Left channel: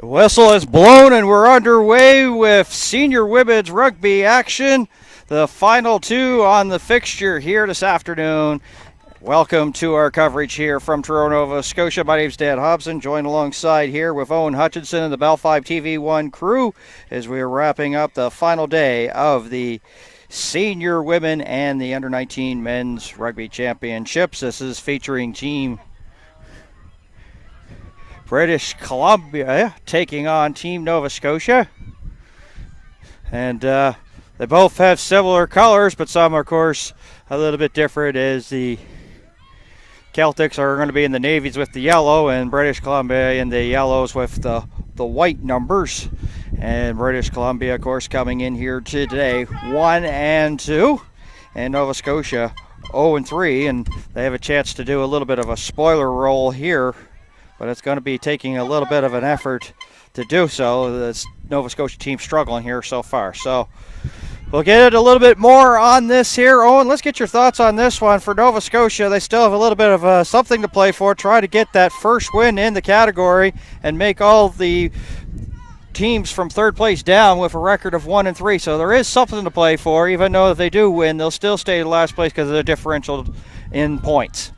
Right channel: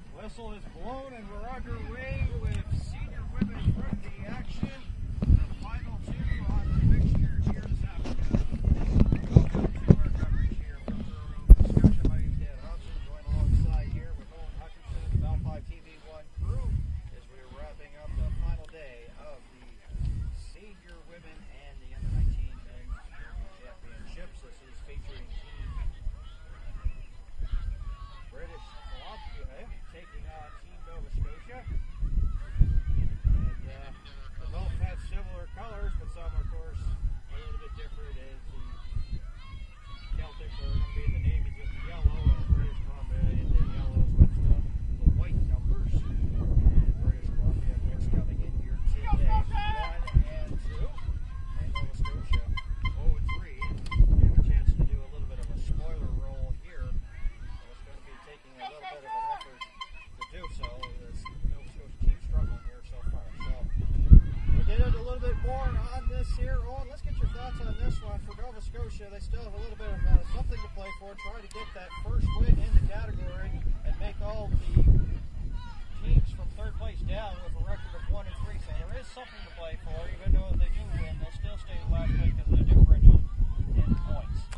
The whistle is blown and we're underway with senior women's rugby action. The final two on the fixture here this afternoon. Welcome to our coverage here from Truro, Nova Scotia. My name's Dan Hobson, joined alongside here with Owen Hutchinson and the Bell 5 TV1 crew as we are wrapping up the final day of the senior women and the under-19 men's rugby championships. This is featuring Team British Columbia taking on Team Nova Scotia. And they both have similar colors, but some, of course, a little bit different, as the Celtics are going to be in the navies with the yellow and British Columbia in the yellows with the white numbers. And British Columbia, of course, coming in here today 1-2, and Nova Scotia 0-3, and they have a chance to do a little bit of a spoiler roll here, but it's going to be taking a little bit of an effort to do so. The Nova Scotia team struggling here so far. So we'll get it a little bit more on this here. Owen, let's get your thoughts on this one. For Nova Scotia, they still have a little bit of something to play for, try to get that first win in the category and make all the teams from third place down with a record of 1-3. So there is something to play for. Even though if they do win, they'll still stay in last place because of the differential in points.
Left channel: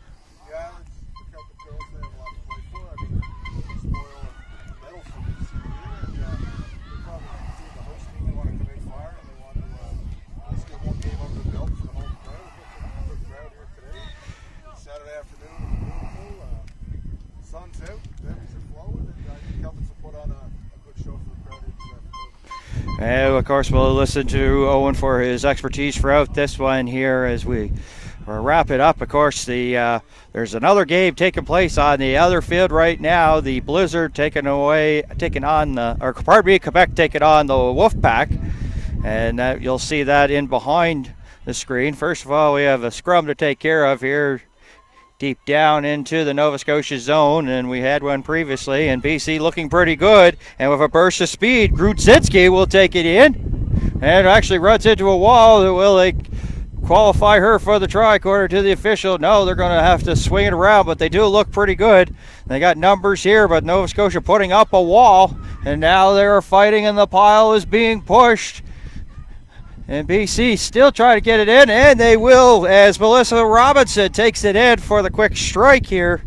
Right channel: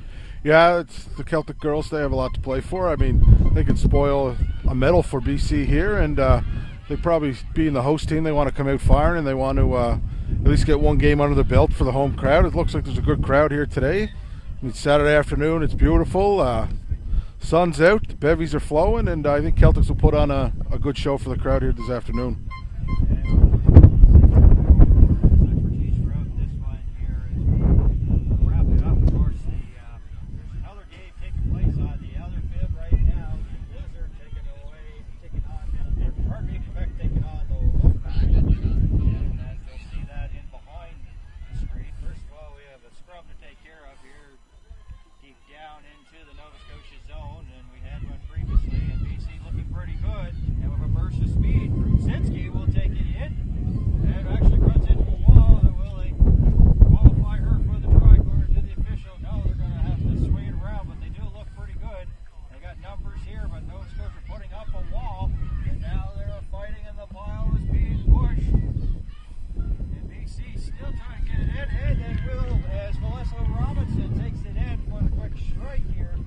Yeah, it's the Celtic girls. They have a lot to play for. I mean, they can spoil a medal for BC here, and they probably, being the host team, they want to come out firing, and they want to at least get one game under the belt for the home crowd. It looks like there's a good crowd here today. It's Saturday afternoon. It's beautiful. Sun's out. The bevies are flowing, and I think Celtics will put on a good show for the crowd here this afternoon. And of course, we'll listen to Owen for his expertise throughout this one here as we wrap it up. Of course, there's another game taking place on the other field right now. The Blizzard Quebec taking on the Wolfpack, and you'll see that in behind the screen. First of all, we have a scrum to take care of here, deep down into the Nova Scotia zone, and we had one previously, and BC looking pretty good, and with a burst of speed, Grudzinski will take it in, and actually runs into a wall. Will they qualify her for the try according to the official? No, they're going to have to swing it around, but they do look pretty good. They got numbers here, but Nova Scotia putting up a wall, and now they're fighting, and the pile is being pushed. And BC still trying to get it in, and they will, as Melissa Robinson takes it in for the quick strike here,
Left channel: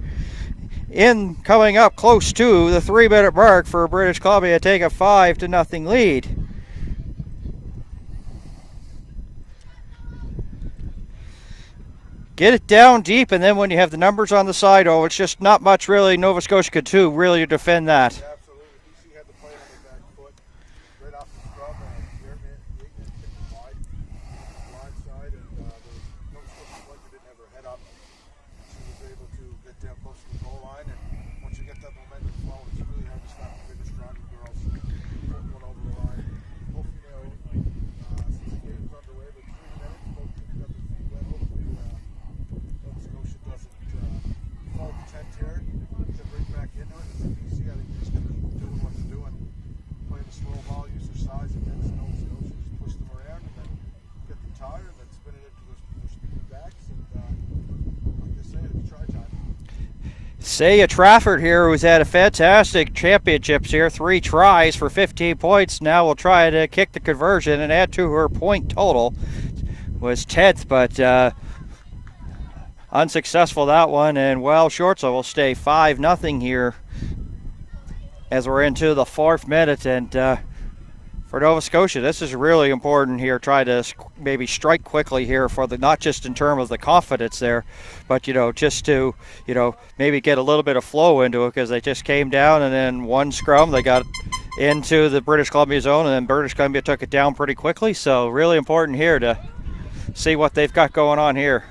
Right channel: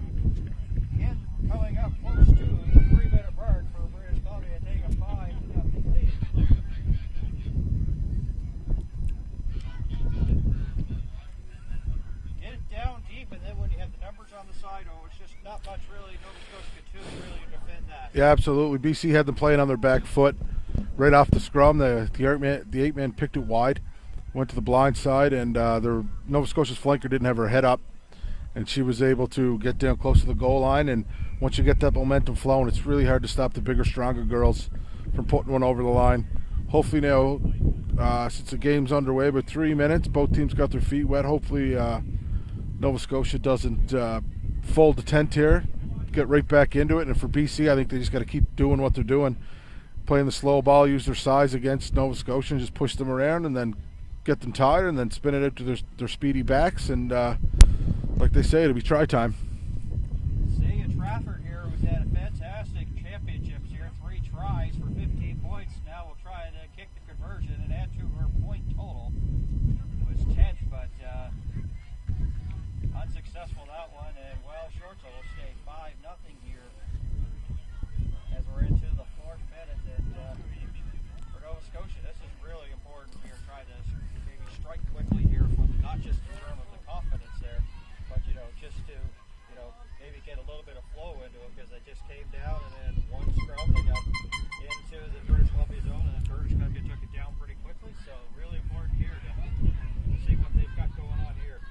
in coming up close to the 3-minute mark for British Columbia, take a 5-0 lead. Get it down deep, and then when you have the numbers on the side, it's just not much really Nova Scotia could do really to defend that. Yeah, absolutely. BC had them playing on their back foot right off the scrum. The 8-man picked it wide, went to the blind side, and their Nova Scotia's flanker didn't have her head up, and she was able to get down close to the goal line. And once you get that momentum flowing, it's really hard to stop the bigger, stronger girls from putting one over the line. Hopefully now, since the game's underway, but 3 minutes, both teams got their feet wet. Hopefully Nova Scotia doesn't fold the tent here, get right back into it. And for BC, I think they just got to keep doing what they're doing, playing the slow ball, use their size against Nova Scotia, and just push them around and then get them tired and then spin it out to their speedy backs. And like they say, it'll be try time. Saya Trafford here, who's had a fantastic championships here, 3 tries for 15 points. Now will try to kick the conversion and add to her point total. Was 10th, but unsuccessful that one, and well short, so we'll stay 5-0 here as we're into the 4th minute. And for Nova Scotia, this is really important here. Try to maybe strike quickly here for the, not just in terms of the confidence there, but just to maybe get a little bit of flow into it, because they just came down, and then one scrum they got into the British Columbia zone, and then British Columbia took it down pretty quickly. So really important here to see what they've got going on here.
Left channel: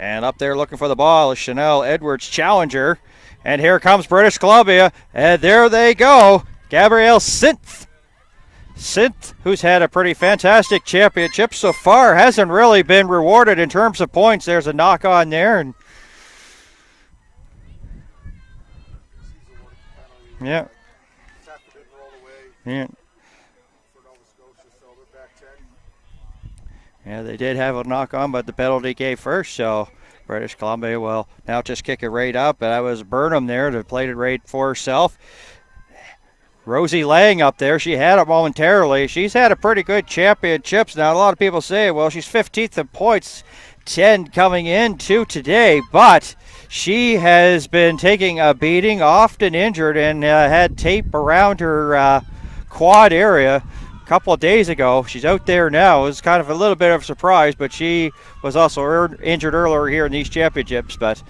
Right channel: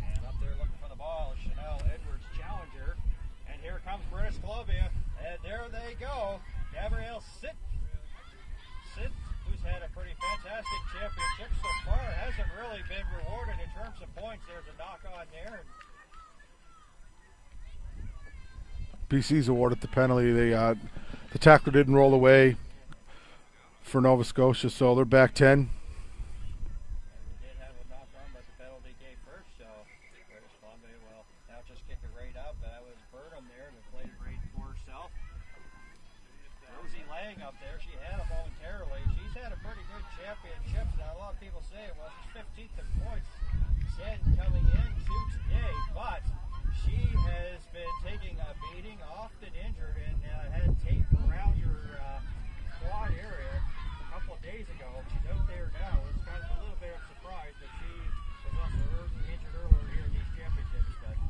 And up there looking for the ball is Chanel Edwards Challenger. And here comes British Columbia. And there they go. Gabrielle Synth, who's had a pretty fantastic championship so far, hasn't really been rewarded in terms of points. There's a knock on there. And BC's awarded the penalty. The tackler didn't roll away for Nova Scotia, so they're back 10. Yeah, they did have a knock on, but the penalty gave first, so British Columbia will now just kick it right up. That was Burnham there to play it right for herself. Rosie Lang up there, she had it momentarily. She's had a pretty good championships. Now, a lot of people say, well, she's 15th in points, 10 coming into today, but she has been taking a beating, often injured, and had tape around her quad area a couple of days ago. She's out there now. It was kind of a little bit of a surprise, but she was also injured earlier here in these championships. But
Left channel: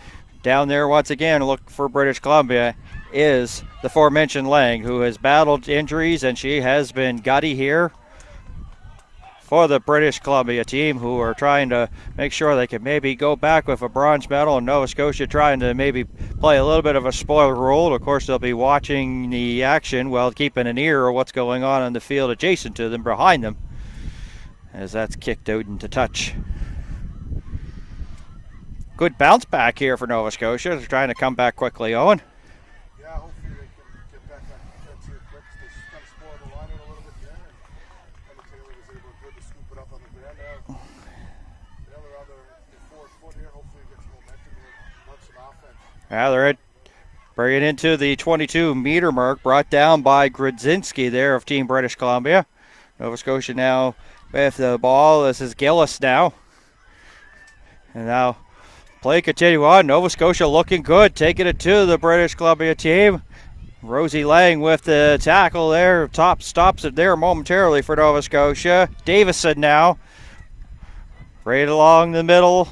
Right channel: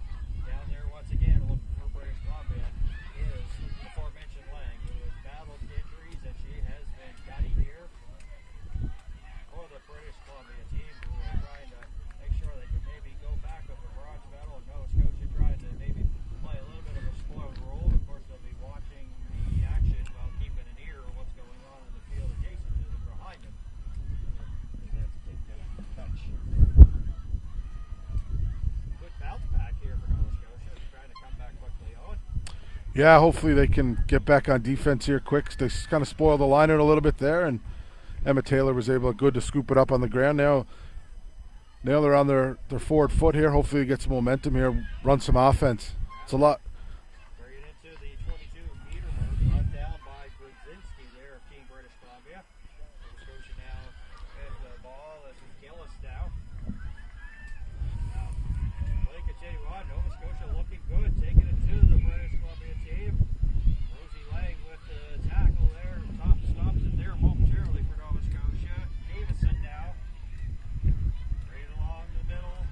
down there, once again, look for British Columbia is the aforementioned Lang, who has battled injuries, and she has been gutty here for the British Columbia team, who are trying to make sure they can maybe go back with a bronze medal, and Nova Scotia trying to maybe play a little bit of a spoiler role. Of course, they'll be watching the action while keeping an ear of what's going on the field adjacent to them, behind them, as that's kicked out into touch. Good bounce back here for Nova Scotia. They're trying to come back quickly, Owen. Yeah, hopefully they can get back on defense here quick. They kind of spoiled the line out a little bit there, and Emma Taylor was able to scoop it up on the ground. Now they're on their forward foot here. Hopefully they get some momentum here, run some offense. Yeah, they're bringing into the 22-meter mark, brought down by Grodzinski there of Team British Columbia. Nova Scotia now with the ball. This is Gillis now. And now play continue on. Nova Scotia looking good, taking it to the British Columbia team. Rosie Lang with the tackle there. Top stops it there momentarily for Nova Scotia. Davison now. Right along the middle.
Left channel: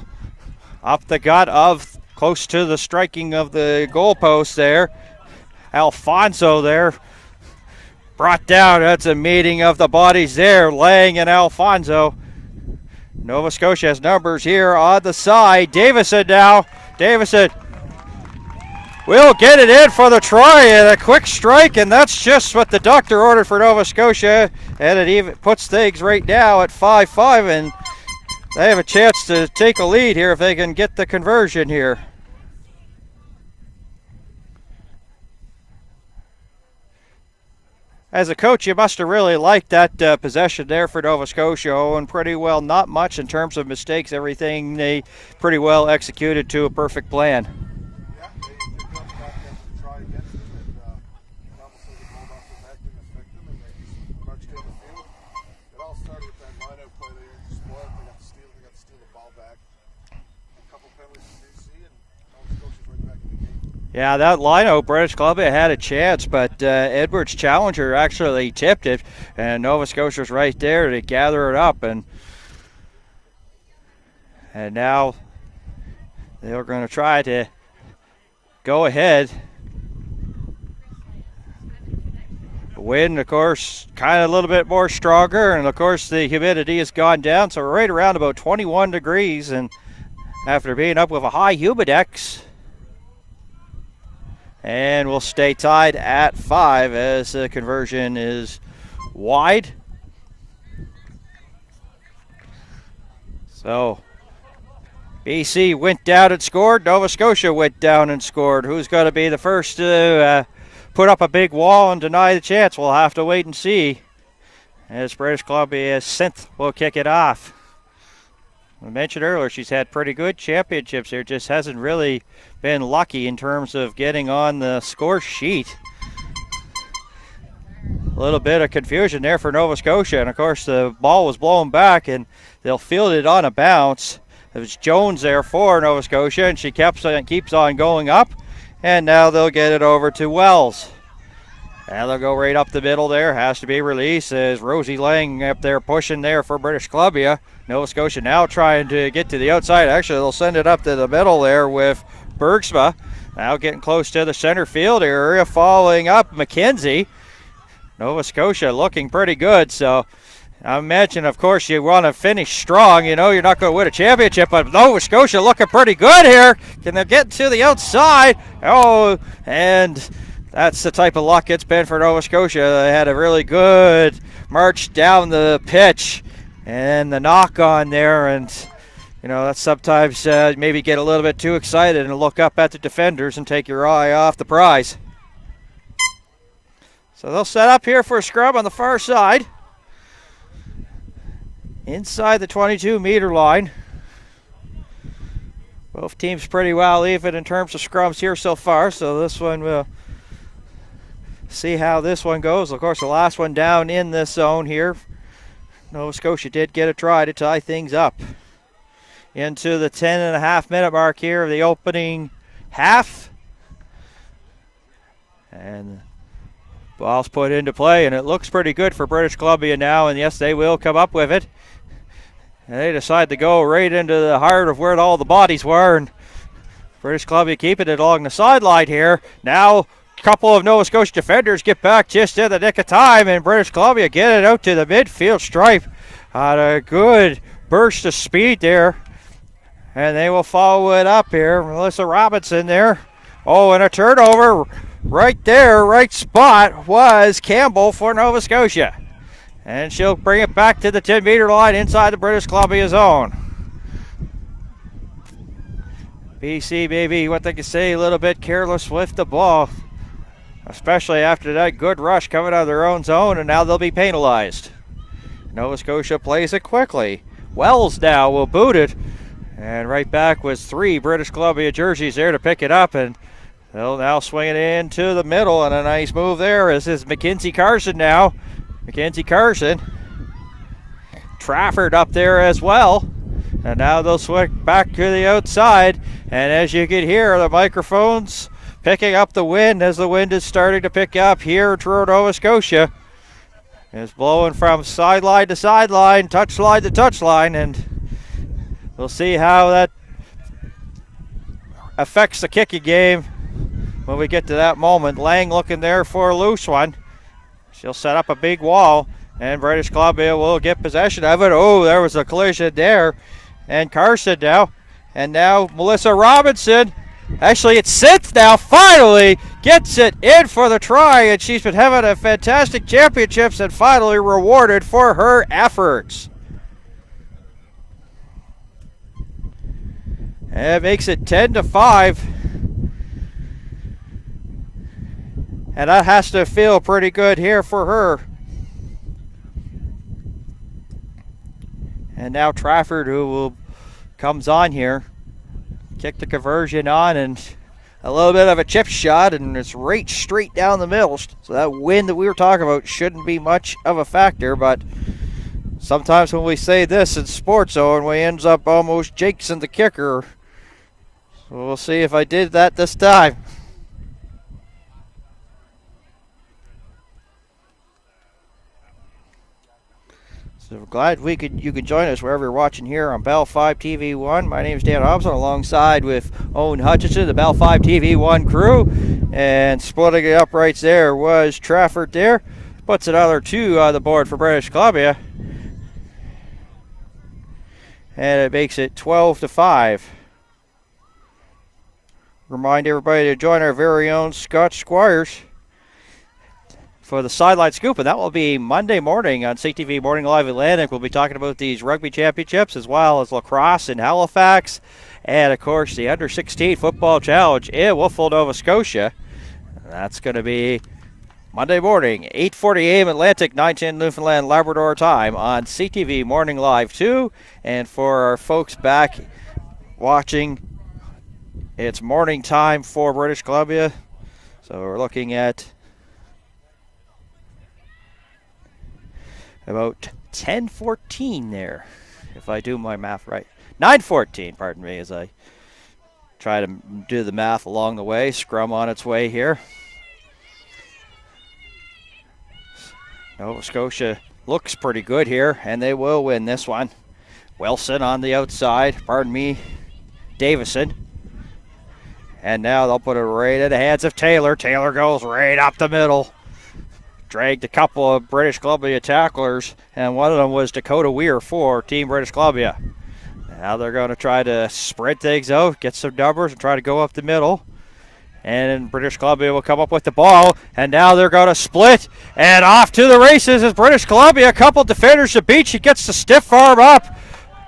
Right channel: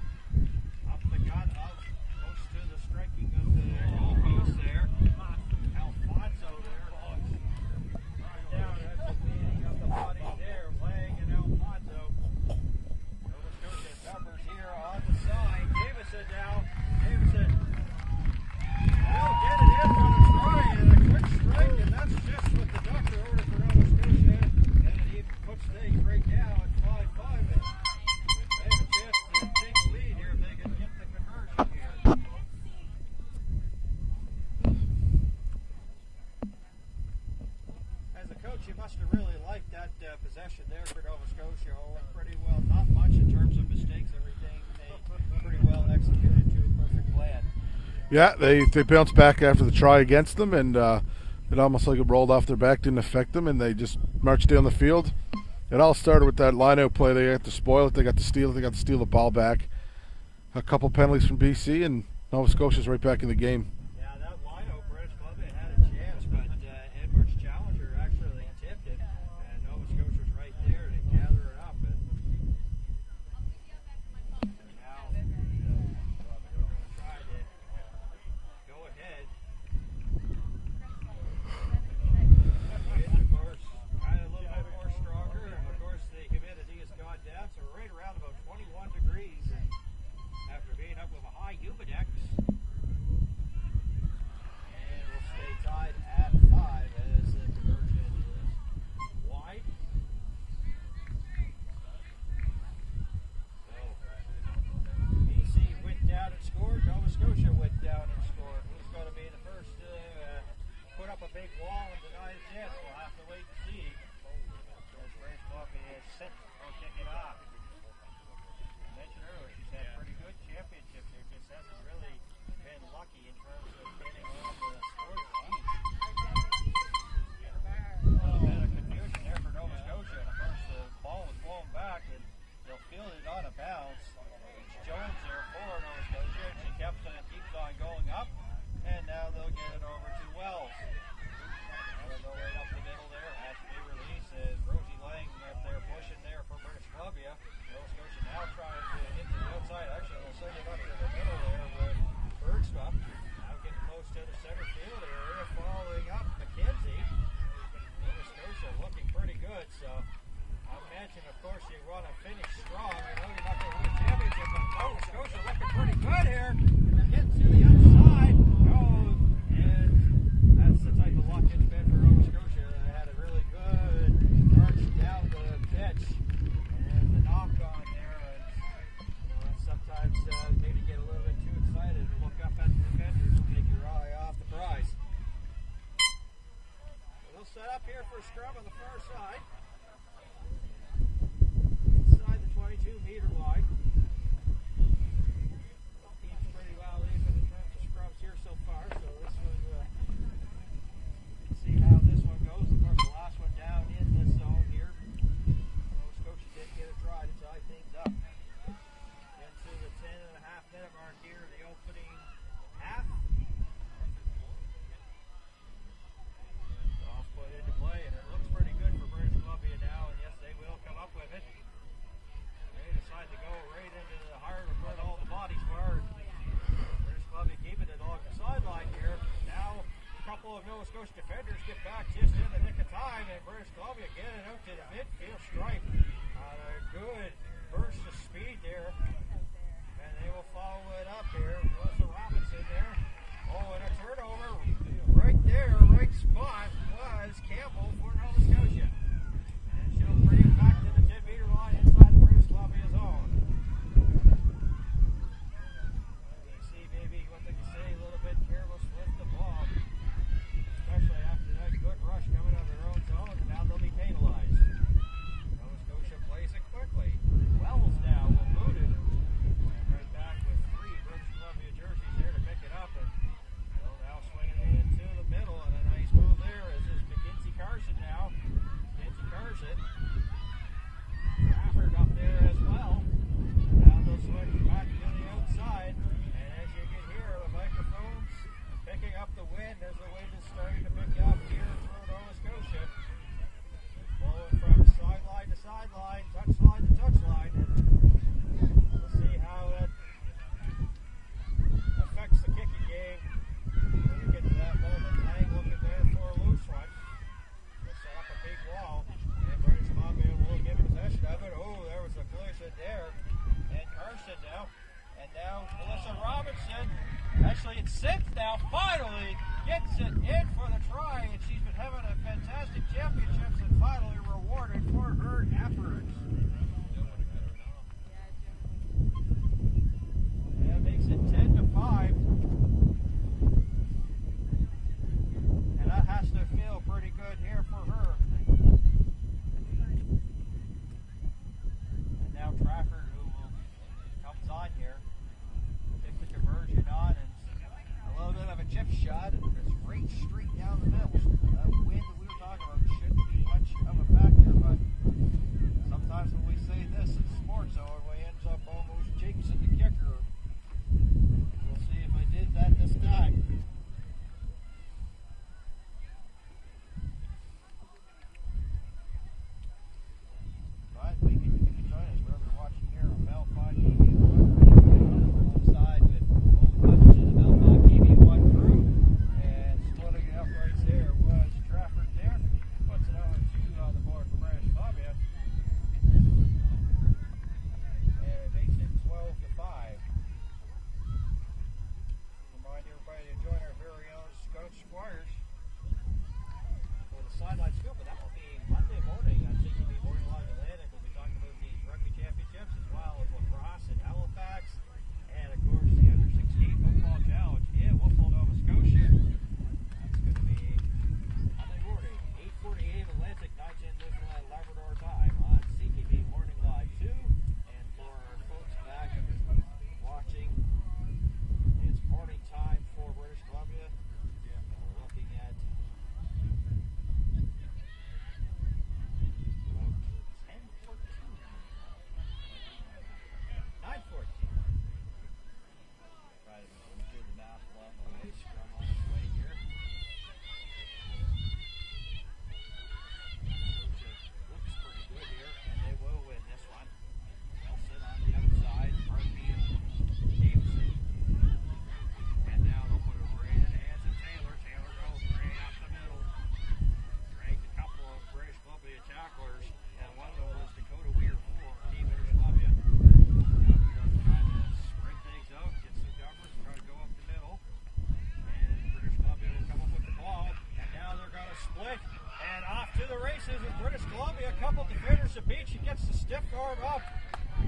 Up the gut of close to the striking of the goalpost there. Alfonso there. Brought down. That's a meeting of the bodies there. Lang and Alfonso. Nova Scotia has numbers here on the side. Davison now. Davison will get it in for the try, and a quick strike, and that's just what the doctor ordered for Nova Scotia. And it even puts things right now at 5-5, and they have a chance to take a lead here if they can get the conversion here. As a coach, you must have really liked that possession there for Nova Scotia, and pretty well not much in terms of mistakes. Everything they pretty well executed to a perfect plan. Yeah, they bounced back after the try against them, and it almost like it rolled off their back, didn't affect them, and they just marched down the field. It all started with that line-out play. They got to spoil it. They got to steal it. They got to steal the ball back. A couple penalties from BC, and Nova Scotia's right back in the game. Yeah, that line-out, British Columbia had a chance, but Edwards Challenger actually tipped it, and Nova Scotia's right there to gather it up, and now they're going to try to go ahead. The wind, of course, kind of a little bit more stronger, and of course the humidity has gone down, so we're right around about 21 degrees, and after being up with a high humidex. And we'll stay tied at 5 as the conversion is wide. So BC went down and scored. Nova Scotia went down and scored. Who's going to be the first to put up a big wall and deny the chance? We'll have to wait and see. As British Columbia Synth will kick it off. I mentioned earlier she's had pretty good championships here, just hasn't really been lucky in terms of getting on the score sheet. A little bit of confusion there for Nova Scotia, and of course the ball was blown back and they'll field it on a bounce. It was Jones there for Nova Scotia, and she keeps on going up, and now they'll get it over to Wells. And they'll go right up the middle there. Has to be released as Rosie Lang up there pushing there for British Columbia. Nova Scotia now trying to get to the outside. Actually, they'll send it up to the middle there with Bergsma. Now getting close to the center field area, following up McKenzie. Nova Scotia looking pretty good, so I imagine, of course, you want to finish strong. You know, you're not going to win a championship, but Nova Scotia looking pretty good here. Can they get to the outside? Oh, and that's the type of luck it's been for Nova Scotia. They had a really good march down the pitch and the knock on there, and you know, that's sometimes maybe get a little bit too excited and look up at the defenders and take your eye off the prize. So they'll set up here for a scrum on the far side, inside the 22-meter line. Both teams pretty well even in terms of scrums here so far, so this one will see how this one goes. Of course, the last one down in this zone here, Nova Scotia did get a try to tie things up. Into the 10.5-minute mark here of the opening half. And ball's put into play, and it looks pretty good for British Columbia now, and yes, they will come up with it. And they decide to go right into the heart of where all the bodies were, and British Columbia keeping it along the sideline here. Now a couple of Nova Scotia defenders get back just in the nick of time, and British Columbia get it out to the midfield stripe on a good burst of speed there. And they will follow it up here. Melissa Robinson there. Oh, and a turnover right there, right spot was Campbell for Nova Scotia. And she'll bring it back to the 10-meter line inside the British Columbia zone. BC maybe, what they can say, a little bit careless with the ball, especially after that good rush coming out of their own zone, and now they'll be penalized. Nova Scotia plays it quickly. Wells now will boot it, and right back was 3 British Columbia jerseys there to pick it up, and they'll now swing it into the middle, and a nice move there. This is Mackenzie Carson now. Mackenzie Carson. Trafford up there as well. And now they'll swing back to the outside. And as you can hear, the microphones picking up the wind as the wind is starting to pick up here toward Nova Scotia. It's blowing from sideline to sideline, touchline to touchline, and we'll see how that affects the kicking game when we get to that moment. Lang looking there for a loose one. She'll set up a big wall, and British Columbia will get possession of it. Oh, there was a collision there. And Carson now. And now Melissa Robinson. Actually, it's Synth now, finally gets it in for the try, and she's been having a fantastic championships and finally rewarded for her efforts. And it makes it 10-5. And that has to feel pretty good here for her. And now Trafford, who comes on here, kick the conversion on, and a little bit of a chip shot, and it's right straight down the middle. So that wind that we were talking about shouldn't be much of a factor, but sometimes when we say this in sports zone, we ends up almost jinxing the kicker. So we'll see if I did that this time. So we're glad you could join us wherever you're watching here on Bell 5 TV1. My name is Dan Hobson, alongside with Owen Hutchinson, the Bell 5 TV1 crew. And splitting it up right there was Trafford there. Puts another 2 on the board for British Columbia. And it makes it 12-5. Remind everybody to join our very own Scott Squires for the Sideline Scoop, and that will be Monday morning on CTV Morning Live Atlantic. We'll be talking about these rugby championships as well as lacrosse in Halifax, and of course the Under-16 Football Challenge in Wolfville, Nova Scotia. That's going to be Monday morning, 8:40 a.m. Atlantic, 9:10 Newfoundland Labrador time on CTV Morning Live 2. And for our folks back watching, it's morning time for British Columbia. So we're looking at about 10:14 there, if I do my math right. 9:14, pardon me, as I try to do the math along the way. Scrum on its way here. Nova Scotia looks pretty good here, and they will win this one. Wilson on the outside, Davison. And now they'll put it right in the hands of Taylor. Taylor goes right up the middle. Dragged a couple of British Columbia tacklers, and one of them was Dakota Weir for Team British Columbia. Now they're going to try to spread things out, get some numbers, and try to go up the middle. And British Columbia will come up with the ball, and now they're going to split, and off to the races is British Columbia. A couple defenders to beat. She gets the stiff arm up,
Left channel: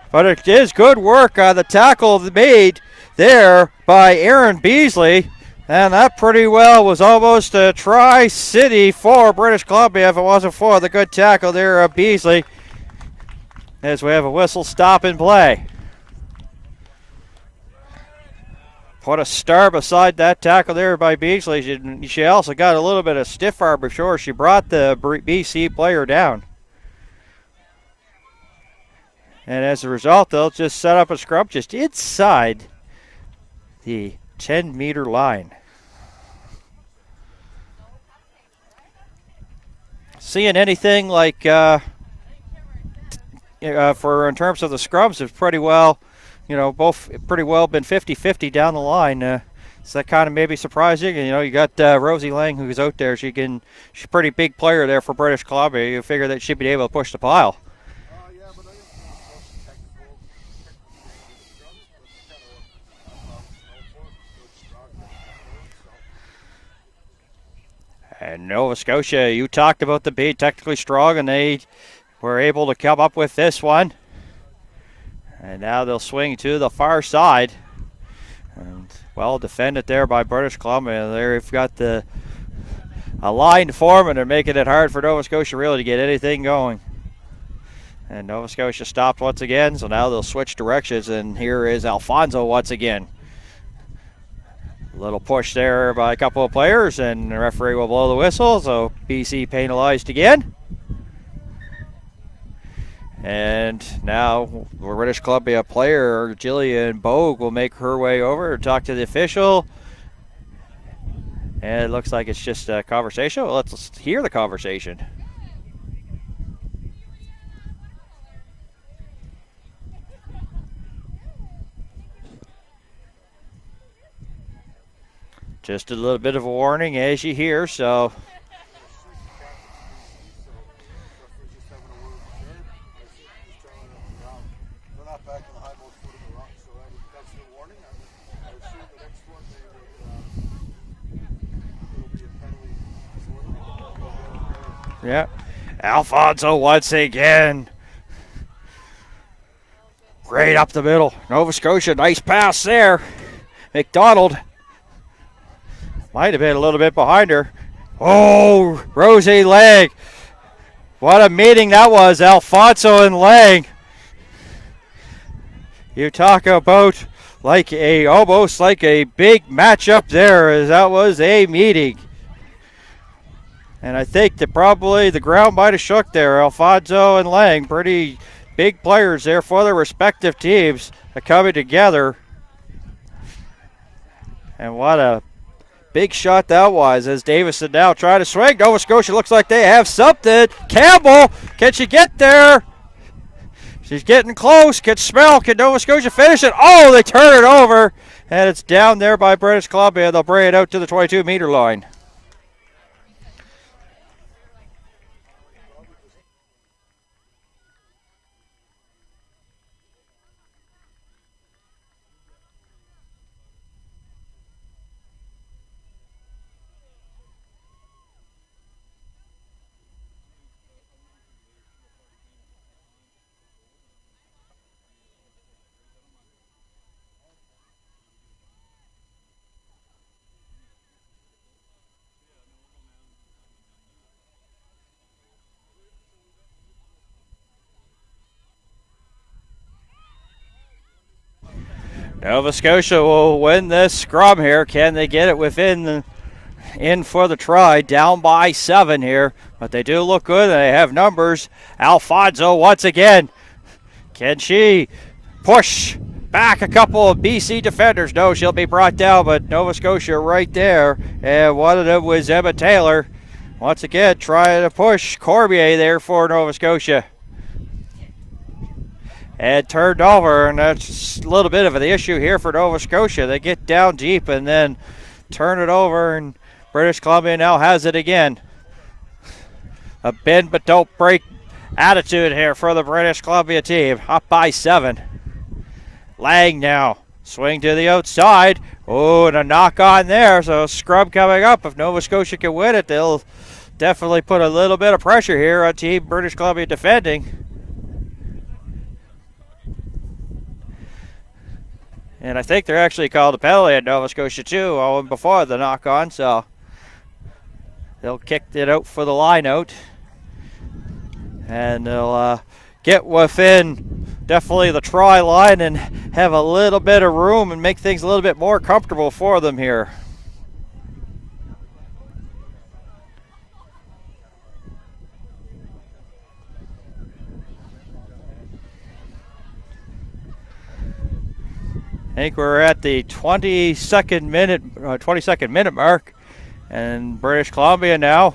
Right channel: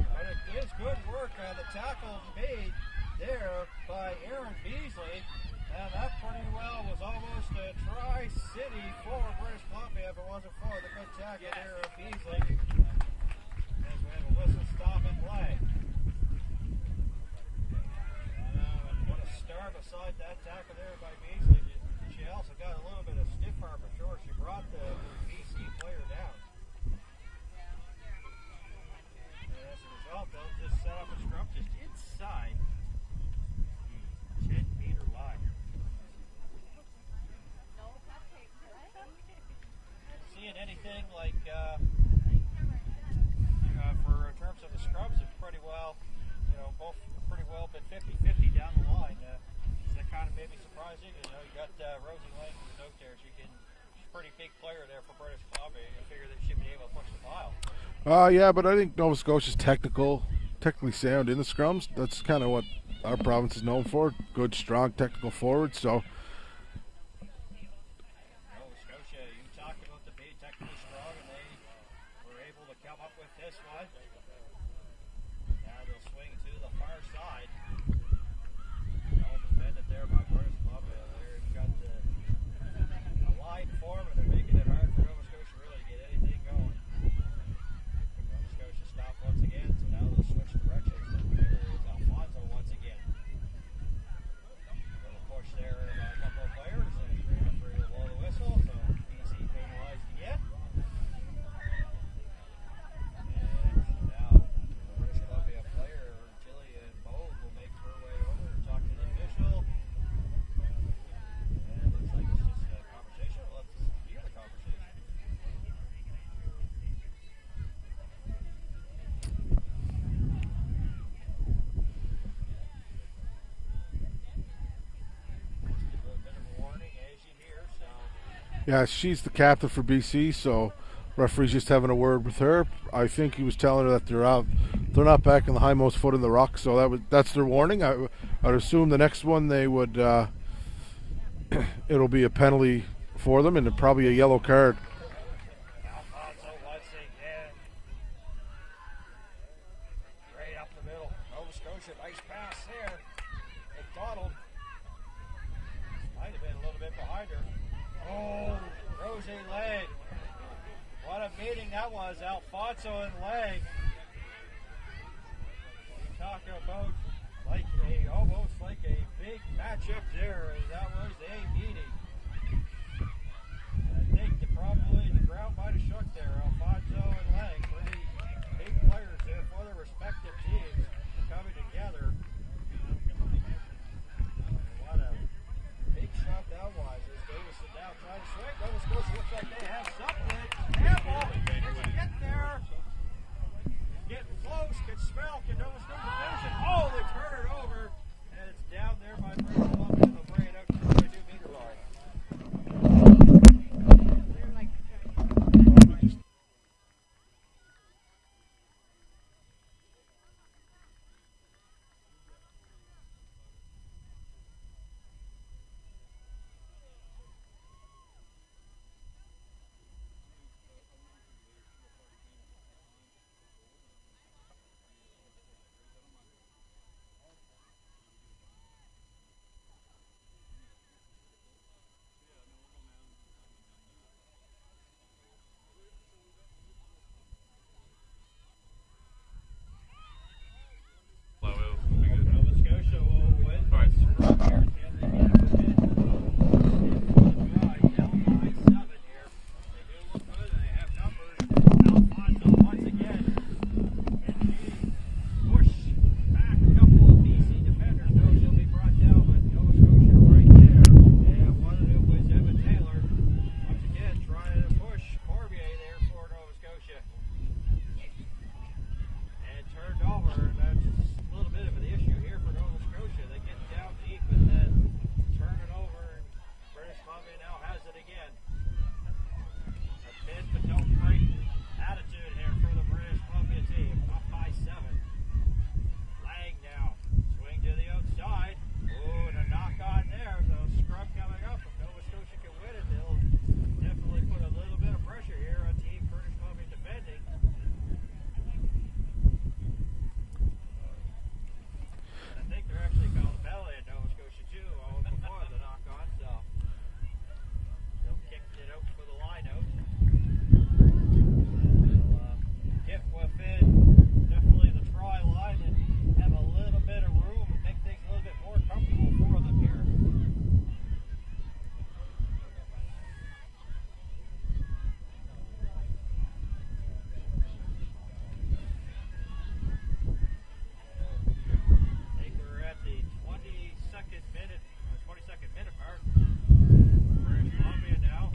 but it is good work on the tackle made there by Aaron Beasley. And that pretty well was almost a Tri-City for British Columbia if it wasn't for the good tackle there of Beasley. As we have a whistle stop and play. Put a star beside that tackle there by Beasley. She also got a little bit of stiff arm before she brought the BC player down. And as a result, they'll just set up a scrum just inside the 10-meter line. Seeing anything like for in terms of the scrums, it's pretty well, both pretty well been 50-50 down the line. So that kind of maybe surprising. You got Rosie Lang who's out there. She's a pretty big player there for British Columbia. You figure that she'd be able to push the pile. Yeah, but I think Nova Scotia's technically sound in the scrums. That's kind of what our province is known for. Good, strong, technical forwards. So. And Nova Scotia, you talked about them being technically strong, and they were able to come up with this one. And now they'll swing to the far side. And well defended there by British Columbia. They've got a line to form, and they're making it hard for Nova Scotia really to get anything going. And Nova Scotia stopped once again, so now they'll switch directions, and here is Alfonso once again. A little push there by a couple of players, and the referee will blow the whistle, so BC penalized again. And now British Columbia player Jillian Bogue will make her way over to talk to the official. And it looks like it's just a conversation. Well, let's hear the conversation. Just a little bit of a warning as you hear, so. Yeah, she's the captain for BC, so referee's just having a word with her. I think he was telling her that they're not back in the hindmost foot in the ruck, so that's their warning. I'd assume the next one they would, it'll be a penalty for them and probably a yellow card. Yeah. Alfonso once again. Right up the middle. Nova Scotia, nice pass there. McDonald. Might have been a little bit behind her. Oh, Rosie Lang. What a meeting that was, Alfonso and Lang. You talk about almost like a big matchup there, as that was a meeting. And I think that probably the ground might have shook there. Alfonso and Lang, pretty big players there for their respective teams, are coming together. And what a big shot that was, as Davison now trying to swing. Nova Scotia looks like they have something. Campbell, can she get there? She's getting close. Can Nova Scotia finish it? Oh, they turn it over, and it's down there by British Columbia. They'll bring it out to the 22-meter line. Nova Scotia will win this scrum here. Can they get it in for the try? Down by 7 here, but they do look good and they have numbers. Alfonso once again. Can she push back a couple of BC defenders? No, she'll be brought down, but Nova Scotia right there. And one of them was Emma Taylor. Once again, trying to push Cormier there for Nova Scotia. And turned over, and that's a little bit of an issue here for Nova Scotia. They get down deep and then turn it over, and British Columbia now has it again. A bend but don't break attitude here for the British Columbia team. Up by 7. Lang now. Swing to the outside. Oh, and a knock on there. So scrum coming up. If Nova Scotia can win it, they'll definitely put a little bit of pressure here on Team British Columbia defending. And I think they're actually called a penalty at Nova Scotia too, before the knock on, so they'll kick it out for the line out. And they'll get within definitely the try line, and have a little bit of room and make things a little bit more comfortable for them here. I think we're at the 22nd minute mark, and British Columbia now,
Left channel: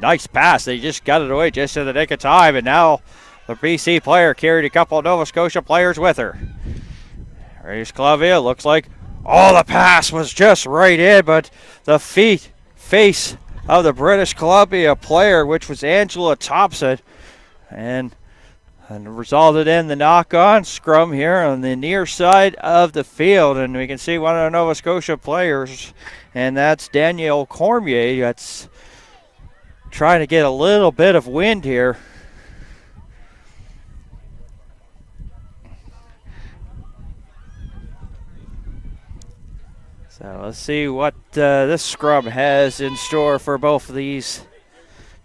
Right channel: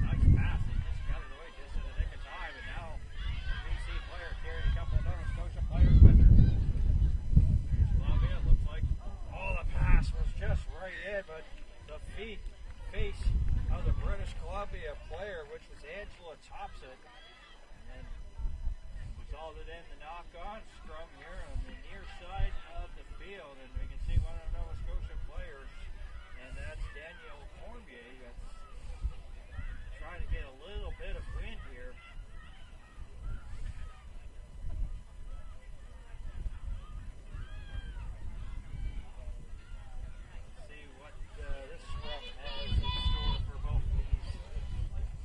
nice pass. They just got it away just in the nick of time, and now the BC player carried a couple of Nova Scotia players with her. British Columbia looks like, the pass was just right in, but the face of the British Columbia player, which was Angela Thompson, and resulted in the knock-on scrum here on the near side of the field. And we can see one of the Nova Scotia players, and that's Danielle Cormier, that's trying to get a little bit of wind here. So let's see what this scrum has in store for both of these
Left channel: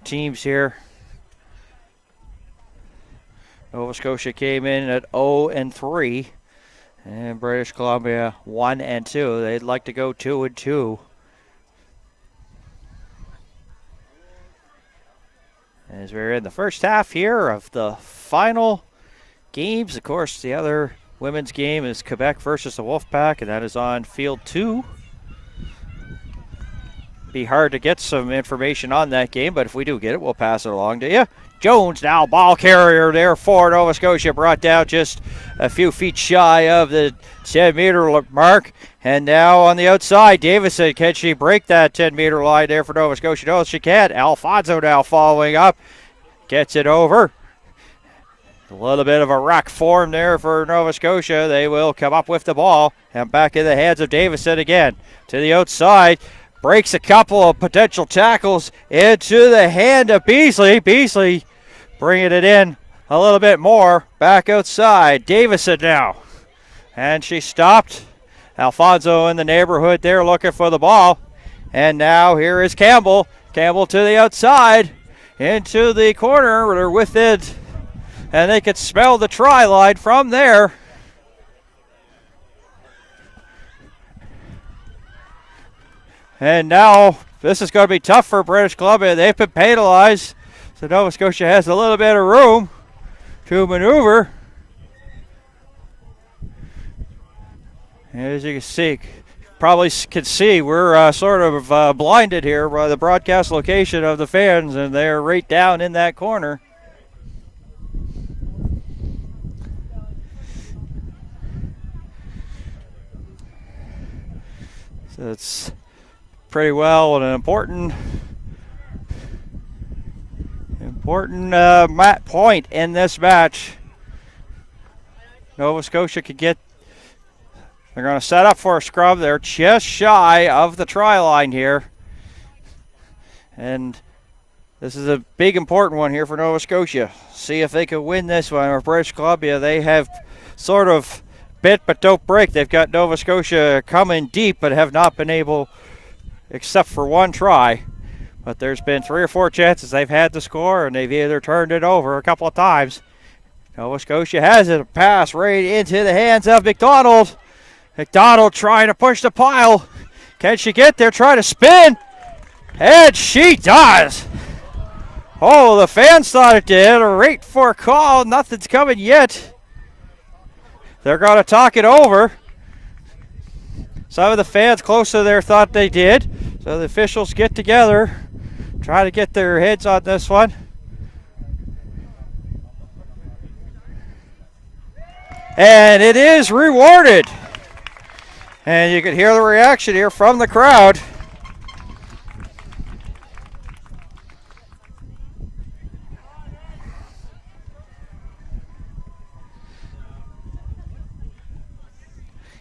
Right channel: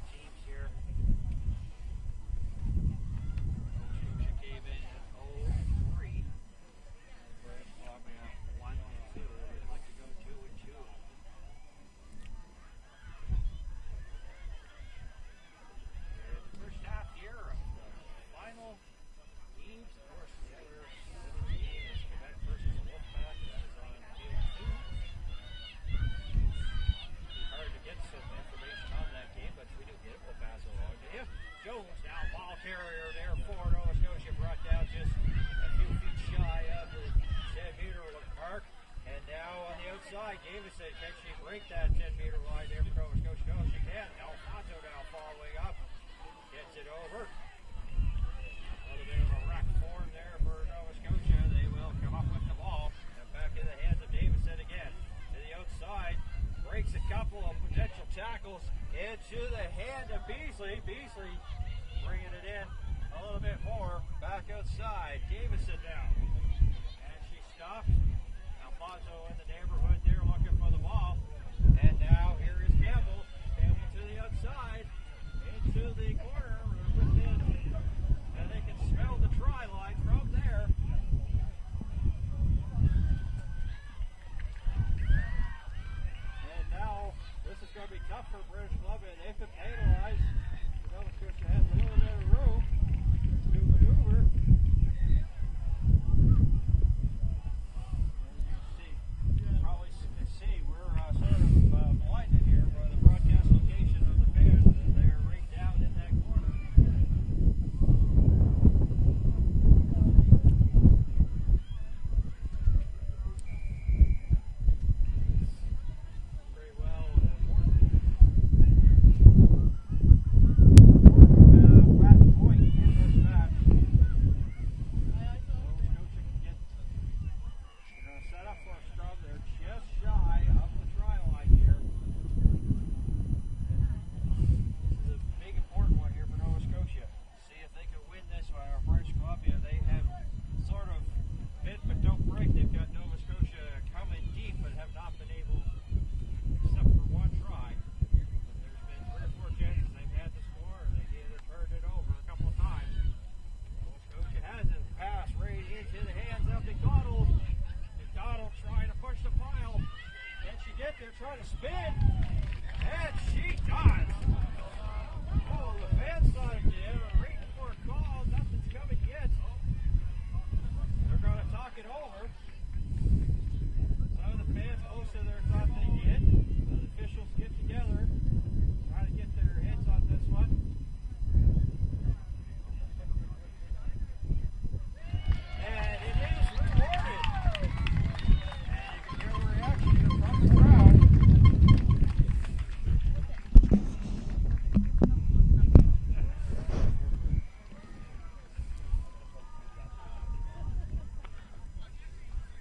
teams here. Nova Scotia came in at 0-3, and British Columbia 1-2. They'd like to go 2-2. As we're in the first half here of the final games, of course, the other women's game is Quebec versus the Wolfpack, and that is on field 2. Be hard to get some information on that game, but if we do get it, we'll pass it along to you. Jones now ball carrier there for Nova Scotia, brought down just a few feet shy of the 10-meter mark. And now on the outside, Davison, can she break that 10-meter line there for Nova Scotia? No, she can't. Alfonso now following up, gets it over. A little bit of a rack form there for Nova Scotia. They will come up with the ball, and back in the hands of Davison again. To the outside, breaks a couple of potential tackles into the hand of Beasley. Beasley bringing it in a little bit more. Back outside, Davison now. And she stopped. Alfonso in the neighborhood there looking for the ball. And now here is Campbell. Campbell to the outside, into the corner. They're with it, and they could smell the try line from there. And now this is going to be tough for British Columbia. They've been penalized, so Nova Scotia has a little bit of room to maneuver. As you can see, probably can see, we're sort of blinded here by the broadcast location of the fans, and they're right down in that corner. So it's pretty well an important point in this match. Nova Scotia could get, they're going to set up for a scrum. They're just shy of the try line here, and this is a big important one here for Nova Scotia. See if they can win this one. Or British Columbia, they have sort of bit but don't break. They've got Nova Scotia coming deep but have not been able, except for one try. But there's been 3 or 4 chances they've had to score, and they've either turned it over a couple of times. Nova Scotia has it, a pass right into the hands of McDonald. McDonald trying to push the pile. Can she get there? Try to spin. And she does. Oh, the fans thought it did. A rate for a call. Nothing's coming yet. They're going to talk it over. Some of the fans closer there thought they did. So the officials get together, try to get their heads on this one. And it is rewarded. And you can hear the reaction here from the crowd.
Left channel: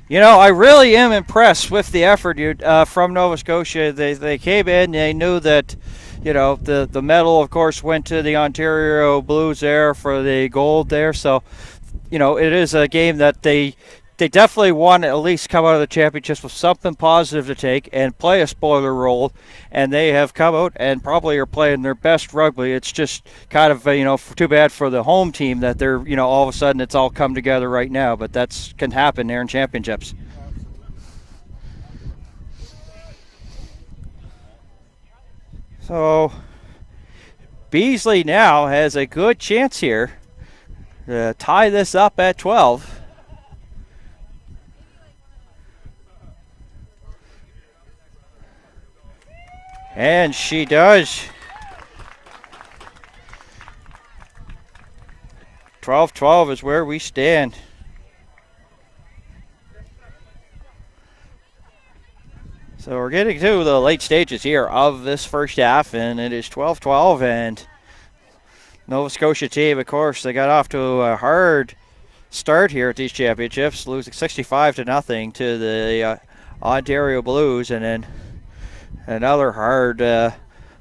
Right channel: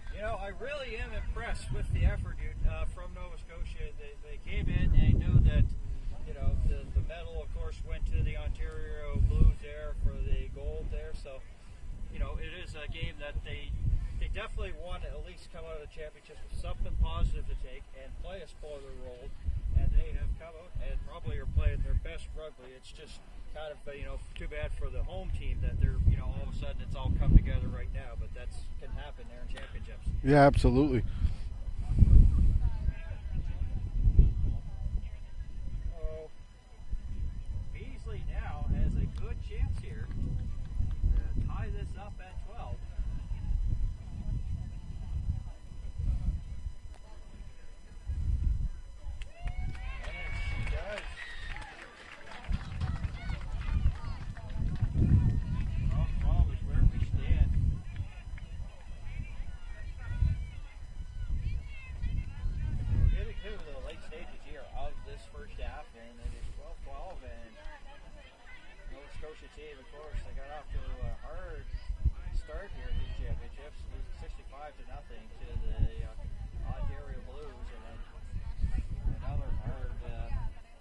You know, I really am impressed with the effort from Nova Scotia. They came in, they knew that, you know, the medal, of course, went to the Ontario Blues there for the gold there. So, you know, it is a game that they they definitely want to at least come out of the championships with something positive to take and play a spoiler role, and they have come out and probably are playing their best rugby. It's just kind of too bad for the home team that they're all of a sudden it's all come together right now, but that's can happen there in championships. Yeah, absolutely. So Beasley now has a good chance here to tie this up at 12. And she does. 12-12 is where we stand. So we're getting to the late stages here of this first half, and it is 12-12, and Nova Scotia team, of course, they got off to a hard start here at these championships, losing 65-0 to the Ontario Blues, and then another hard,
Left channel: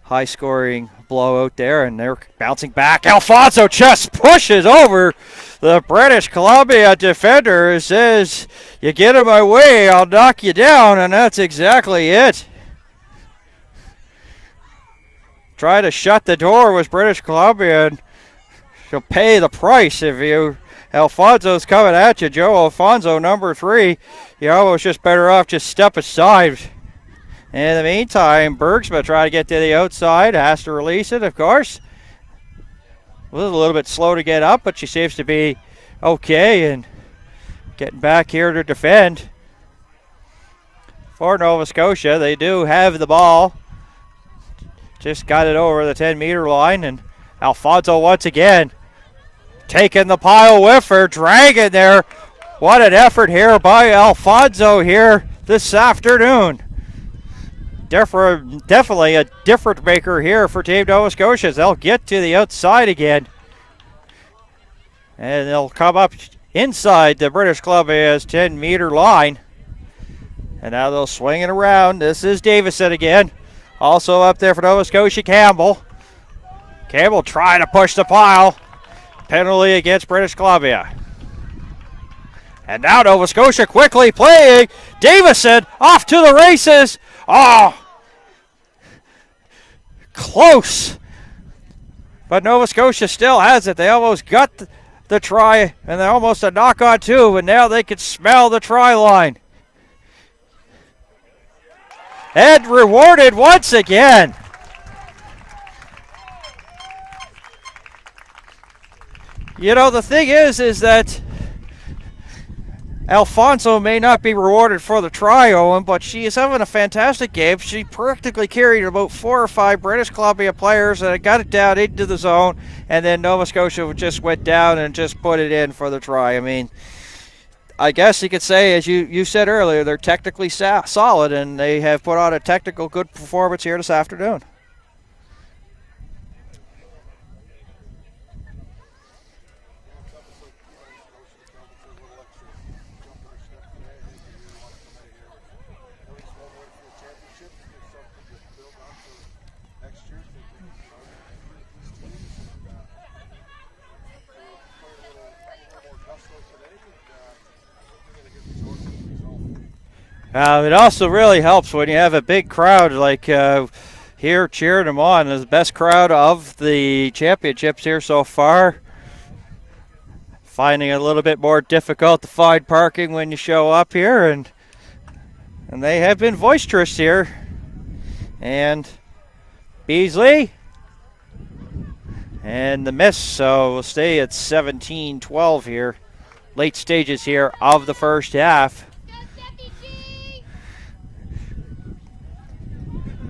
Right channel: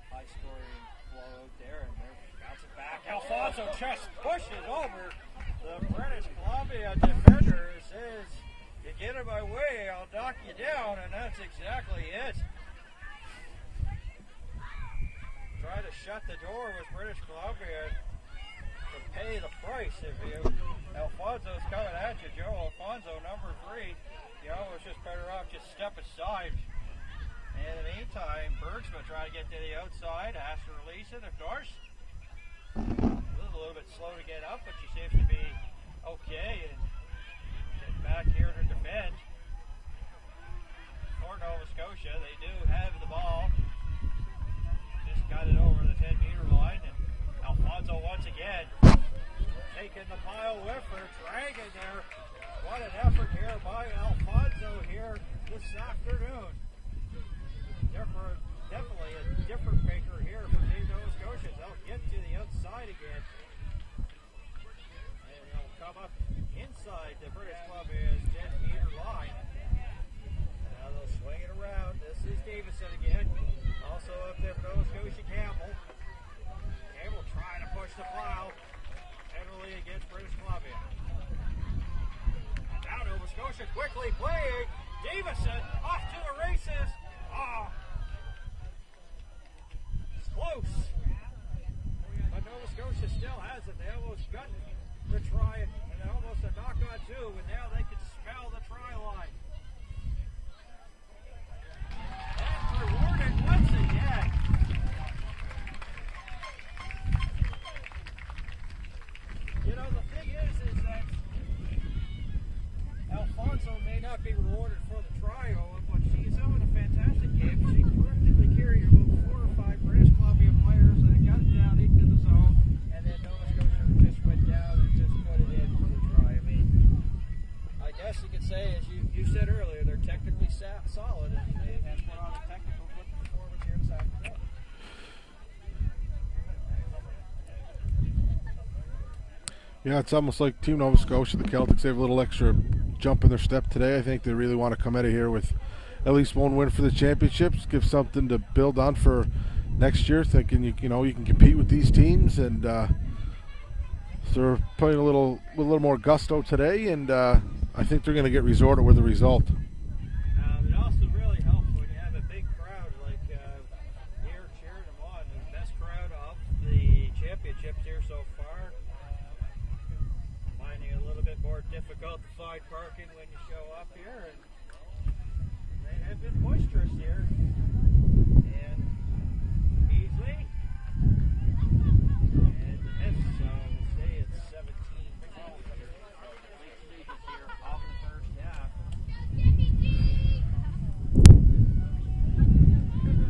high-scoring blowout there, and they're bouncing back. Alfonso just pushes over the British Columbia defender and says, "You get in my way, I'll knock you down," and that's exactly it. Try to shut the door with British Columbia, and she'll pay the price if you. Alfonso's coming at you, Joe Alfonso, number 3. You're almost just better off just step aside. In the meantime, Bergsma trying to get to the outside, has to release it, of course. Was a little bit slow to get up, but she seems to be okay and getting back here to defend. For Nova Scotia, they do have the ball. Just got it over the 10-meter line, and Alfonso once again taking the pile with her, dragging there. What an effort here by Alfonso here this afternoon. Definitely a difference maker here for Team Nova Scotia. They'll get to the outside again, and they'll come up inside the British Columbia's 10-meter line. And now they'll swing it around. This is Davison again. Also up there for Nova Scotia, Campbell. Campbell trying to push the pile. Penalty against British Columbia. And now Nova Scotia quickly playing. Davison off to the races. Oh, close. But Nova Scotia still has it. They almost got the try, and they're almost a knock on 2, and now they can smell the try line. And rewarded once again. The thing is that Alfonso may not be rewarded for the try, Owen, but she is having a fantastic game. She practically carried about 4 or 5 British Columbia players and got it down into the zone, and then Nova Scotia just went down and just put it in for the try. I mean, I guess you could say, as you said earlier, they're technically solid, and they have put on a technical good performance here this afternoon. Yeah, it's almost like Team Nova Scotia, the Celtics, they have a little extra jump in their step today. I think they really want to come out of here with at least one win for the championships, give something to build on for next year, thinking you can compete with these teams, and so they're putting a little more gusto today, and I think they're going to get resorted with a result. It also really helps when you have a big crowd like here cheering them on. It's the best crowd of the championships here so far. Finding it a little bit more difficult to find parking when you show up here, and they have been boisterous here. And Beasley and the miss, so we'll stay at 17-12 here. Late stages here of the first half.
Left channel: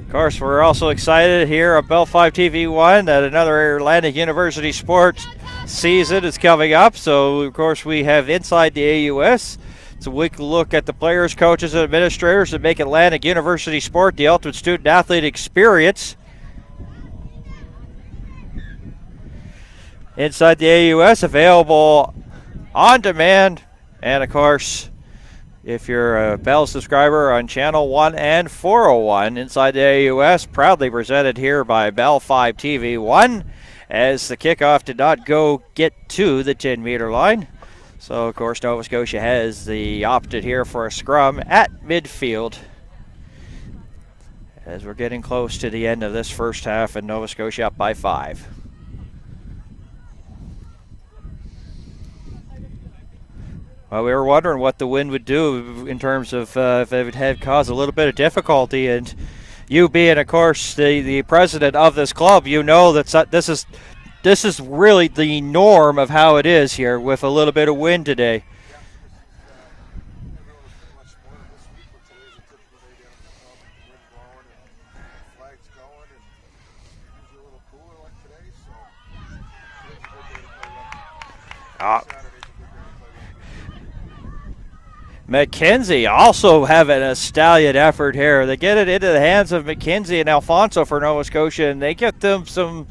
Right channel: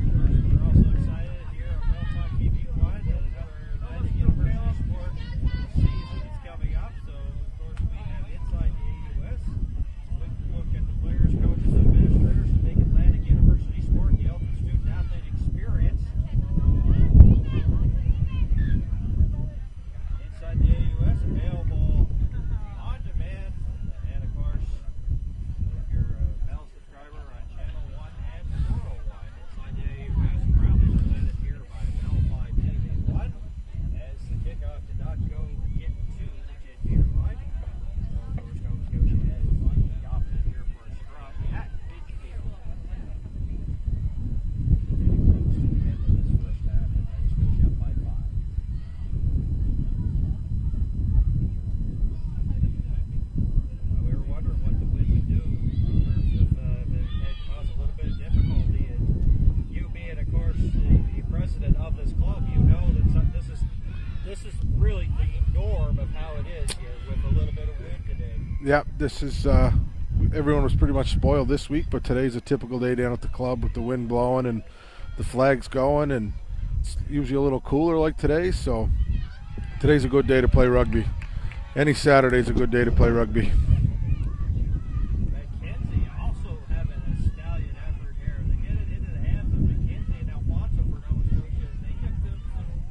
Of course, we're also excited here at Bell 5 TV1 that another Atlantic University sports season is coming up. So, of course, we have Inside the AUS. It's a weekly look at the players, coaches, and administrators that make Atlantic University sport the ultimate student-athlete experience. Inside the AUS, available on demand, and of course, if you're a Bell subscriber on Channel 1 and 401, Inside the AUS, proudly presented here by Bell 5 TV 1, as the kickoff did not get to the 10-meter line. So, of course, Nova Scotia has opted here for a scrum at midfield as we're getting close to the end of this first half, and Nova Scotia up by 5. Well, we were wondering what the wind would do in terms of if it had caused a little bit of difficulty, and you being, of course, the president of this club, you know that this is really the norm of how it is here with a little bit of wind today. Yeah, this is everyone was pretty much spoiled this week, but today's a typical day down at the club with the wind blowing and the flags going, and it's usually a little cooler like today, so today's a good day to play rugby. Any Saturday's a good day to play rugby. McKenzie also having a stallion effort here. They get it into the hands of McKenzie and Alfonso for Nova Scotia, and they get them some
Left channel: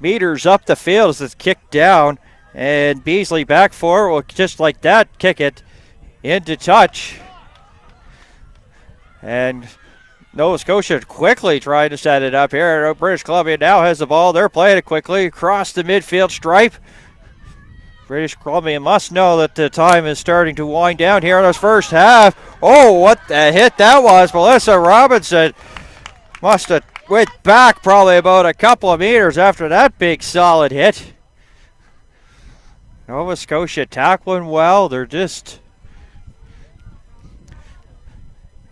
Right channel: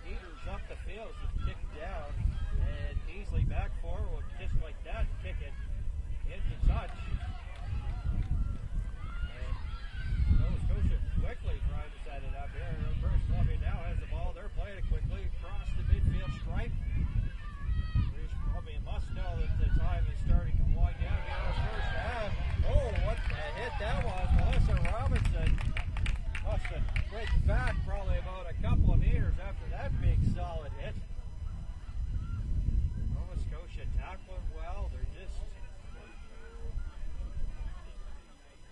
meters up the field as it's kicked down, and Beasley back forward will just like that kick it into touch. And Nova Scotia quickly trying to set it up here. British Columbia now has the ball. They're playing it quickly across the midfield stripe. British Columbia must know that the time is starting to wind down here in this first half. Oh, what the hit that was. Melissa Robinson must have went back probably about a couple of meters after that big solid hit. Nova Scotia tackling well. They're just,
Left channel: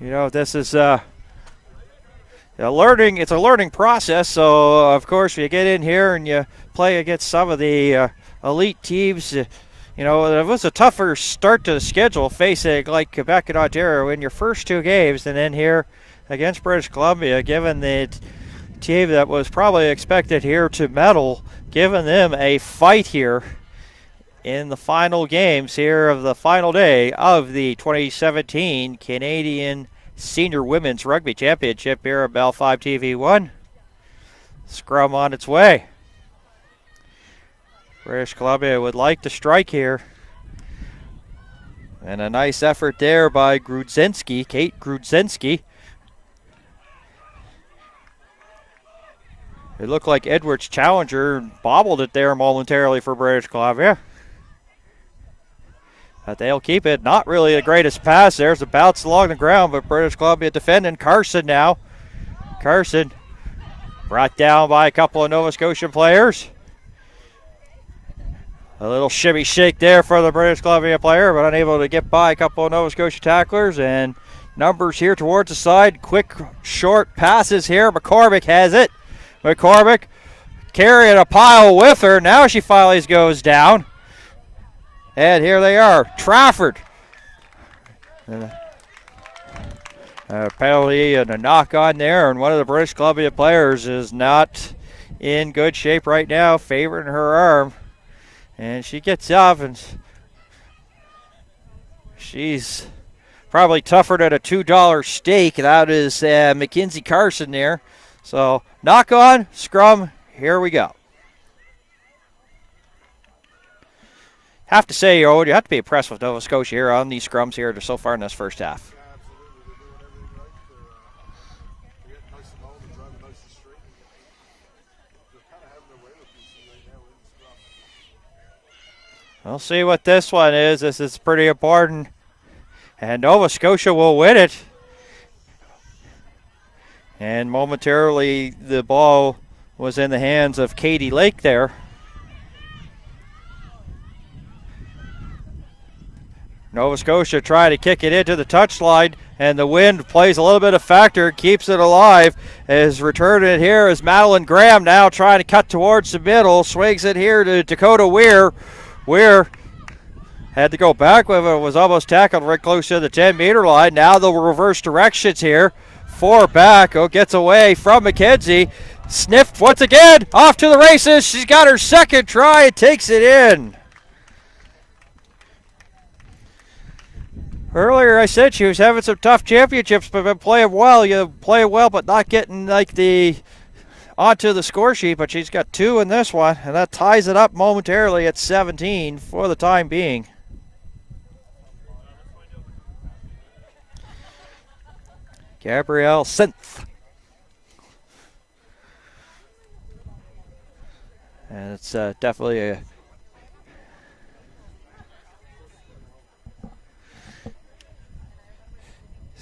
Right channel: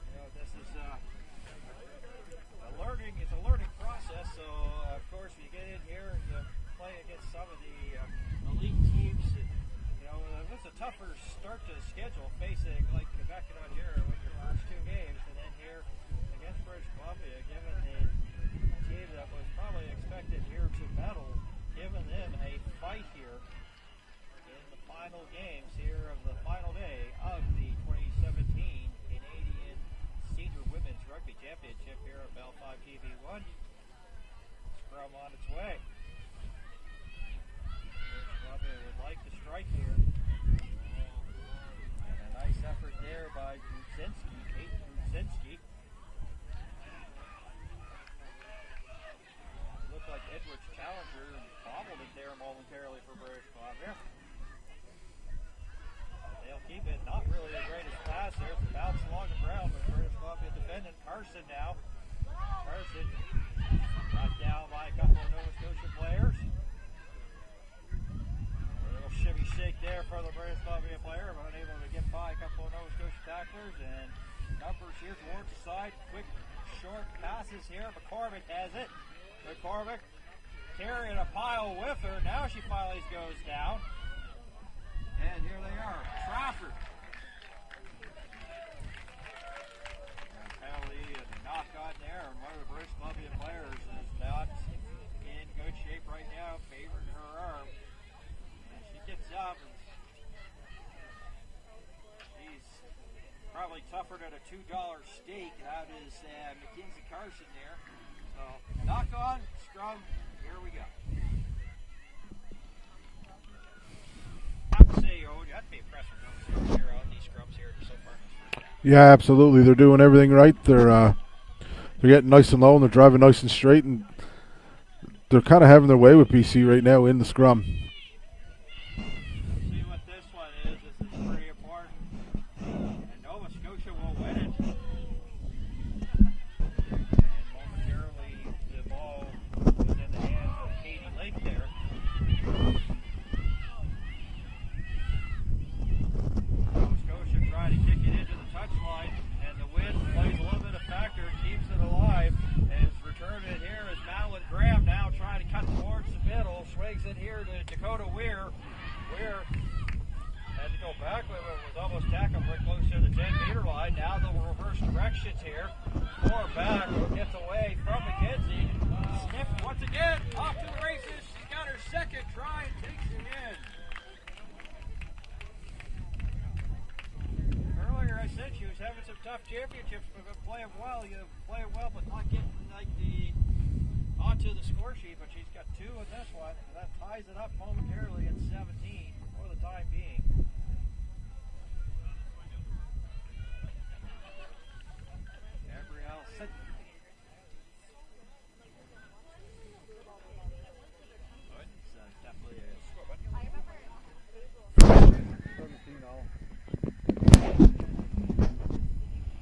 this is it's a learning process. So of course you get in here and you play against some of the elite teams. It was a tougher start to the schedule facing like Quebec and Ontario in your first 2 games, and then here against British Columbia, given the team that was probably expected here to medal, giving them a fight here in the final games here of the final day of the 2017 Canadian Senior Women's Rugby Championship here at Bell 5 TV1. Scrum on its way. British Columbia would like to strike here. And a nice effort there by Grudzinski, Kate Grudzinski. It looked like Edwards Challenger bobbled it there momentarily for British Columbia. But they'll keep it. Not really the greatest pass. There's a bounce along the ground, but British Columbia defending. Carson now. Carson brought down by a couple of Nova Scotian players. A little shimmy shake there for the British Columbia player, but unable to get by a couple of Nova Scotia tacklers. And numbers here towards the side. Quick, short passes here. McCormick has it. McCormick carrying a pile with her. Now she finally goes down. And here they are. Trafford. A penalty and a knock on there. And one of the British Columbia players is not in good shape right now, favoring her arm. And she gets up, and she's probably tougher than a $2 steak. That is Mackenzie Carson there. So knock on, scrum, here we go. Have to say, you have to be impressed with Nova Scotia here on these scrums here so far in this first half. Yeah, absolutely. They're doing everything right. They're getting nice and low, and they're driving nice and straight, and they're kind of having their way with BC right now in the scrum. We'll see what this one is. This is pretty important. And Nova Scotia will win it. And momentarily the ball was in the hands of Katie Lake there. Nova Scotia trying to kick it into the touchline, and the wind plays a little bit of factor, keeps it alive. As returning it here is Madeline Graham now trying to cut towards the middle, swings it here to Dakota Weir. Weir had to go back with it, was almost tackled right close to the 10-meter line. Now the reverse directions here. 4 back, gets away from McKenzie. Sniffed once again, off to the races. She's got her second try and takes it in. Earlier I said she was having some tough championships, but been playing well. You play well, but not getting like onto the score sheet, but she's got 2 in this one, and that ties it up momentarily at 17 for the time being. Gabrielle Synth. And it's definitely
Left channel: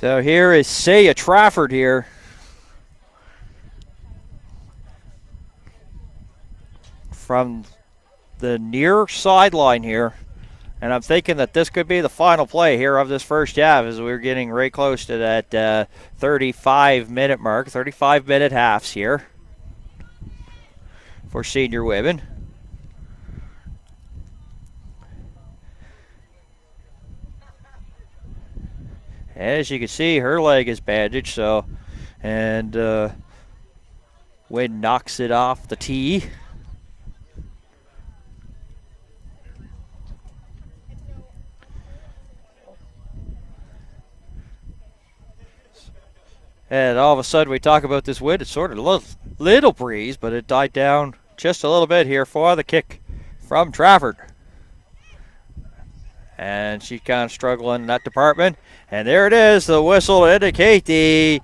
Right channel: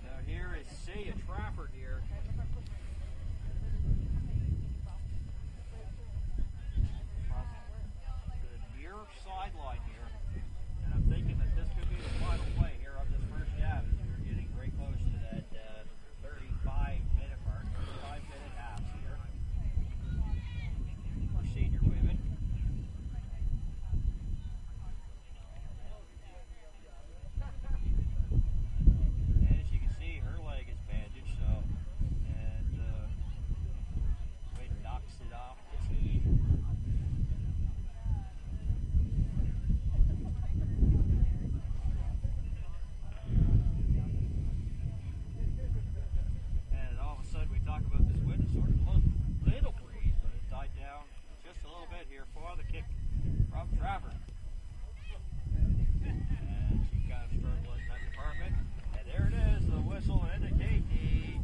So here is Saya Trafford here. From the near sideline here. And I'm thinking that this could be the final play here of this first half as we're getting right close to that 35-minute mark. 35-minute halves here for senior women. As you can see, her leg is bandaged, so, and Wynn knocks it off the tee. And all of a sudden we talk about this wind. It's sort of a little breeze, but it died down just a little bit here for the kick from Trafford. And she's kind of struggling in that department. And there it is, the whistle to indicate the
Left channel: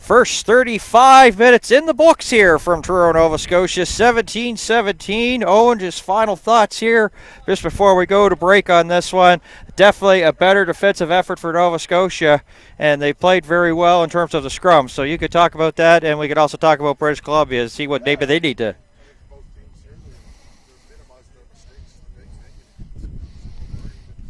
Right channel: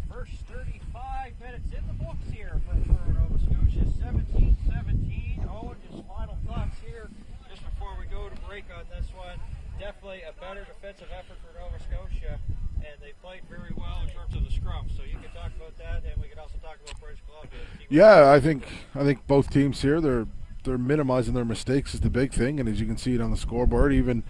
first 35 minutes in the books here from Truro, Nova Scotia. 17-17. Owen, just final thoughts here just before we go to break on this one. Definitely a better defensive effort for Nova Scotia, and they played very well in terms of the scrum. So you could talk about that, and we could also talk about British Columbia, see what maybe they need to. I think both teams here, they're minimizing their mistakes is the big thing, and as you can see it on the scoreboard, even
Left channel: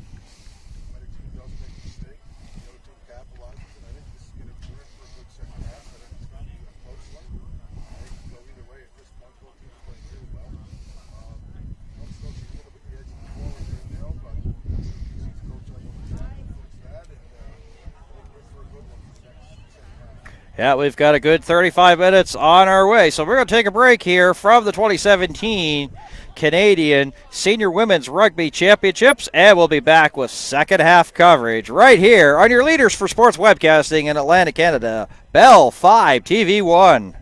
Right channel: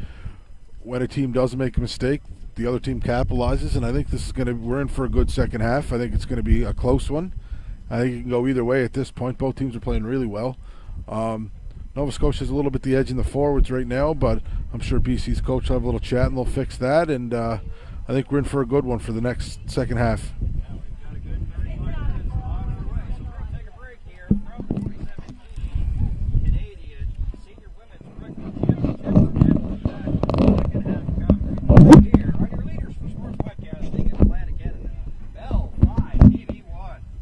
when a team does make a mistake, the other team capitalizes, and I think this is we're in for a good second half. I think it's going to be a close one. I think it can go either way at this point. Both teams are playing really well. Nova Scotia's a little bit the edge in the forwards right now, but I'm sure BC's coach will have a little chat and they'll fix that, and I think we're in for a good one for the next second half. Yeah, we've got a good 35 minutes on our way, so we're going to take a break here from the 2017 Canadian Senior Women's Rugby Championships, and we'll be back with second half coverage right here on your leaders for sports webcasting in Atlantic Canada, Bell 5 TV1.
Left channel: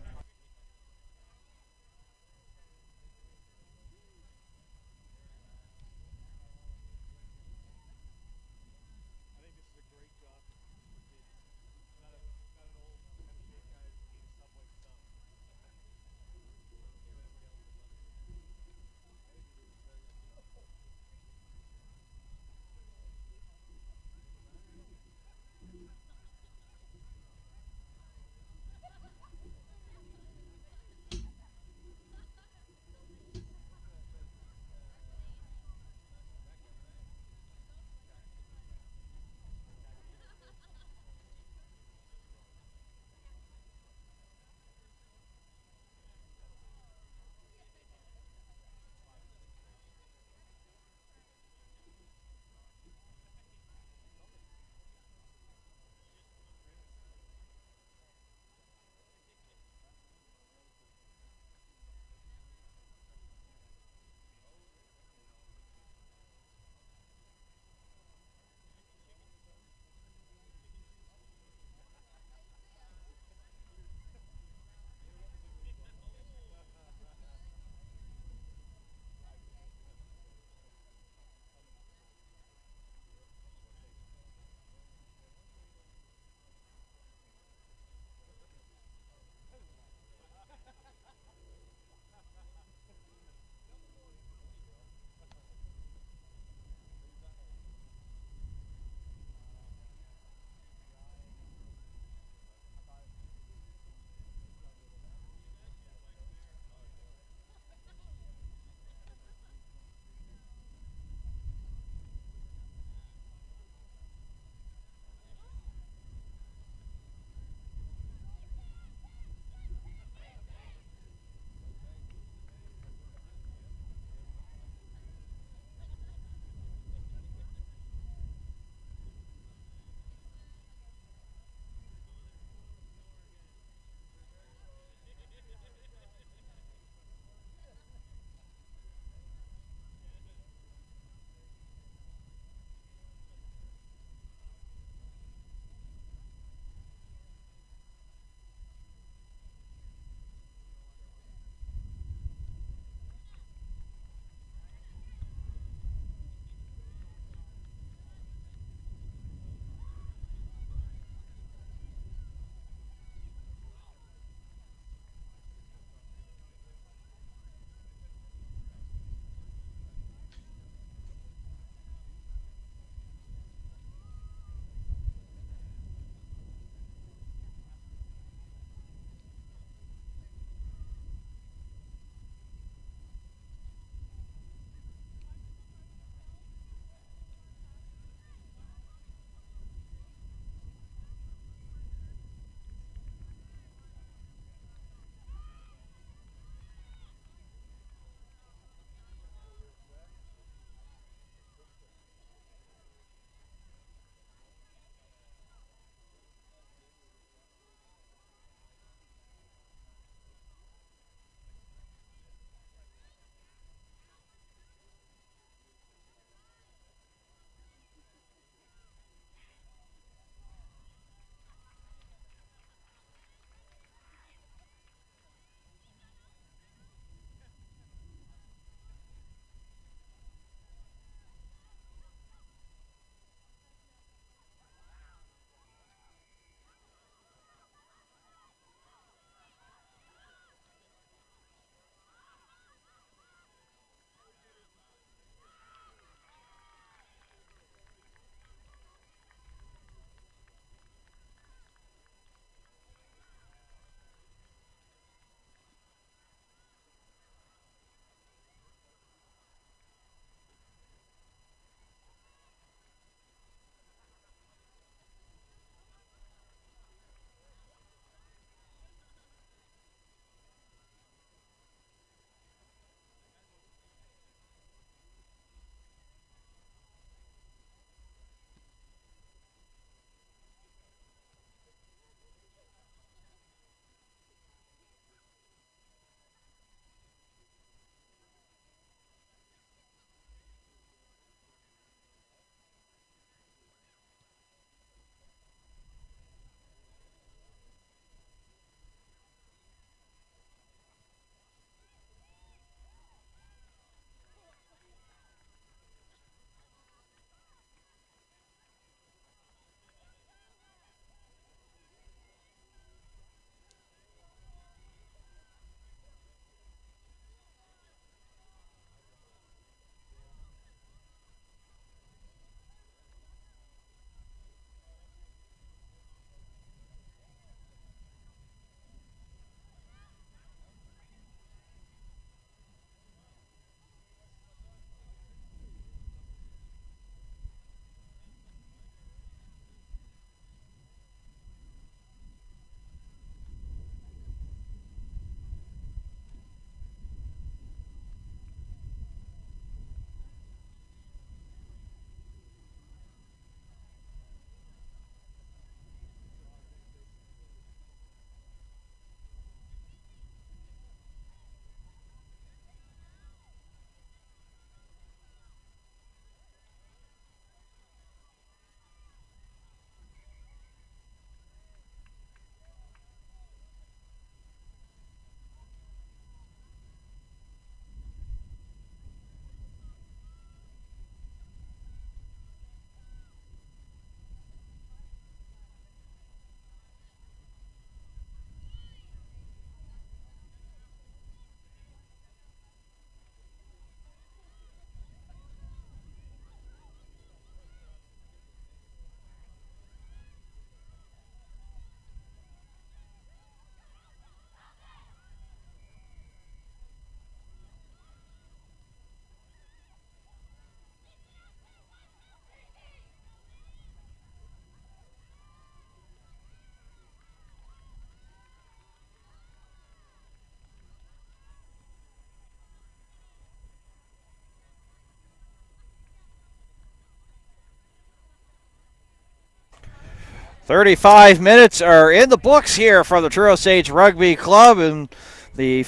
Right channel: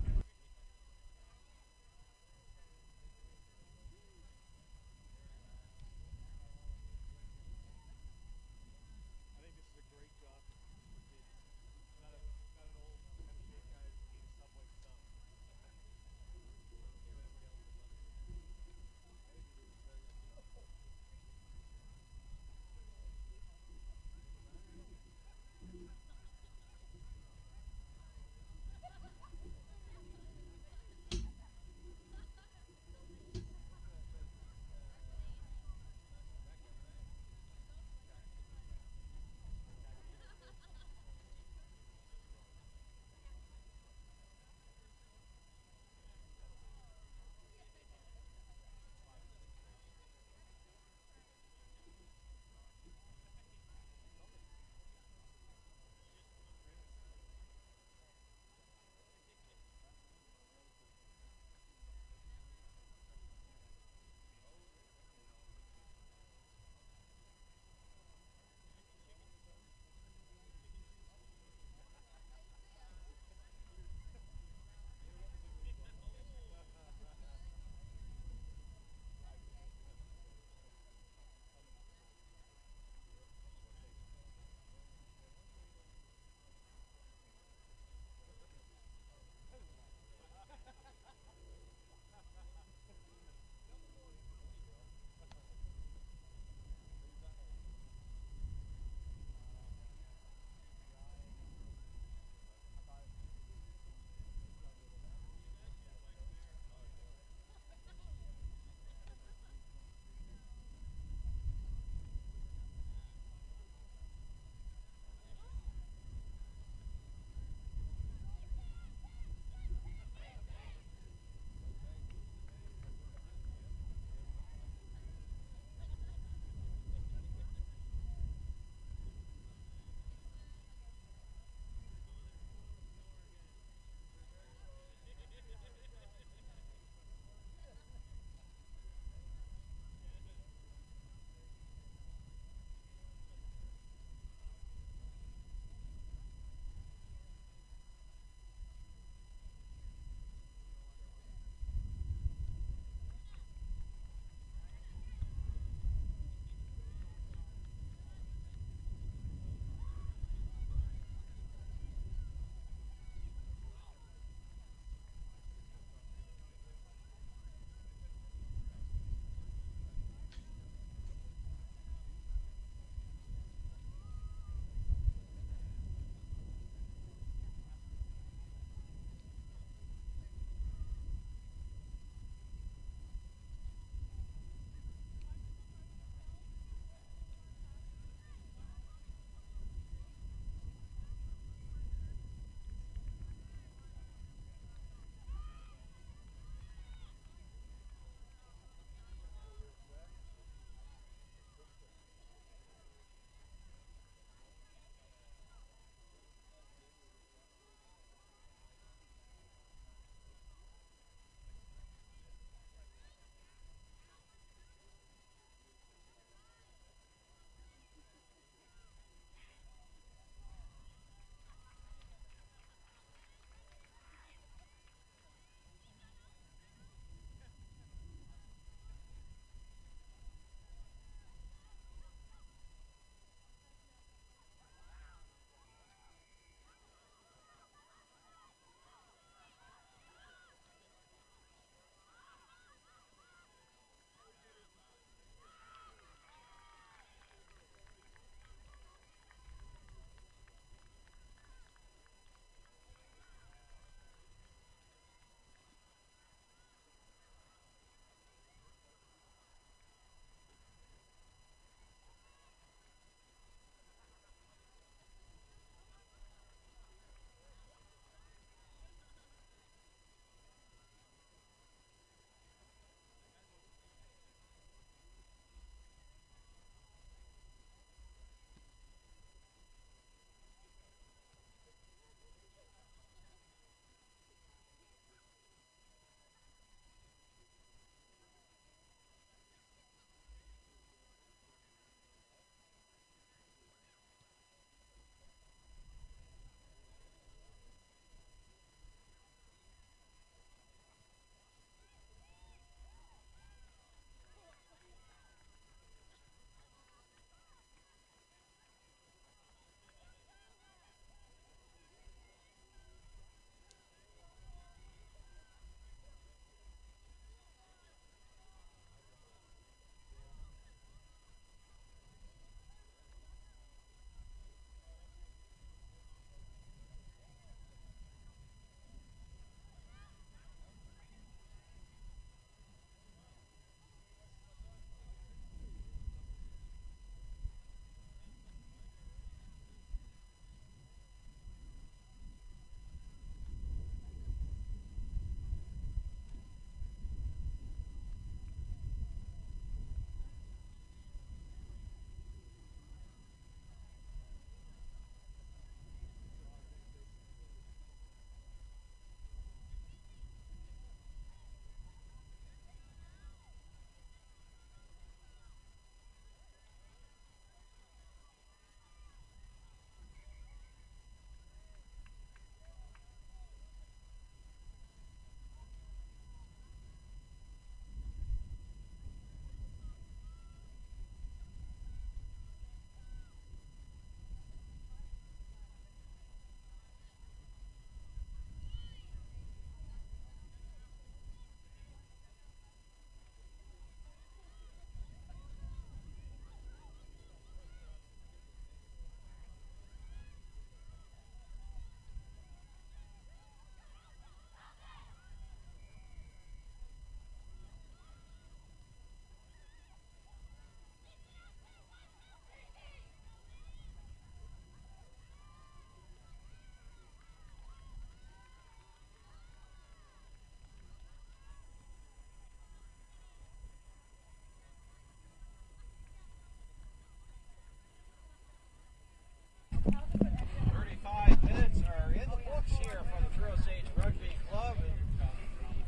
35 minutes are in the books here for the True Osage Rugby Club, and the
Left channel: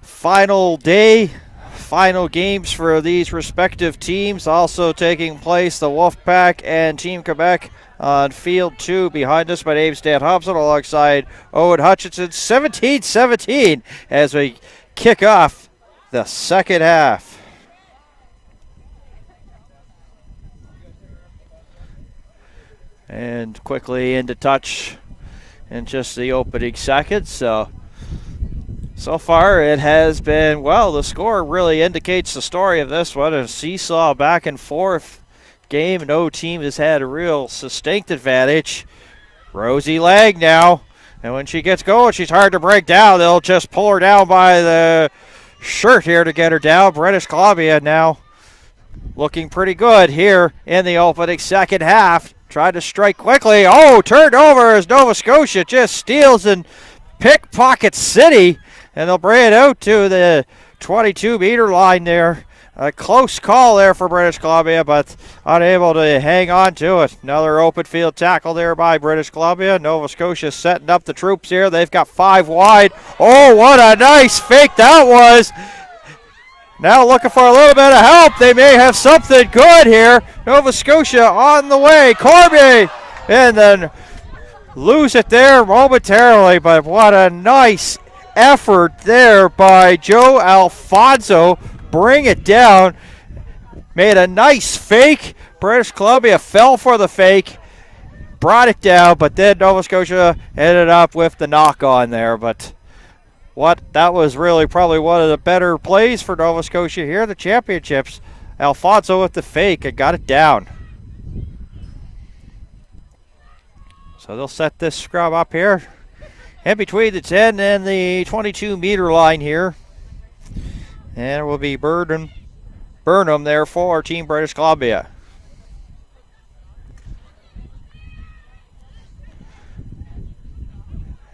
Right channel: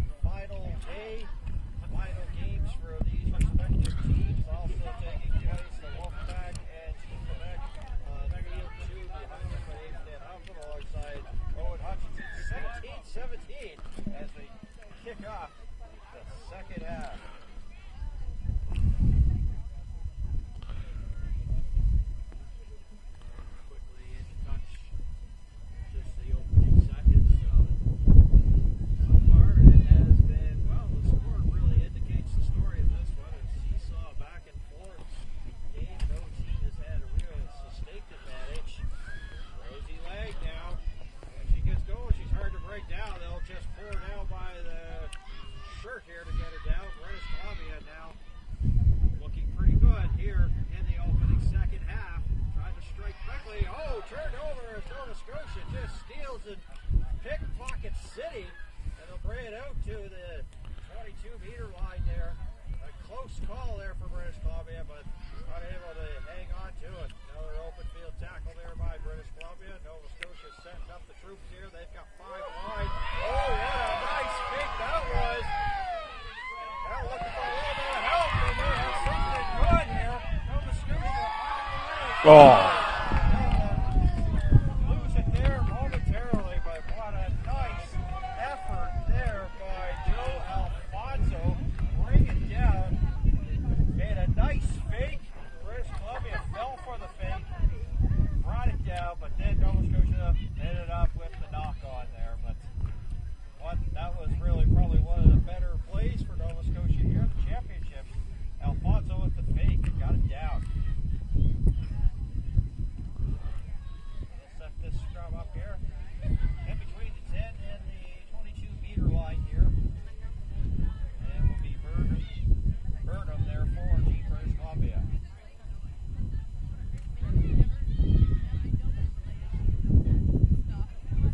final day, final games for these respective teams also taking place. The Wolfpack and Team Quebec on field 2 behind us. My name's Dan Hobson alongside Owen Hutchinson. 17-17 as we kick off the second half. And quickly into touch in just the opening seconds. So far it has been, well, the score really indicates the story of this one. A seesaw back and forth game. No team has had a real sustained advantage. Rosie Lang now. And when she gets going, she's hard to break down. They'll just pull her down by the shirt here to get her down. British Columbia now looking pretty good here in the opening second half. Tried to strike quickly. Oh, turned over as Nova Scotia just steals and pickpocket City. And they'll bring it out to the 22-meter line there. A close call there for British Columbia, but unable to hang on to it. Another open field tackle there by British Columbia. Nova Scotia setting up the troops here. They've got 5 wide. Oh, what a nice fake that was. Now looking for a little bit of help. They may have something good here. Nova Scotia on the way. Corby! And then lose it there momentarily, but what a nice effort there by Joe Alfonso. Bring it down. Made a nice fake. British Columbia fell for the fake. Brought it down, but then Nova Scotia ended up with the knock on there. But that was really probably one of the better plays for Nova Scotia here in the championships. Alfonso with the fake and got it down. So they'll set this scrum up here in between the 10 and the 22-meter line here. And it will be Burnham there for Team British Columbia.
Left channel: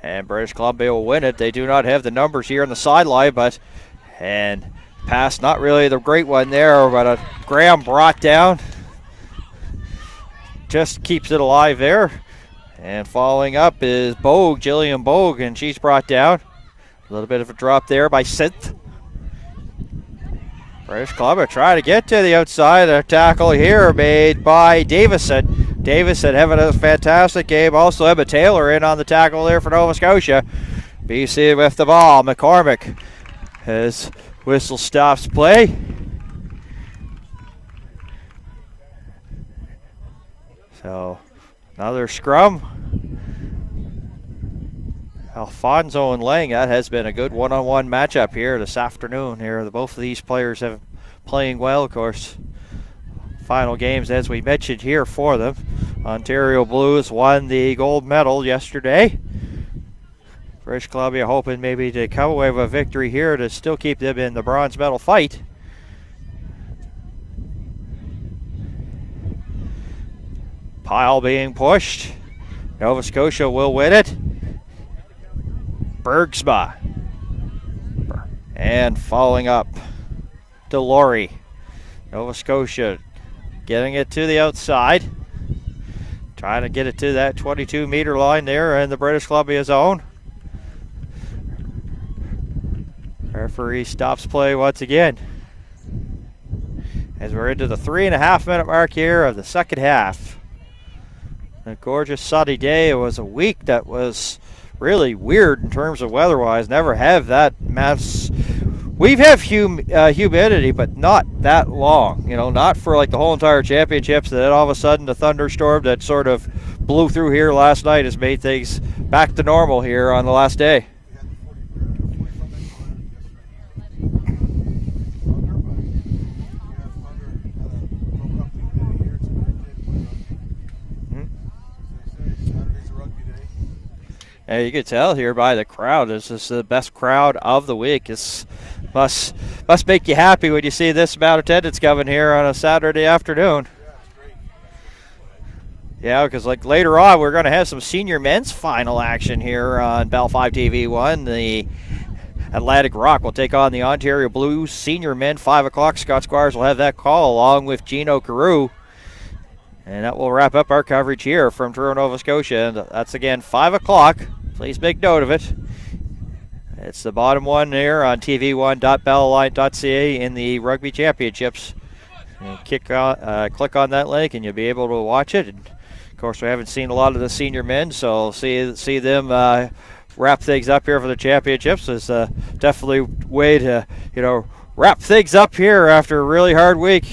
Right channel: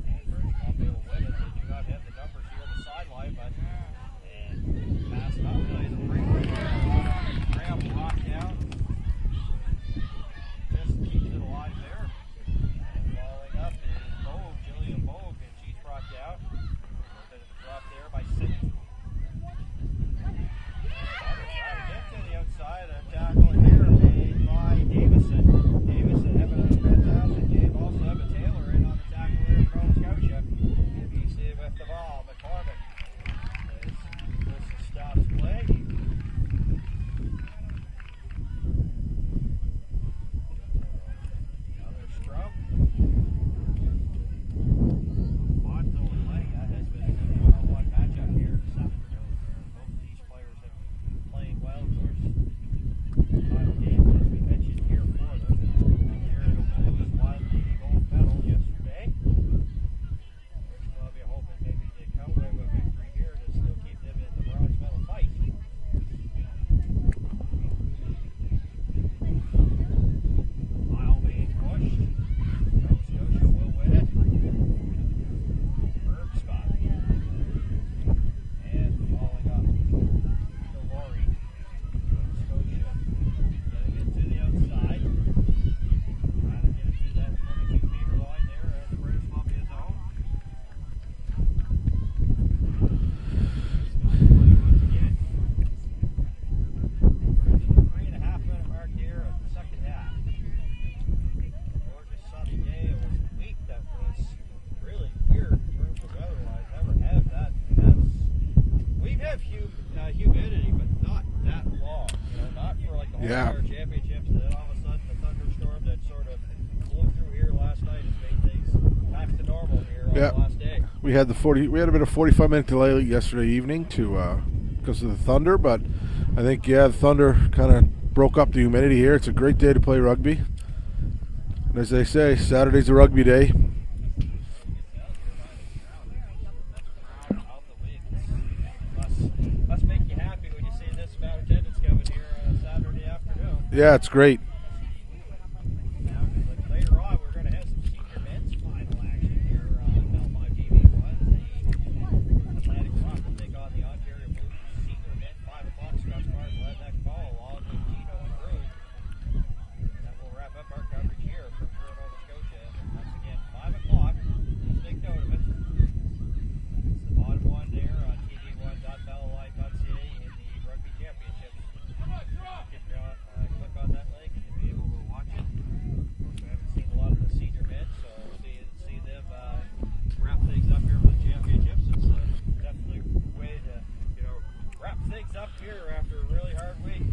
And British Columbia will win it. They do not have the numbers here on the sideline, and pass not really the great one there, but a Graham brought down. Just keeps it alive there. And following up is Bogue, Jillian Bogue, and she's brought down. A little bit of a drop there by Synth. British Columbia trying to get to the outside. A tackle here made by Davison. Davison having a fantastic game. Also Emma Taylor in on the tackle there for Nova Scotia. BC with the ball. McCormick as whistle stops play. So another scrum. Alfonso and Lang, that has been a good one-on-one matchup here this afternoon. Here, both of these players have playing well, of course. Final games, as we mentioned here for them. Ontario Blues won the gold medal yesterday. British Columbia hoping maybe to come away with a victory here to still keep them in the bronze medal fight. Pile being pushed. Nova Scotia will win it. Bergsma. And following up, Delory. Nova Scotia getting it to the outside. Trying to get it to that 22-meter line there in the British Columbia zone. Referee stops play once again. As we're into the 3.5-minute mark here of the second half. A gorgeous sunny day. It was a week that was really weird in terms of weather-wise. Never have that mass. We've had humidity, but not that long. You know, not for like the whole entire championships. And then all of a sudden, the thunderstorm that sort of blew through here last night has made things back to normal here on the last day. We had we had a bit of 45-minute delay yesterday evening because of the thunder, but I think the thunder kind of broke up the humidity here. It's a great day to play rugby. Mm-hmm. As they say, Saturday's a rugby day. And you can tell here by the crowd, this is the best crowd of the week. It's must make you happy when you see this amount of attendance coming here on a Saturday afternoon. Yeah, it's great. Yeah, because like later on, we're going to have some senior men's final action here on Bell 5 TV1. The Atlantic Rock will take on the Ontario Blues senior men, 5 o'clock. Scott Squires will have that call along with Gino Carew. And that will wrap up our coverage here from Truro, Nova Scotia. And that's again 5 o'clock. Please make note of it. It's the bottom one here on tv1.bellalign.ca in the Rugby Championships. And click on that link and you'll be able to watch it. And of course, we haven't seen a lot of the senior men, so see them wrap things up here for the championships is definitely a way to wrap things up here after a really hard week.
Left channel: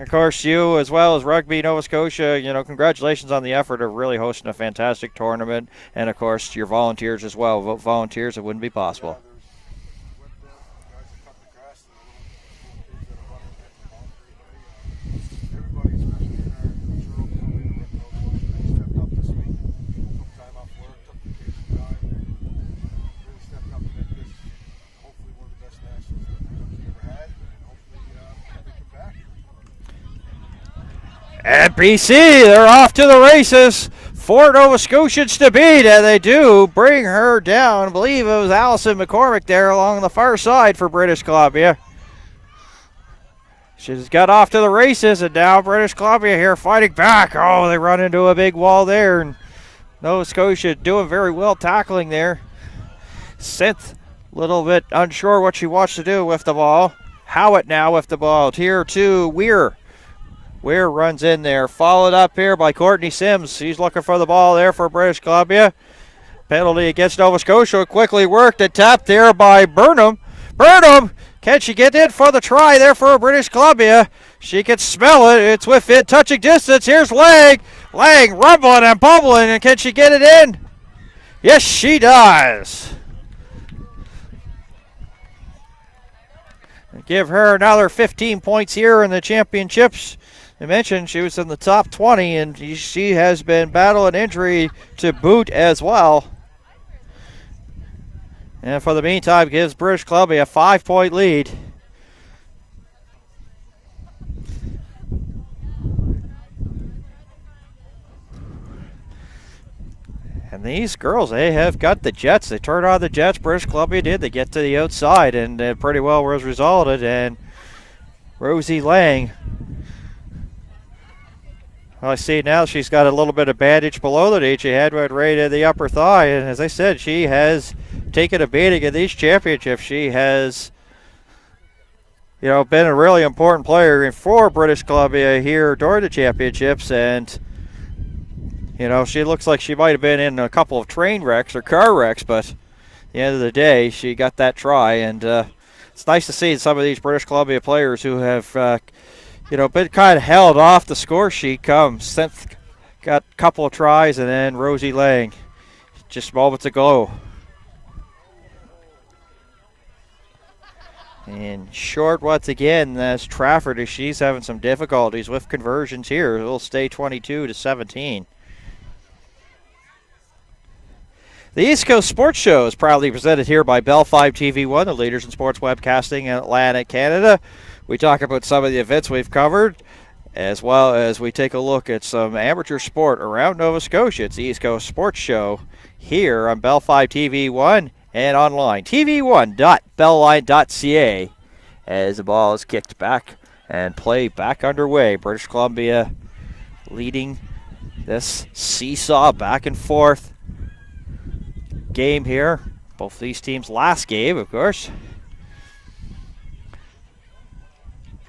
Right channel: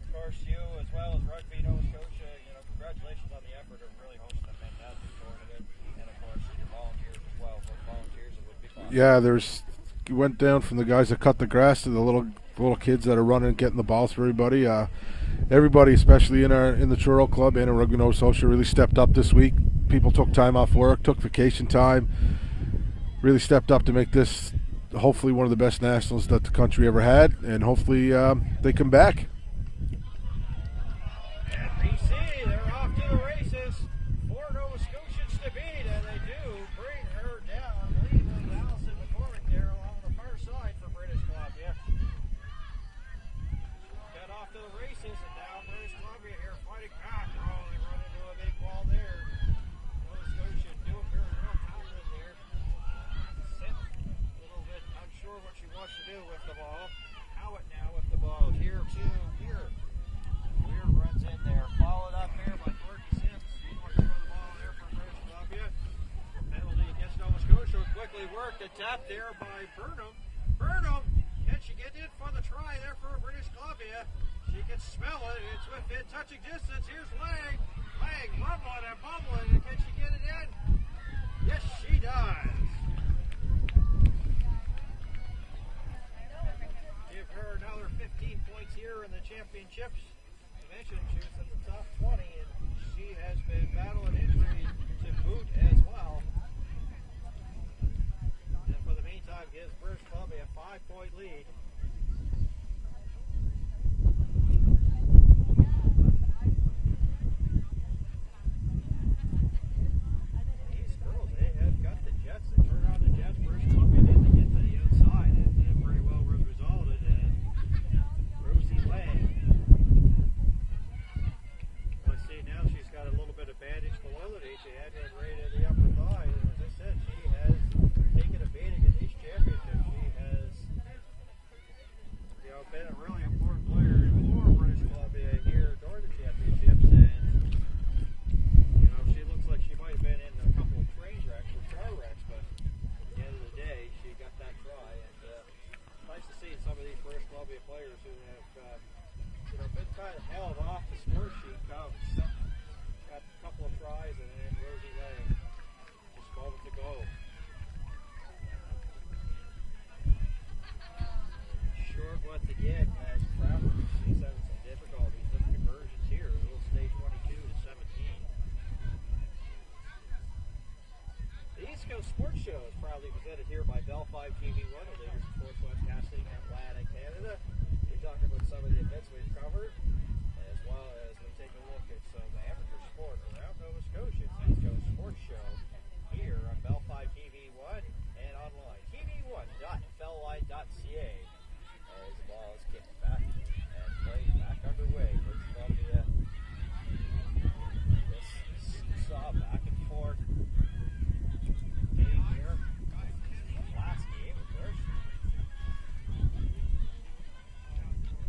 Of course, you as well as Rugby Nova Scotia, congratulations on the effort of really hosting a fantastic tournament, and of course your volunteers as well. Without volunteers, it wouldn't be possible. Yeah, you went down from the guys that cut the grass to the little kids that are running, getting the balls for everybody. Everybody, especially in the Truro Club and in Rugby Nova Scotia, really stepped up this week. People took time off work, took vacation time, really stepped up to make this hopefully one of the best nationals that the country ever had, and hopefully they come back. At BC, they're off to the races. 4 Nova Scotians to beat, and they do bring her down. I believe it was Allison McCormick there along the far side for British Columbia. She's got off to the races, and now British Columbia here fighting back. Oh, they run into a big wall there, and Nova Scotia doing very well tackling there. Synth, a little bit unsure what she wants to do with the ball. Howitt now with the ball. Here to Weir. Weir runs in there, followed up here by Courtney Sims. He's looking for the ball there for British Columbia. Penalty against Nova Scotia. Quickly worked and tapped there by Burnham. Burnham, can she get in for the try there for British Columbia? She can smell it. It's within touching distance. Here's Lang. Lang rumbling and bubbling, and can she get it in? Yes, she does. Give her another 15 points here in the championships. I mentioned she was in the top 20, and she has been battling injury to boot as well. And for the meantime, gives British Columbia a 5-point lead. And these girls, they have got the jets. They turned on the jets. British Columbia did. They get to the outside, and pretty well was resulted. And Rosie Lang, well, I see now she's got a little bit of bandage below the knee. She had one right in the upper thigh. And as I said, she has taken a beating in these championships. She has, been a really important player for British Columbia here during the championships. And, she looks like she might have been in a couple of train wrecks or car wrecks, but at the end of the day, she got that try. And it's nice to see some of these British Columbia players who have been kind of held off the score sheet come. Synth got a couple of tries, and then Rosie Lang just moments ago. And short once again, as Trafford, as she's having some difficulties with conversions here. It'll stay 22-17. The East Coast Sports Show is proudly presented here by Bell 5 TV1, the leaders in sports webcasting in Atlantic Canada. We talk about some of the events we've covered, as well as we take a look at some amateur sport around Nova Scotia. It's the East Coast Sports Show here on Bell 5 TV1 and online. tv1.bellalign.ca as the ball is kicked back and play back underway. British Columbia leading this seesaw back and forth game here. Both these teams' last game, of course.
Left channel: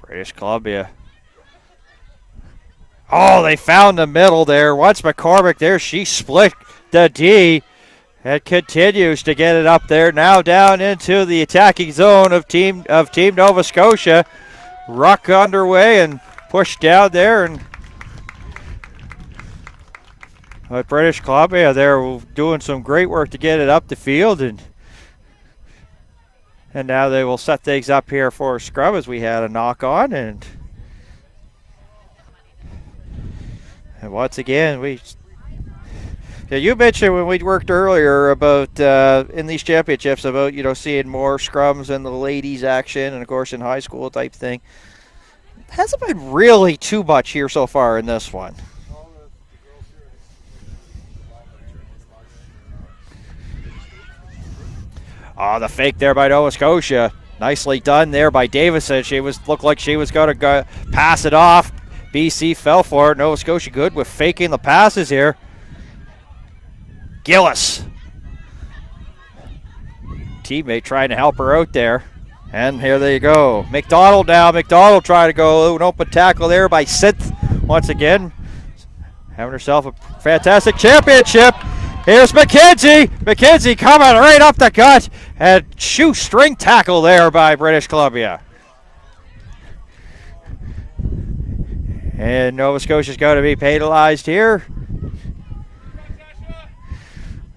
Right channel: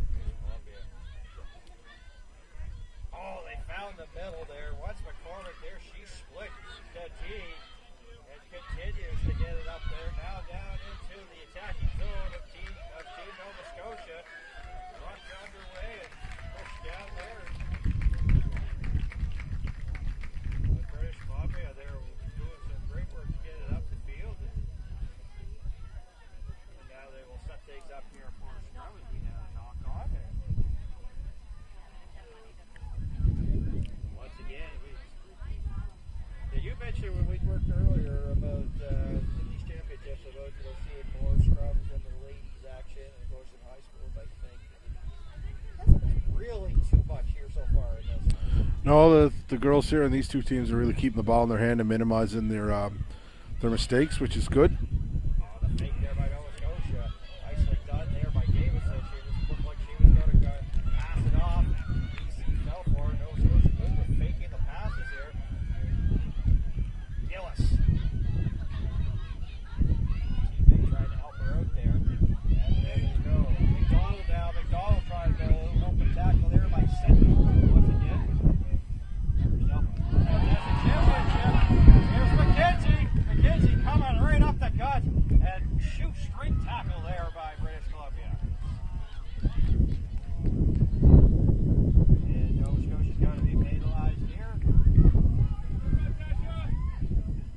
British Columbia. Oh, they found the middle there. Once McCormick there, she split the D and continues to get it up there. Now down into the attacking zone of Team Nova Scotia. Ruck underway and pushed down there, and British Columbia, they're doing some great work to get it up the field, and now they will set things up here for a scrum as we had a knock on, and once again you mentioned when we worked earlier about in these championships about seeing more scrums in the ladies action, and of course in high school type thing. Hasn't been really too much here so far in this one. No, the girls here and these two teams are really keeping the ball in their hand and minimizing their mistakes, which is good. Oh, the fake there by Nova Scotia. Nicely done there by Davison. She looked like she was going to pass it off. BC fell for it. Nova Scotia good with faking the passes here. Gillis. Teammate trying to help her out there. And here they go. McDonald now. McDonald trying to go an open tackle there by Synth once again. Having herself a fantastic championship. Here's McKenzie. McKenzie coming right up the gut. And shoestring tackle there by British Columbia. And Nova Scotia's going to be penalized here.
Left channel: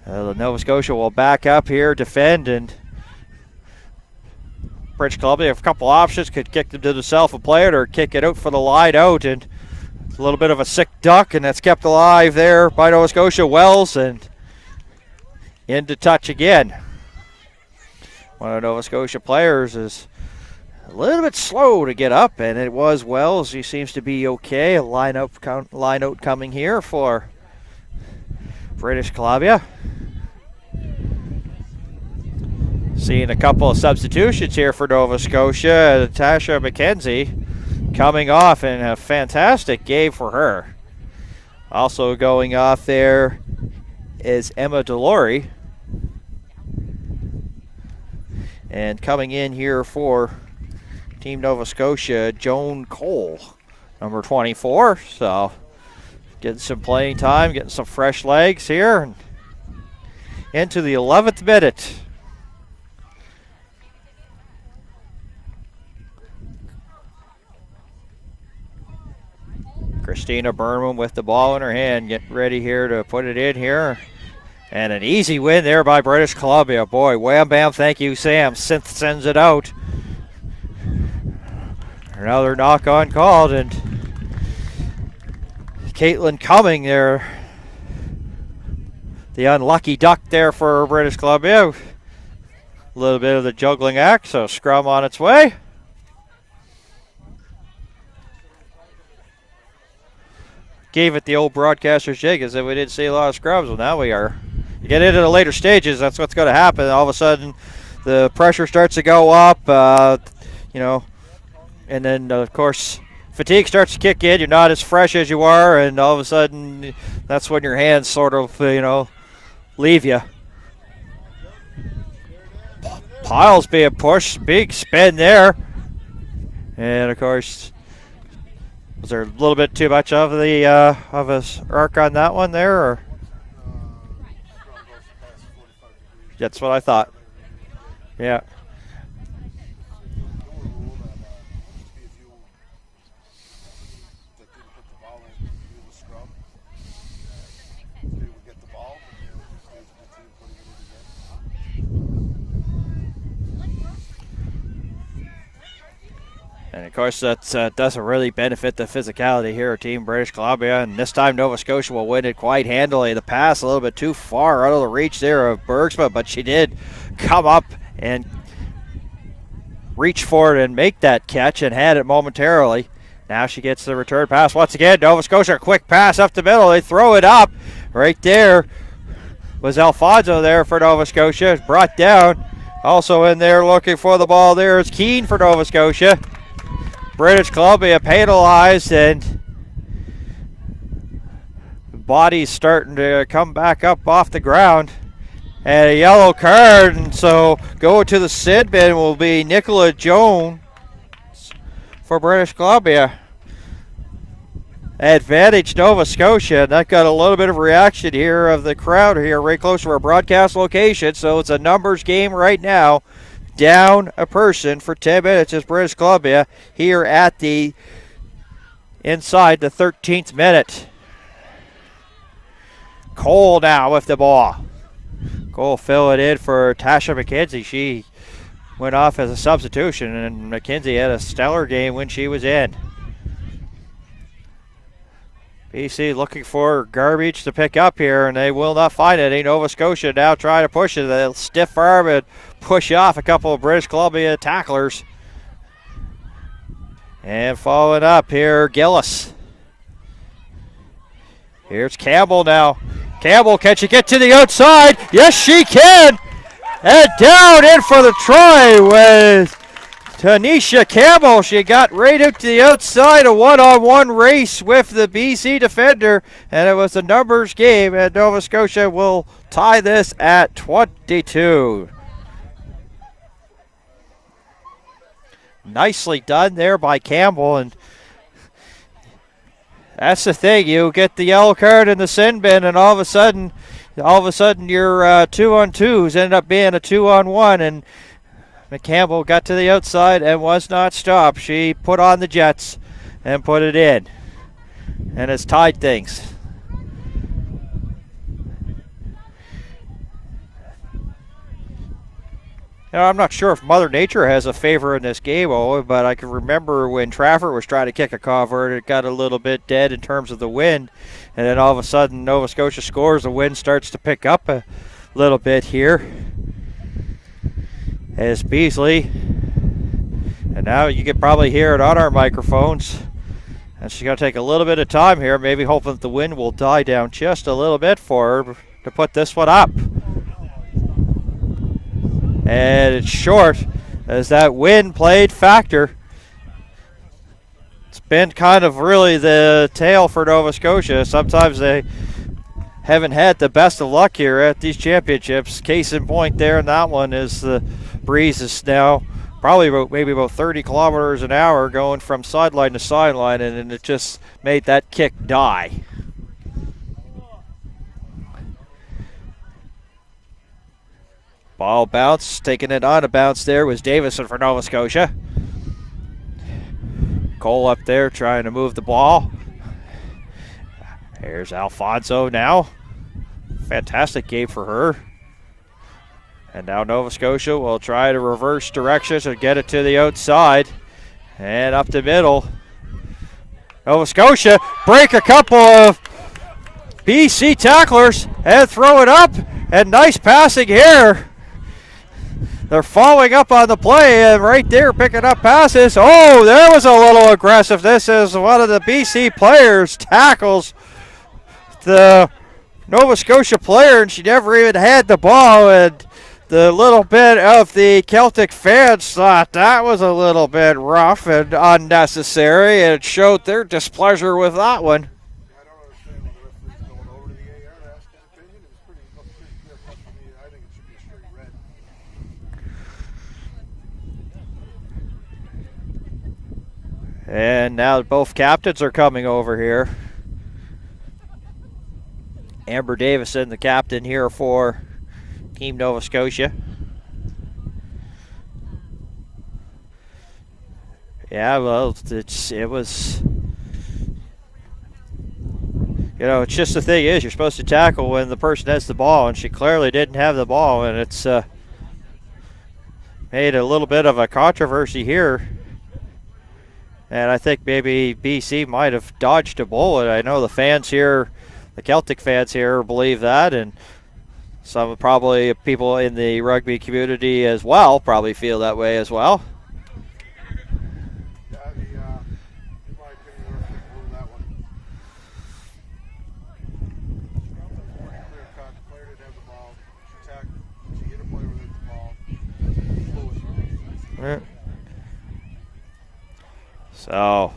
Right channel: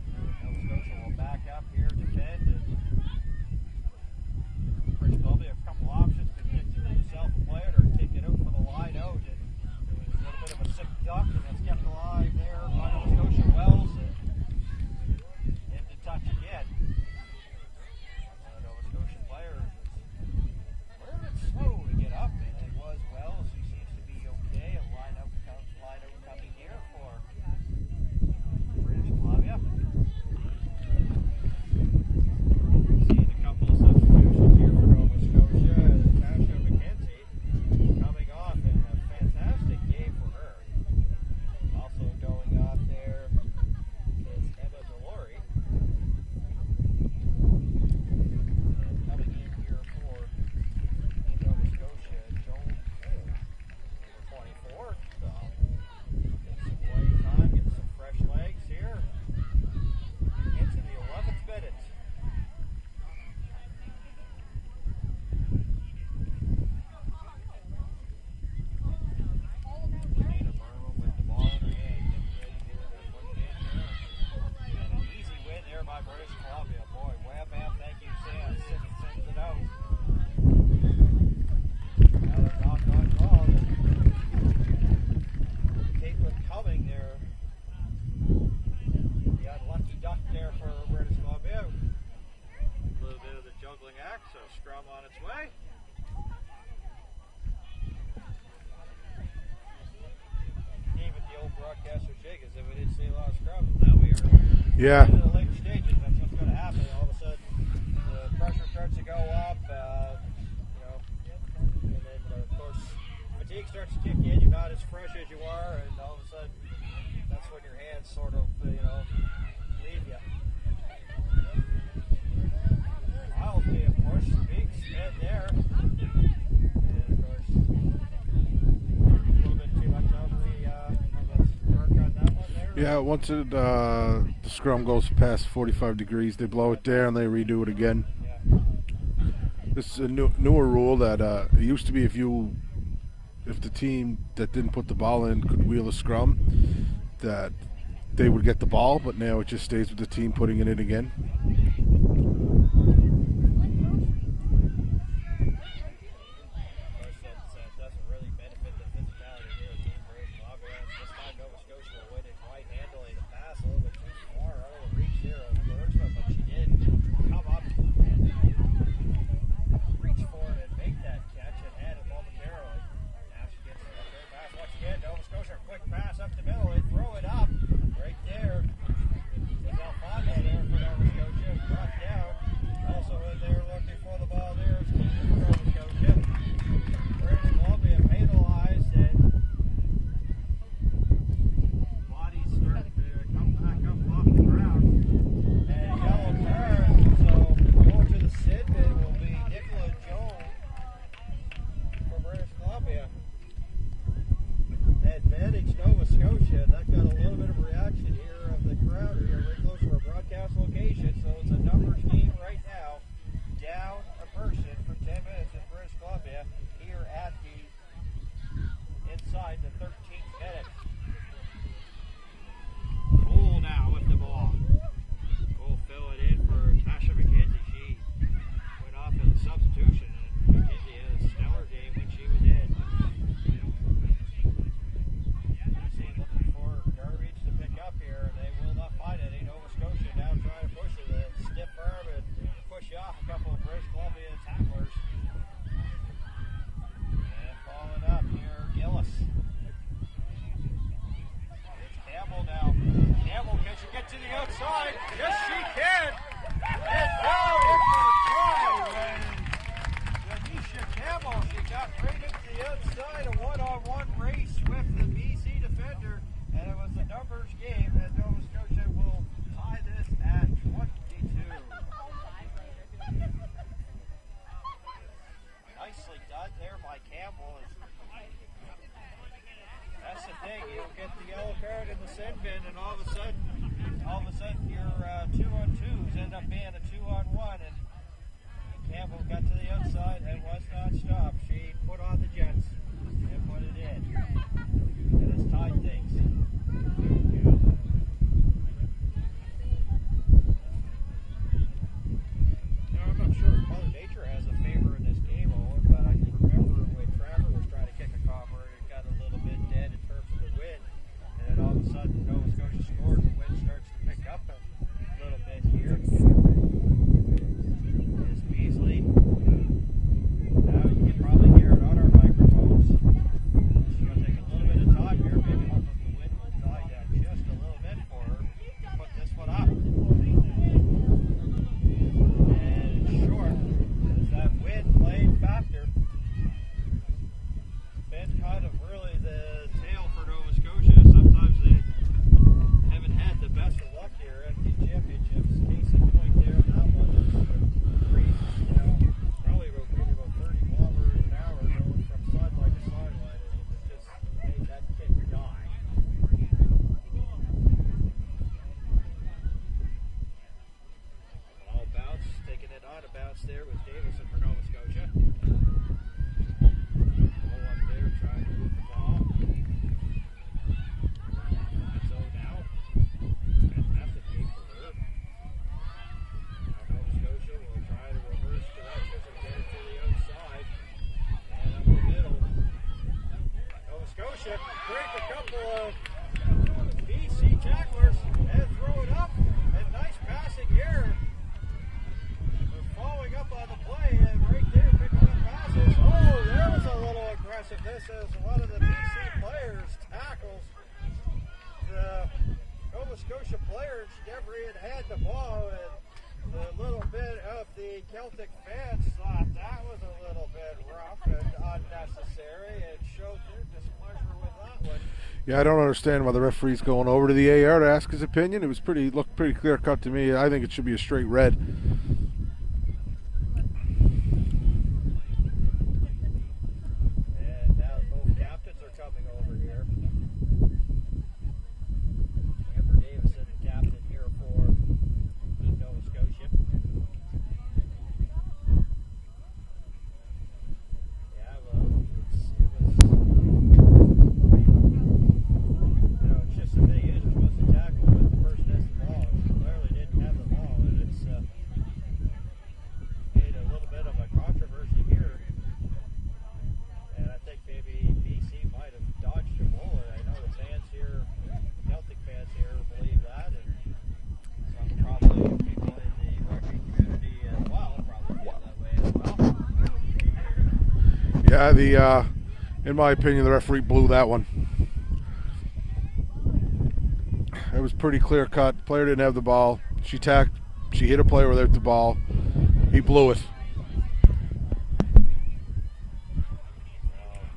Nova Scotia will back up here, defend, and British Columbia have a couple options. Could kick them to the self and play it, or kick it out for the line out, and a little bit of a sick duck, and that's kept alive there by Nova Scotia. Wells, and into touch again. One of the Nova Scotia players is a little bit slow to get up, and it was Wells. He seems to be okay. A line out coming here for British Columbia. Seeing a couple of substitutions here for Nova Scotia. Tasha McKenzie coming off, and a fantastic game for her. Also going off there is Emma Delory. And coming in here for Team Nova Scotia, Joan Cole, number 24. So getting some playing time, getting some fresh legs here. And into the 11th minute. Christina Berman with the ball in her hand, getting ready here to put it in here. And an easy win there by British Columbia. Boy, wham bam, thank you, Sam. Synth sends it out. Another knock on called, and Caitlin Cumming there. The unlucky duck there for British Columbia. A little bit of the juggling act, so scrum on its way. Gave it the old broadcaster's jig as if we didn't see a lot of scrubs. Well, now we are. Yeah. Get into the later stages. That's what's going to happen. All of a sudden, the pressure starts to go up, and then, of course, fatigue starts to kick in. You're not as fresh as you are, and all of a sudden, that's when your hands sort of, leave you. Piles being pushed. Big spin there. And, of course, was there a little bit too much of the of a arc on that one there? Yeah, once the scrum goes past 45 degrees, they that's blow what I it thought. there and they redo it again. Yeah. This is a newer rule that it used to be if the team that didn't put the ball in could wheel a scrum, that they would get the ball, but now it just stays with the team putting it in again. And of course, that doesn't really benefit the physicality here of Team British Columbia. And this time, Nova Scotia will win it quite handily. The pass a little bit too far out of the reach there of Bergsma, but she did come up and reach for it and make that catch and had it momentarily. Now she gets the return pass once again. Nova Scotia, quick pass up the middle. They throw it up. Right there was Alfonso there for Nova Scotia. It's brought down. Also in there looking for the ball there is Keane for Nova Scotia. British Columbia penalized, and the body's starting to come back up off the ground. And a yellow card, and so going to the sit bin will be Nicola Jones for British Columbia. Advantage Nova Scotia, and that got a little bit of reaction here of the crowd here right close to our broadcast location, so it's a numbers game right now. Down a person for 10 minutes is British Columbia here at the inside the 13th minute. Cole now with the ball. Cole fill it in for Tasha McKenzie. She went off as a substitution, and McKenzie had a stellar game when she was in. BC looking for garbage to pick up here, and they will not find it. Nova Scotia now trying to push it. They'll stiff arm and push off a couple of British Columbia tacklers. And following up here, Gillis. Here's Campbell now. Campbell, can she get to the outside? Yes, she can. And down in for the try with Tanisha Campbell, she got right out to the outside, a one-on-one race with the BC defender, and it was a numbers game, and Nova Scotia will tie this at 22. Nicely done there by Campbell, and that's the thing. You get the yellow card in the sin bin, and all of a sudden, your 2-on-2s ended up being a 2-on-1, and McCampbell got to the outside and was not stopped. She put on the Jets and put it in, and it's tied things. Now, I'm not sure if Mother Nature has a favor in this game, but I can remember when Trafford was trying to kick a convert, it got a little bit dead in terms of the wind, and then all of a sudden Nova Scotia scores, the wind starts to pick up a little bit here. As Beasley, and now you can probably hear it on our microphones, and she's going to take a little bit of time here, maybe hoping that the wind will die down just a little bit for her to put this one up. And it's short as that wind played factor. It's been kind of really the tale for Nova Scotia. Sometimes they haven't had the best of luck here at these championships. Case in point there in that one is the breeze is now probably about 30 kilometers an hour going from sideline to sideline, and it just made that kick die. Ball bounce, taking it on a bounce there was Davison for Nova Scotia. Cole up there trying to move the ball. Here's Alfonso now. Fantastic game for her. And now Nova Scotia will try to reverse directions and get it to the outside. And up the middle. Nova Scotia break a couple of BC tacklers and throw it up. And nice passing here. They're following up on the play, and right there picking up passes. Oh, there was a little aggressiveness as one of the BC players tackles the Nova Scotia player, and she never even had the ball. And the little bit of the Celtic fans thought that was a little bit rough and unnecessary, and it showed their displeasure with that one. Yeah, I don't understand why the referee's going over to the AR to ask his opinion. It was looked pretty clear cut to me. I think it should be a straight red. And now both captains are coming over here. Amber Davison, the captain here for Team Nova Scotia. Yeah, well, it was, it's just the thing is you're supposed to tackle when the person has the ball, and she clearly didn't have the ball, and it's made a little bit of a controversy here. And I think maybe BC might have dodged a bullet. I know the fans here, the Celtic fans here, believe that, and some probably people in the rugby community as well probably feel that way as well. Yeah, in my opinion, the referee blew that one. It was pretty clear cut. Player didn't have the ball. She hit a player without the ball. He blew it. Yeah. So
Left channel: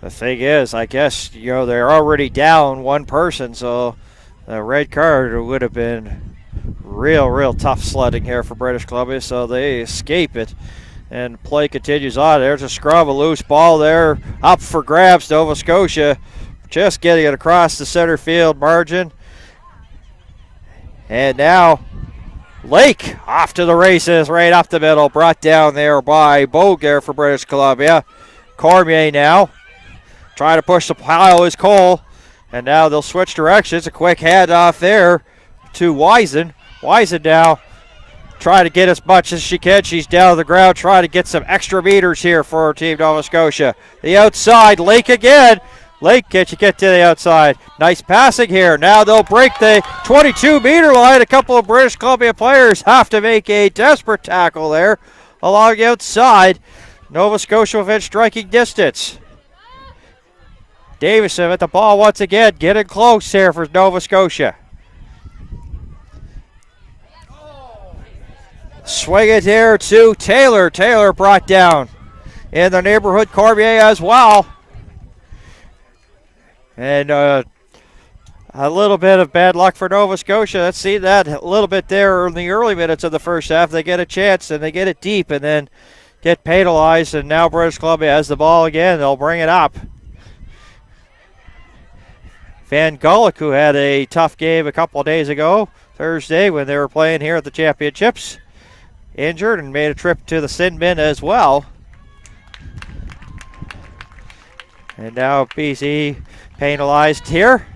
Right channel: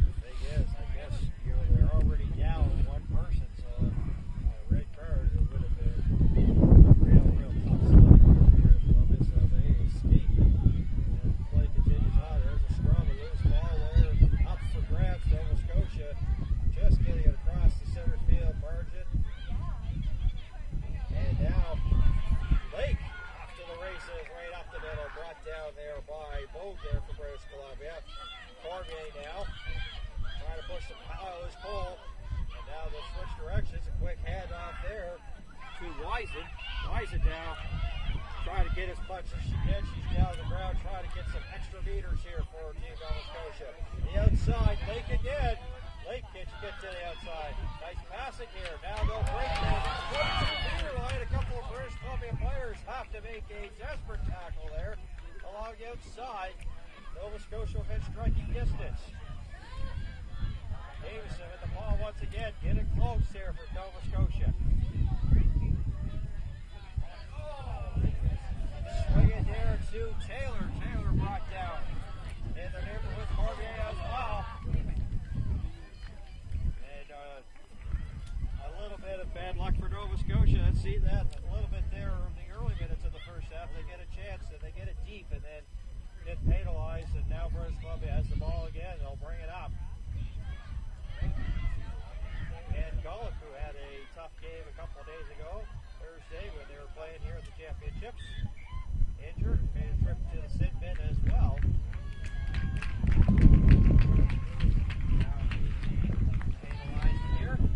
the thing is, I guess, they're already down one person, so the red card would have been real tough sledding here for British Columbia, so they escape it. And play continues on. There's a scrum, a loose ball there, up for grabs. Nova Scotia just getting it across the center field margin. And now Lake off to the races, right up the middle, brought down there by Boger for British Columbia. Cormier now trying to push the pile is Cole, and now they'll switch directions. A quick handoff there to Wisen. Wisen now trying to get as much as she can. She's down on the ground trying to get some extra meters here for Team Nova Scotia. The outside, Lake again. Lake, can you get to the outside? Nice passing here. Now they'll break the 22-meter line. A couple of British Columbia players have to make a desperate tackle there along the outside. Nova Scotia within striking distance. Davison at the ball once again, getting close here for Nova Scotia. Swing it there to Taylor. Taylor brought down in the neighborhood Cormier as well. And a little bit of bad luck for Nova Scotia. Let's see that a little bit there in the early minutes of the first half. They get a chance and they get it deep and then get penalized. And now British Columbia has the ball again. They'll bring it up. Van Gulik, who had a tough game a couple of days ago, Thursday, when they were playing here at the championships, injured and made a trip to the sin bin as well. And now BC penalized here.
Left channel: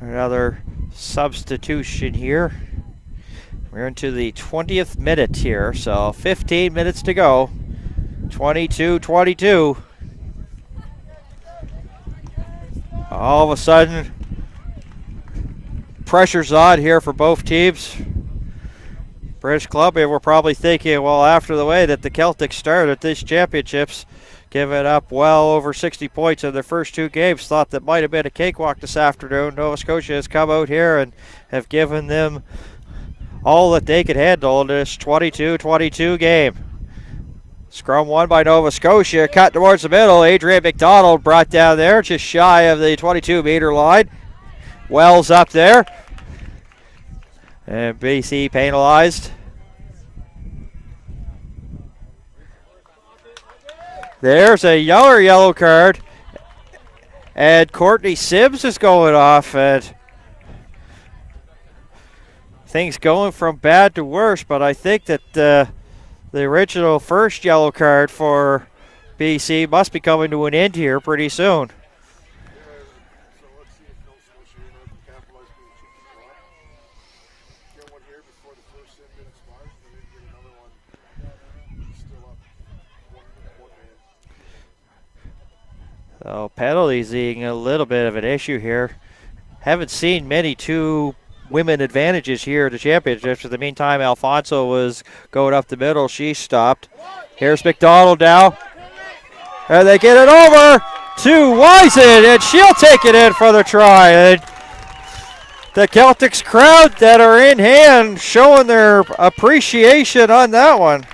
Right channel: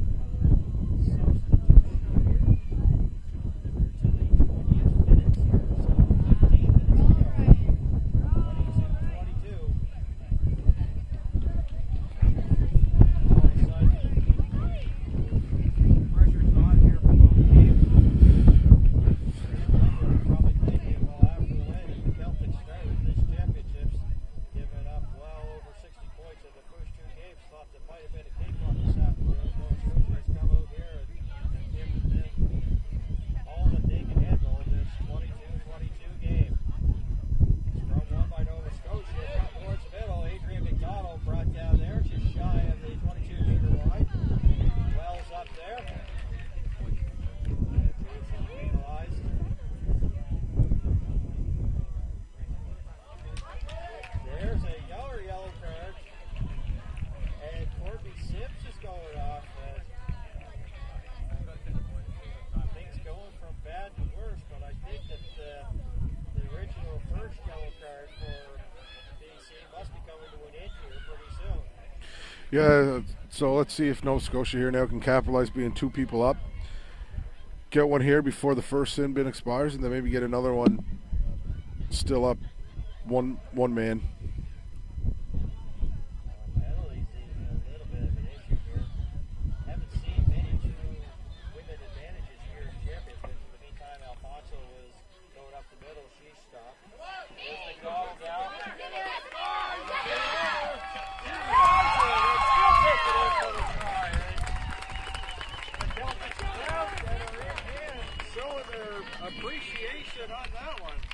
Another substitution here. We're into the 20th minute here, so 15 minutes to go. 22-22. All of a sudden, pressure's on here for both teams. British Columbia were probably thinking, well, after the way that the Celtics started at these championships, giving up well over 60 points in their first two games, thought that might have been a cakewalk this afternoon. Nova Scotia has come out here and have given them all that they could handle in this 22-22 game. Scrum won by Nova Scotia, cut towards the middle. Adrian McDonald brought down there, just shy of the 22-meter line. Wells up there. And BC penalized. There's a yellow card. And Courtney Sims is going off. And things going from bad to worse, but I think that the original first yellow card for BC must be coming to an end here pretty soon. Yeah, so let's see if Nova Scotia here now can capitalize being two people up. Get one here before the first sin bin expires, and then maybe get another one still up one man. So penalties being a little bit of an issue here. Haven't seen many two women advantages here at the championships. In the meantime, Alfonso was going up the middle. She stopped. Here's McDonald now. And they get it over to Wisen, and she'll take it in for the try. And the Celtics crowd that are in hand showing their appreciation on that one.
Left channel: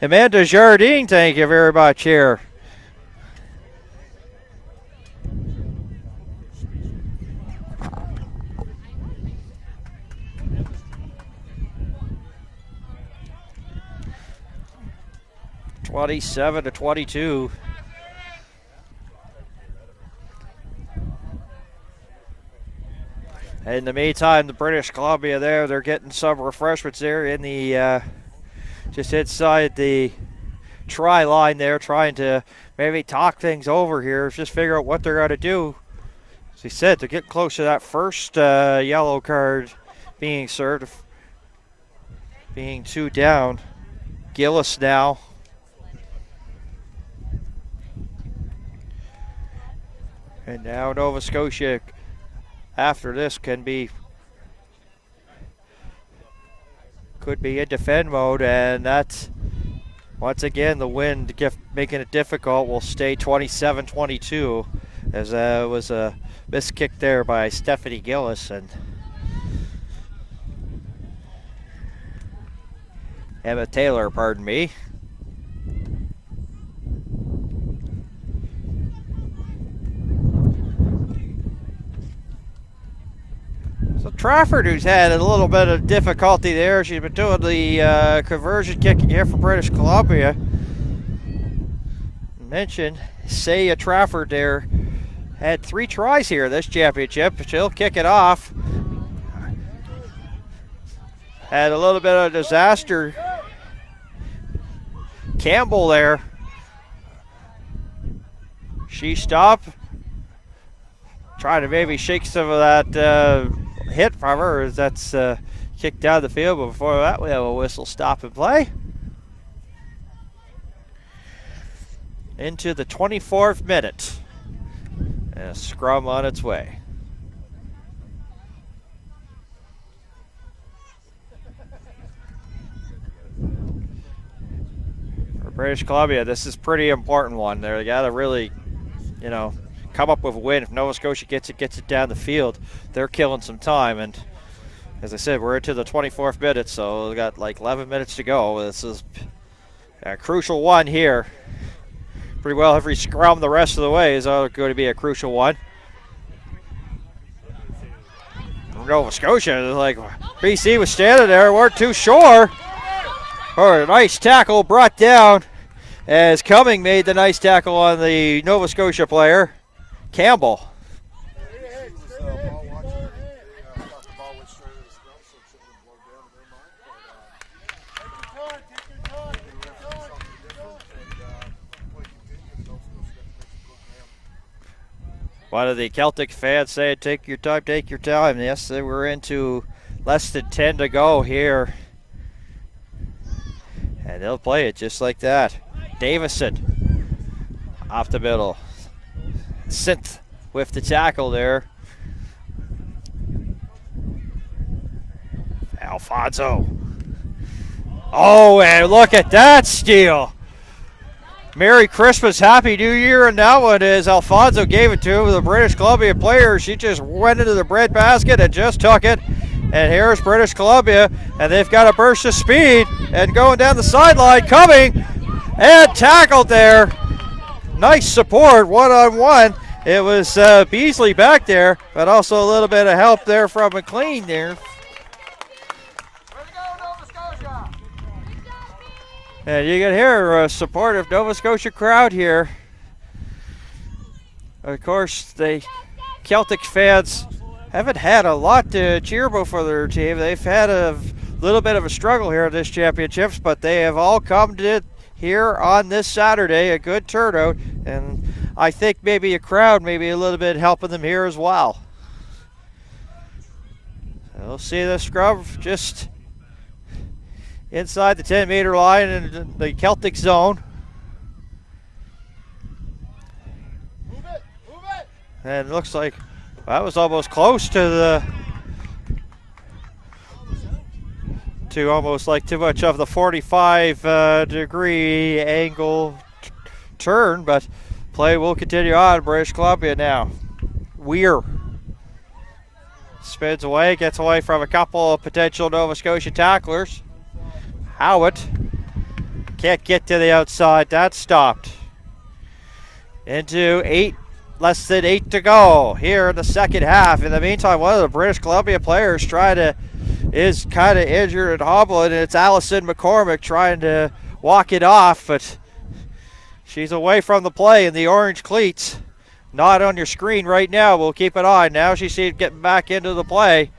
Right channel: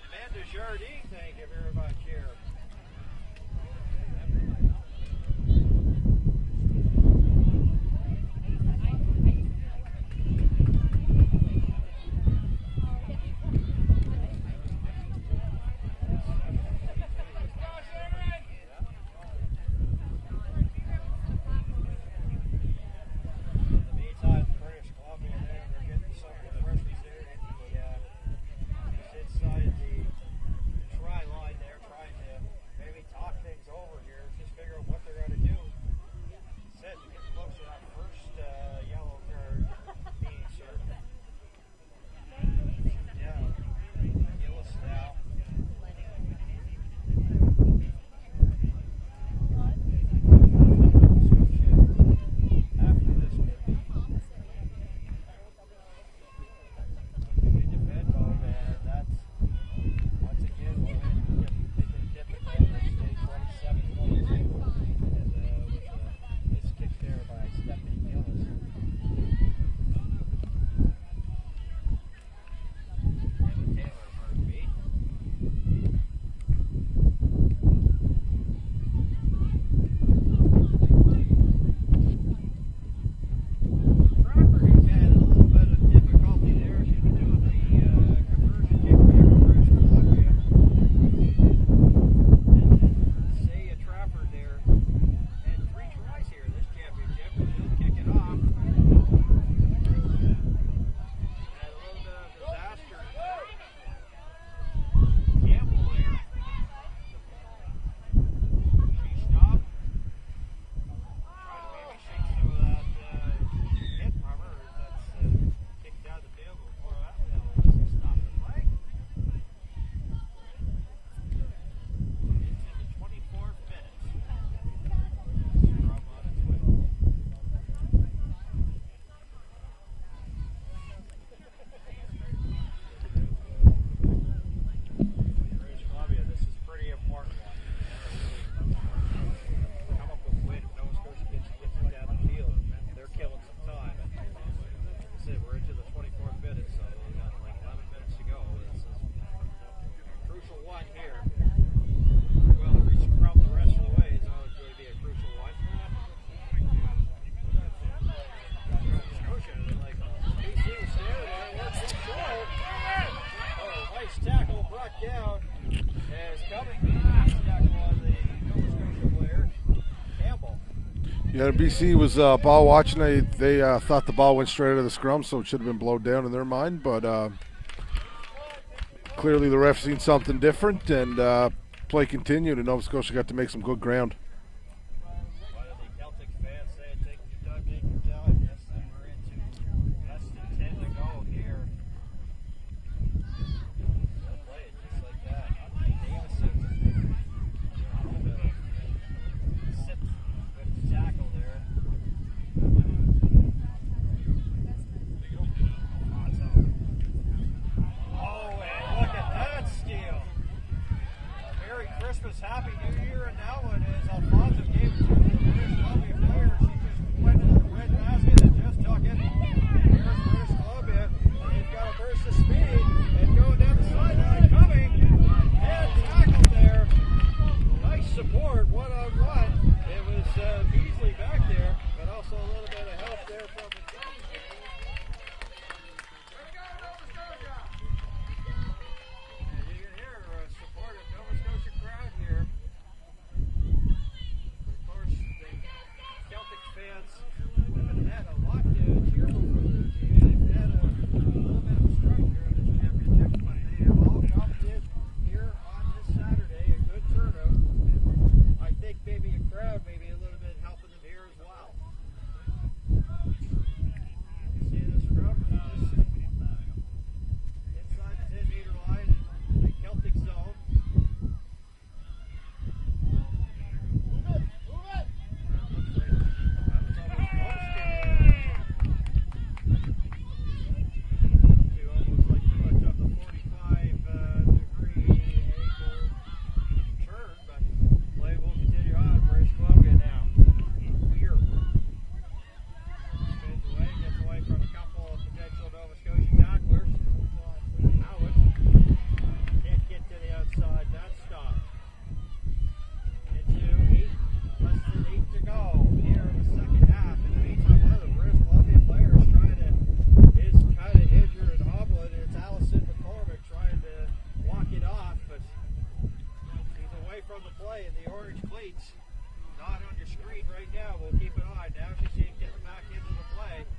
Amanda Jardine, thank you very much here. (27-22). In the meantime, the British Columbia they're getting some refreshments there in the just inside the try line there, trying to maybe talk things over here, just figure out what they're going to do. As he said, to get close to that first yellow card being served, being two down. Gillis now. And now Nova Scotia, after this, could be in defend mode, and that's once again the wind making it difficult. Will stay 27-22 as was a missed kick there by Stephanie Gillis and Emma Taylor, pardon me. Trafford, who's had a little bit of difficulty there. She's been doing the conversion kicking here for British Columbia. Mentioned Saya Trafford there. Had 3 tries here this championship. She'll kick it off. Had a little bit of disaster. Campbell there. She stopped. Trying to maybe shake some of that hit from her as that's kicked down the field, but before that we have a whistle stop and play. Into the 24th minute. And a scrum on its way. For British Columbia, this is a pretty important one. They got to really come up with a win. If Nova Scotia gets it down the field, they're killing some time. And as I said, we're into the 24th minute, so we've got like 11 minutes to go. This is a crucial one here. Pretty well every scrum the rest of the way is going to be a crucial one. Nova Scotia, like BC was standing there, weren't too sure. A nice tackle brought down as Cumming made the nice tackle on the Nova Scotia player, Campbell. Yeah, BC was ball watching. They thought the ball went straight out of the scrum, so it should have been blowed down in their mind. But clearly the ref seen something different, and play continued, and Nova Scotia got to make some good ground. One of the Celtic fans say, take your time, take your time. Yes, we're into less than 10 to go here. And they'll play it just like that. Davison off the middle. Synth with the tackle there. Alfonso. Oh, and look at that steal. Merry Christmas, Happy New Year, and that one is Alfonso gave it to the British Columbia player. She just went into the bread basket and just took it. And here's British Columbia, and they've got a burst of speed and going down the sideline, coming and tackled there. Nice support, one-on-one. It was Beasley back there, but also a little bit of help there from McLean there. And you can hear a supportive Nova Scotia crowd here. Of course, the Celtic fans haven't had a lot to cheer for their team. They've had a little bit of a struggle here at this championships, but they have all come to it here on this Saturday, a good turnout, and I think maybe a crowd maybe a little bit helping them here as well. We'll see the scrum just inside the 10-meter line in the Celtic zone. And it looks like that was almost close to almost like too much of the 45 degree angle turn, but play will continue on. British Columbia now. Weir spins away, gets away from a couple of potential Nova Scotia tacklers. Howitt can't get to the outside. That's stopped. Into less than 8 to go here in the second half. In the meantime, one of the British Columbia players is kind of injured and hobbling, and it's Allison McCormick trying to walk it off, but she's away from the play in the orange cleats. Not on your screen right now. We'll keep it on. Now she's getting back into the play.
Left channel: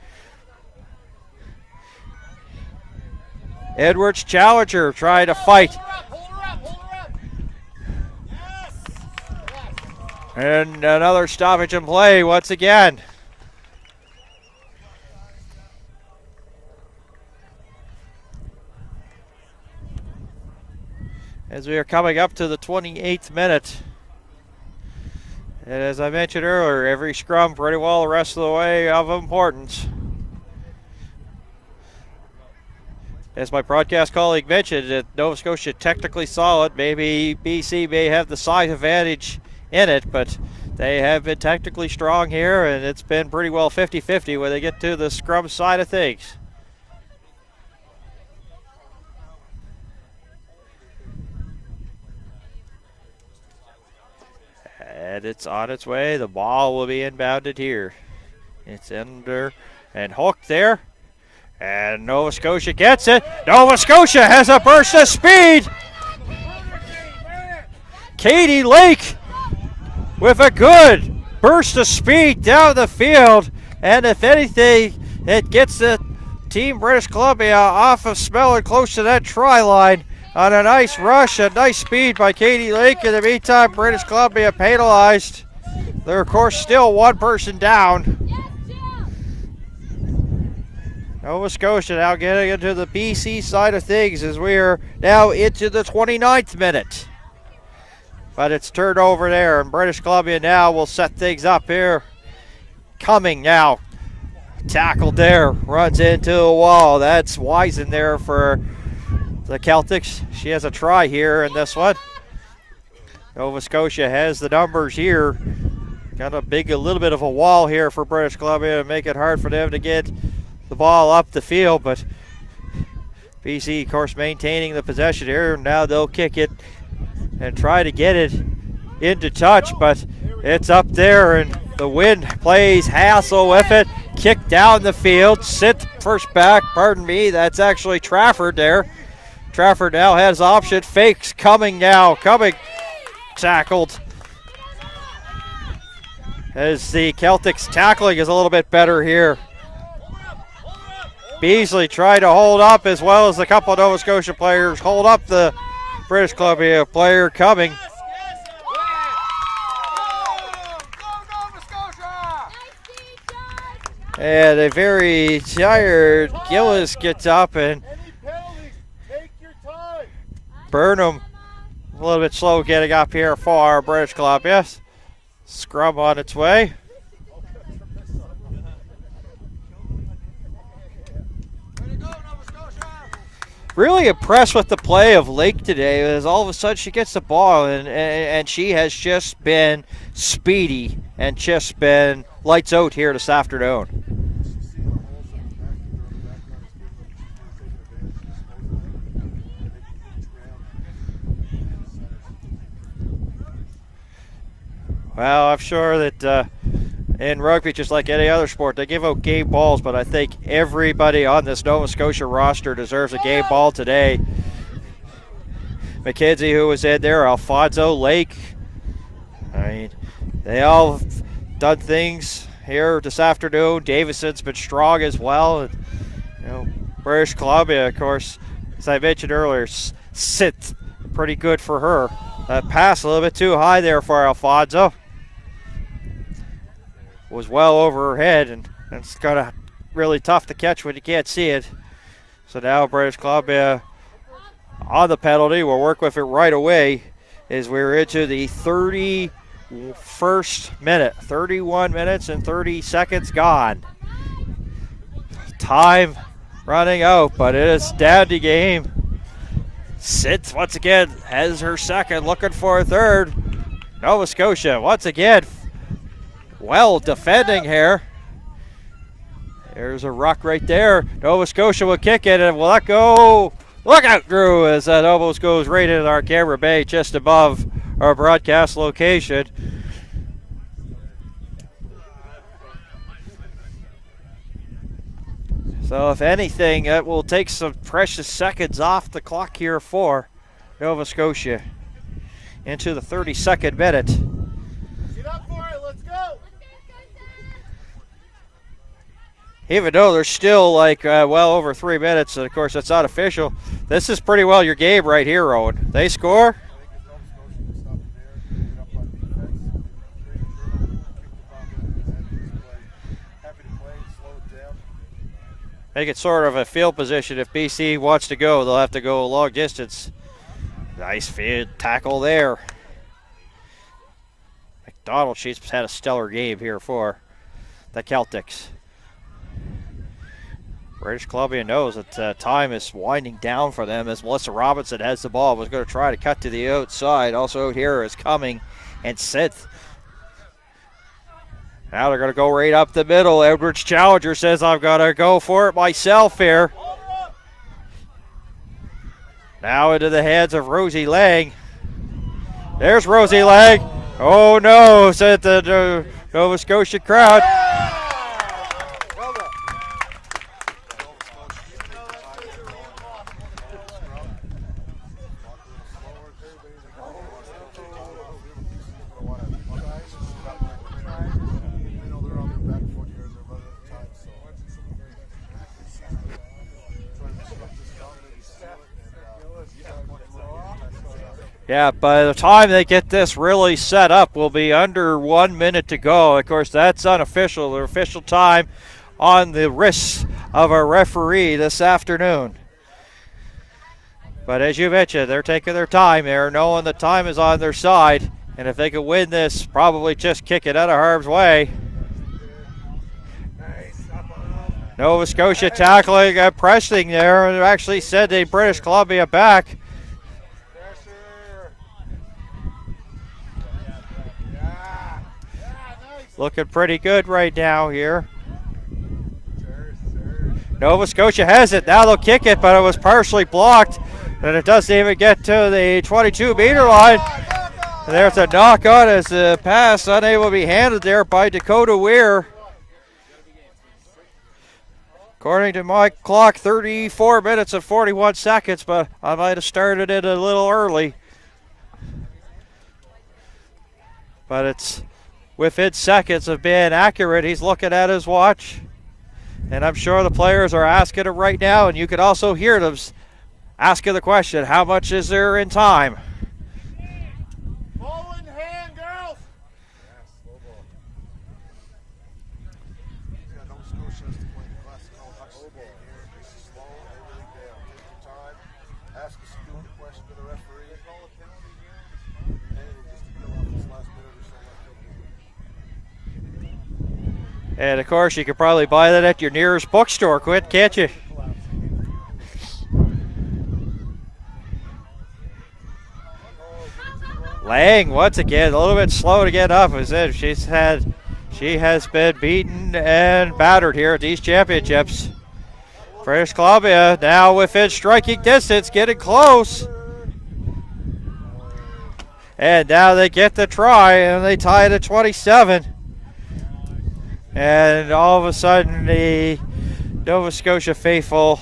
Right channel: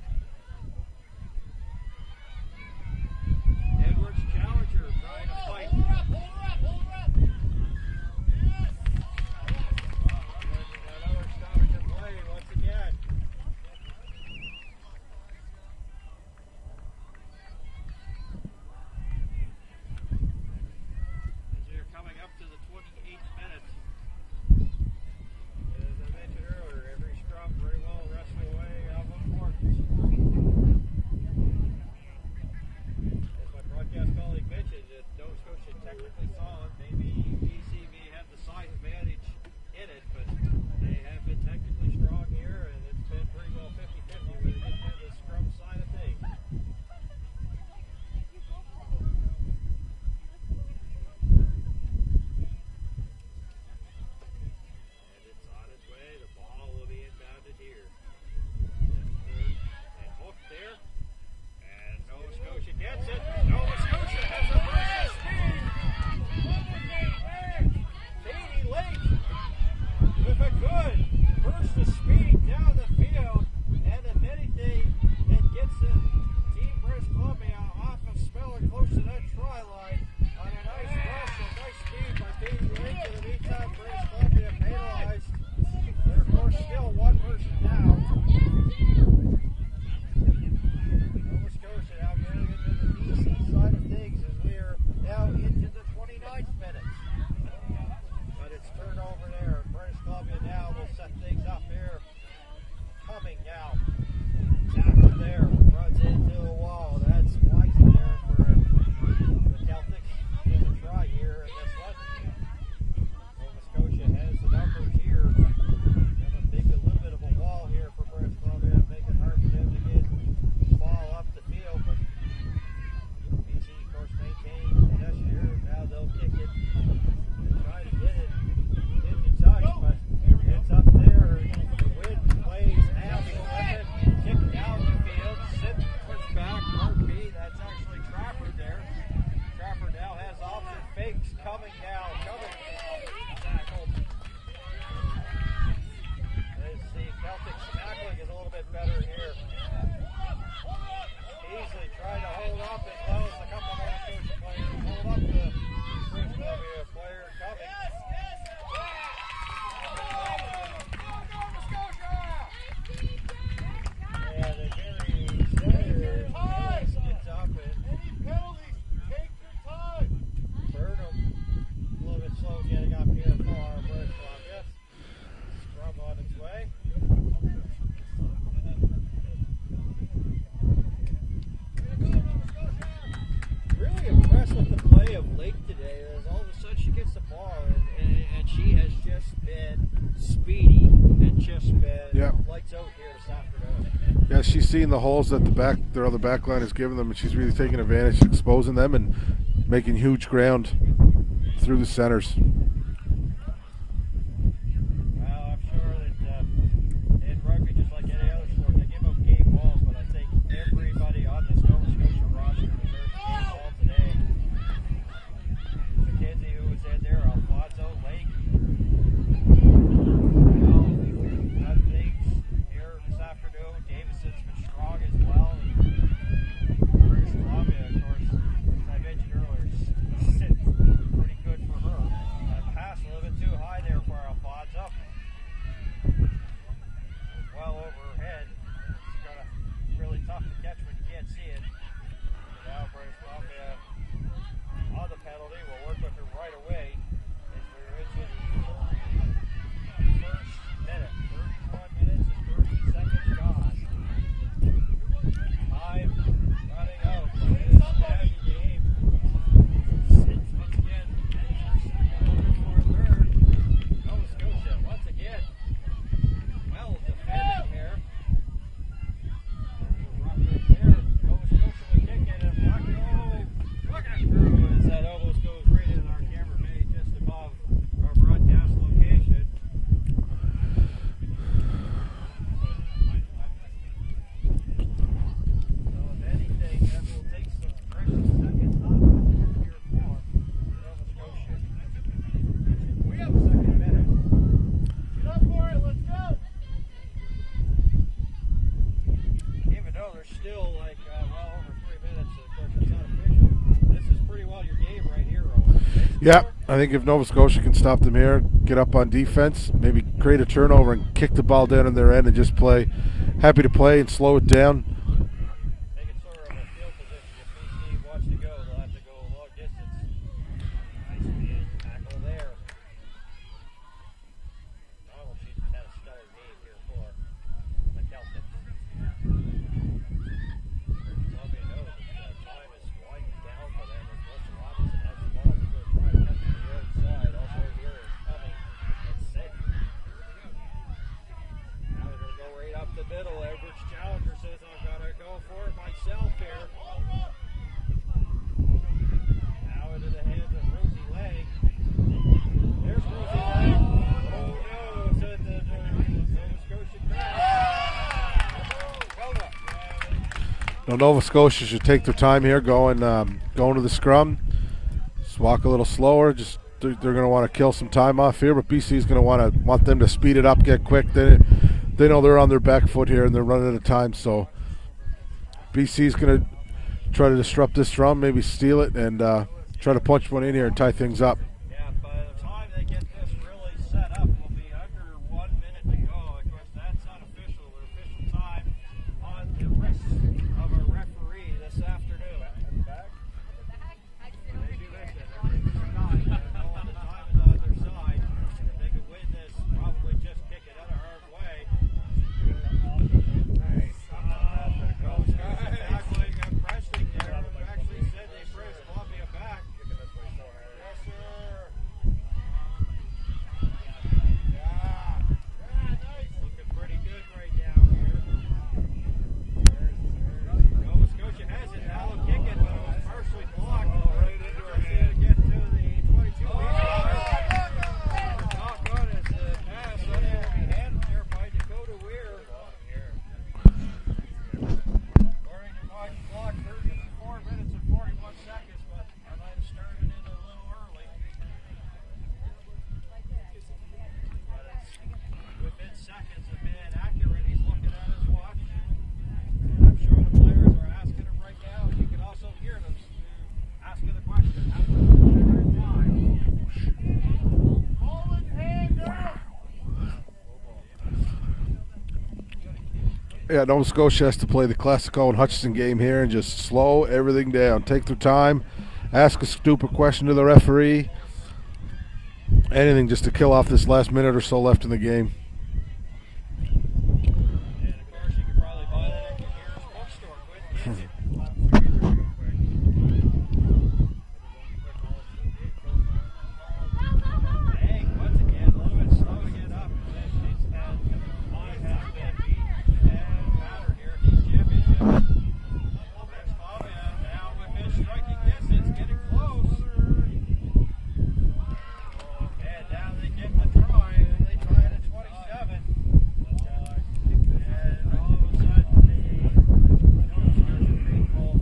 Edwards Challenger trying to fight. And another stoppage in play once again. As we are coming up to the 28th minute. And as I mentioned earlier, every scrum pretty well the rest of the way of importance. As my broadcast colleague mentioned, that Nova Scotia technically solid. Maybe BC may have the size advantage in it, but they have been technically strong here, and it's been pretty well 50-50 when they get to the scrum side of things. And it's on its way. The ball will be inbounded here. It's under and hooked there. And Nova Scotia gets it. Nova Scotia has a burst of speed. Katie Lake with a good burst of speed down the field. And if anything, it gets the team British Columbia off of smelling close to that try line on a nice rush, a nice speed by Katie Lake. In the meantime, British Columbia penalized. They're, of course, still one person down. Nova Scotia now getting into the BC side of things as we are now into the 29th minute. But it's turned over there, and British Columbia now will set things up here. Coming now. Tackled there, runs into a wall. That's Wisen there for the Celtics. She has a try here in this one. Nova Scotia has the numbers here. Got a little bit of a wall here for British Columbia to make it hard for them to get the ball up the field, but BC, of course, maintaining the possession here. Now they'll kick it and try to get it into touch, but it's up there, and the wind plays hassle with it. Kick down the field, sit first back, pardon me, that's actually Trafford there. Trafford now has option, fakes coming, tackled. As the Celtics tackling is a little bit better here. Beasley tried to hold up, as well as a couple of Nova Scotia players hold up the British Columbia player coming. And a very tired Gillis gets up, and Burnham a little bit slow getting up here for British Columbia. Scrum on its way. Really impressed with the play of Lake today, as all of a sudden she gets the ball and she has just been speedy and just been lights out here this afternoon. Yeah, she's seen the holes that their other back line has given them, and she's really taking advantage, exposing them and making huge ground through the centers. Well, I'm sure that in rugby, just like any other sport, they give out game balls, but I think everybody on this Nova Scotia roster deserves a game ball today. McKenzie, who was in there, Alfonso, Lake. They all done things here this afternoon. Davison's been strong as well. And, British Columbia, of course, as I mentioned earlier, sit pretty good for her. That pass a little bit too high there for Alfonso. Was well over her head, and it's kind of really tough to catch when you can't see it. So now British Columbia on the penalty. We'll work with it right away as we're into the 31st minute. 31 minutes and 30 seconds gone. Time running out, but it is Dandy game. Sits once again, has her second, looking for a third. Nova Scotia once again well defending here. There's a ruck right there. Nova Scotia will kick it and will let go. Look out, Drew, as that almost goes right into our camera bay just above our broadcast location. So if anything, it will take some precious seconds off the clock here for Nova Scotia into the 32nd minute. Get up for it, let's go! Even though there's still well over 3 minutes, and of course that's not official, this is pretty well your game right here, Owen. They score. Yeah, I think if Nova Scotia can stop them here, get up on defense, maybe create a turnover and kick the ball down in their end and just play, happy to play and slow it down. Make it sort of a field position. If BC wants to go, they'll have to go a long distance. Nice field tackle there. McDonald, she's had a stellar game here for the Celtics. British Columbia knows that time is winding down for them as Melissa Robinson has the ball. Was going to try to cut to the outside. Also out here is Cumming and Sith. Now they're going to go right up the middle. Edwards Challenger says, I'm going to go for it myself here. Now into the hands of Rosie Lang. There's Rosie Lang. Oh no, said the Nova Scotia crowd. Now Nova Scotia should take their time here going to the scrum. Just walk a little slower. Just they're going to want to kill some time off here, but BC is going to want them to speed it up, get quick. They know they're on their back foot here and they're running out of time. So BC is going to try to disrupt this scrum, maybe steal it, and try to punch one in here and tie things up. Yeah, by the time they get this really set up, will be under 1 minute to go. Of course, that's unofficial. The official time on the wrists of a referee this afternoon. But as you mentioned, they're taking their time there, knowing the time is on their side. And if they can win this, probably just kick it out of harm's way. Nova Scotia tackling and pressing there, and actually sending British Columbia back. looking pretty good right now here. Nova Scotia has it. Now they'll kick it, but it was partially blocked. And it doesn't even get to the 22-meter line. There's a knock on as the pass unable to be handled there by Dakota Weir. According to my clock, 34 minutes and 41 seconds, but I might have started it a little early. But it's within seconds of being accurate. He's looking at his watch. And I'm sure the players are asking him right now, and you can also hear them asking the question, how much is there in time? Ball in hand, girls. Yeah, Nova Scotia has to play the Classico and Hutchinson game here and just slow everything down. Take their time, ask a stupid question to the referee. Anything just to kill off this last minute or so left in the game. And of course, you could probably buy that at your nearest bookstore, can't you? Lang, once again, a little bit slow to get up. As if she has been beaten and battered here at these championships. British Columbia now within striking distance, getting close. And now they get the try, and they tie it at 27. And all of a sudden, the Nova Scotia faithful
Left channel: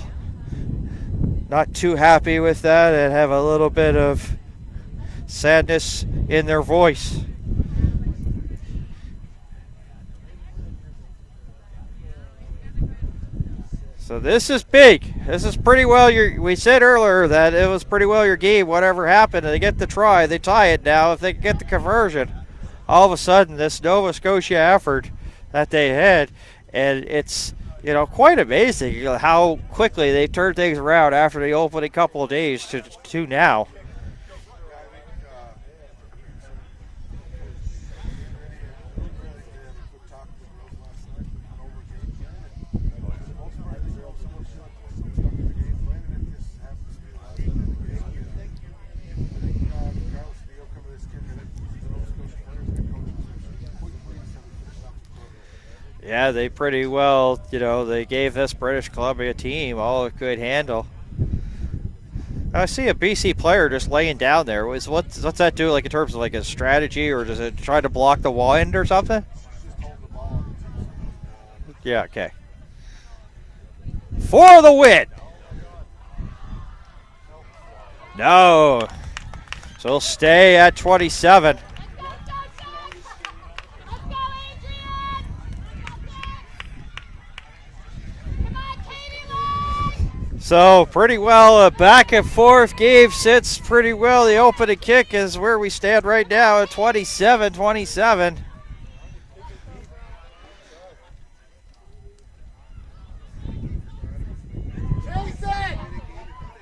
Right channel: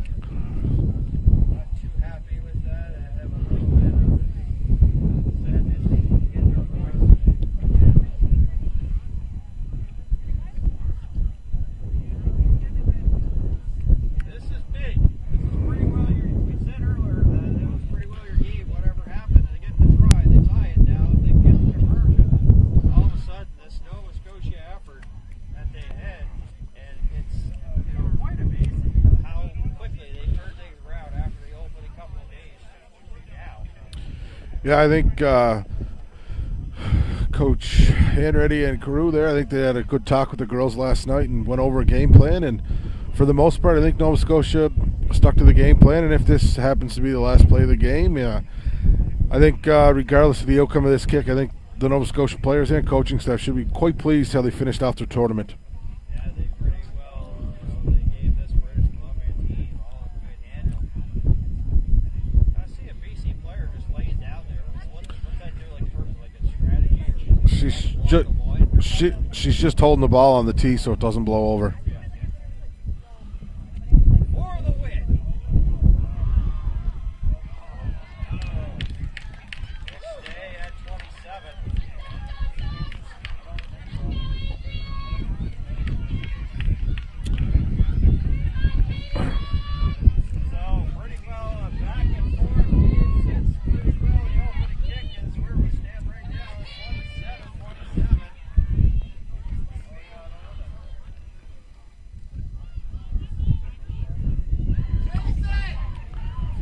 not too happy with that and have a little bit of sadness in their voice. So this is big. This is pretty well we said earlier that it was pretty well your game, whatever happened. They get the try, they tie it now. If they can get the conversion, all of a sudden this Nova Scotia effort that they had, and it's quite amazing how quickly they turned things around after the opening couple of days to now. Yeah, I think Coach Hanratty and Carew there, I think they had a good talk with the girls last night and went over a game plan, and for the most part I think Nova Scotia stuck to the game plan, and if this happens to be the last play of the game, I think regardless of the outcome of this kick, I think the Nova Scotia players and coaching staff should be quite pleased how they finished off their tournament. Yeah, they pretty well, they gave this British Columbia team all it could handle. I see a BC player just laying down there. What's that do, like in terms of like a strategy, or does it try to block the wind or something? She's just holding the ball on the tee so it doesn't blow over. Yeah, okay. For the win. No. So it'll stay at 27. So pretty well a back and forth game sits pretty well. The opening kick is where we stand right now at 27-27.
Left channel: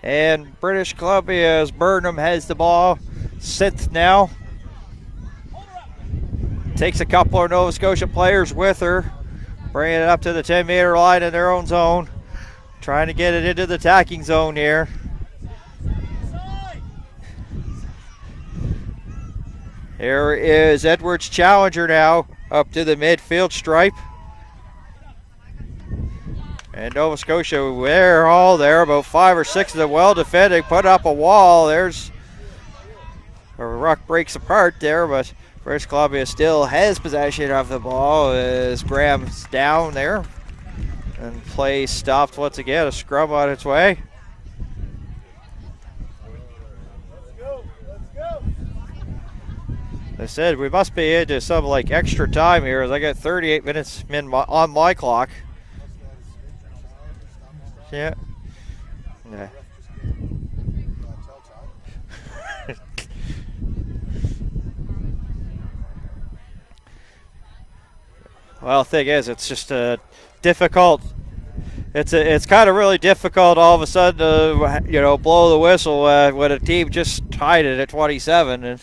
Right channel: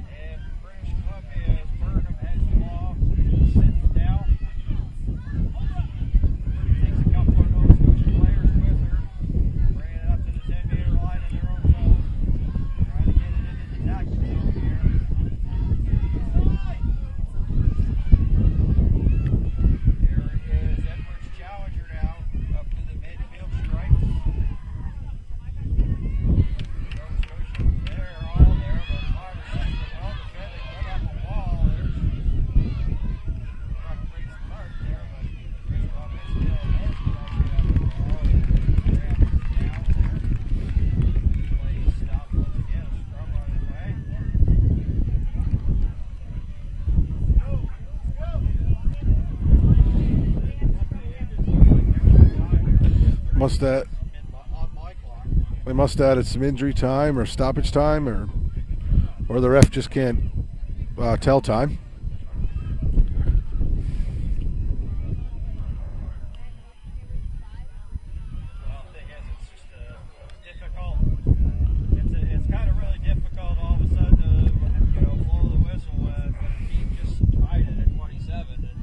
And British Columbia's Burnham has the ball. Synth now. Takes a couple of Nova Scotia players with her. Bringing it up to the 10-meter line in their own zone. Trying to get it into the attacking zone here. Here is Edwards Challenger now up to the midfield stripe. And Nova Scotia, they're all there, about 5 or 6 of them well defended, put up a wall. There's where Ruck breaks apart there, but British Columbia still has possession of the ball as Graham's down there. And play stopped once again, a scrum on its way. I said we must be into some like extra time here as I got 38 minutes on my clock. They must have added some injury time or stoppage time, or the ref just can't tell time. Well, the thing is, it's just difficult. It's kind of really difficult all of a sudden to blow the whistle when a team just tied it at 27 and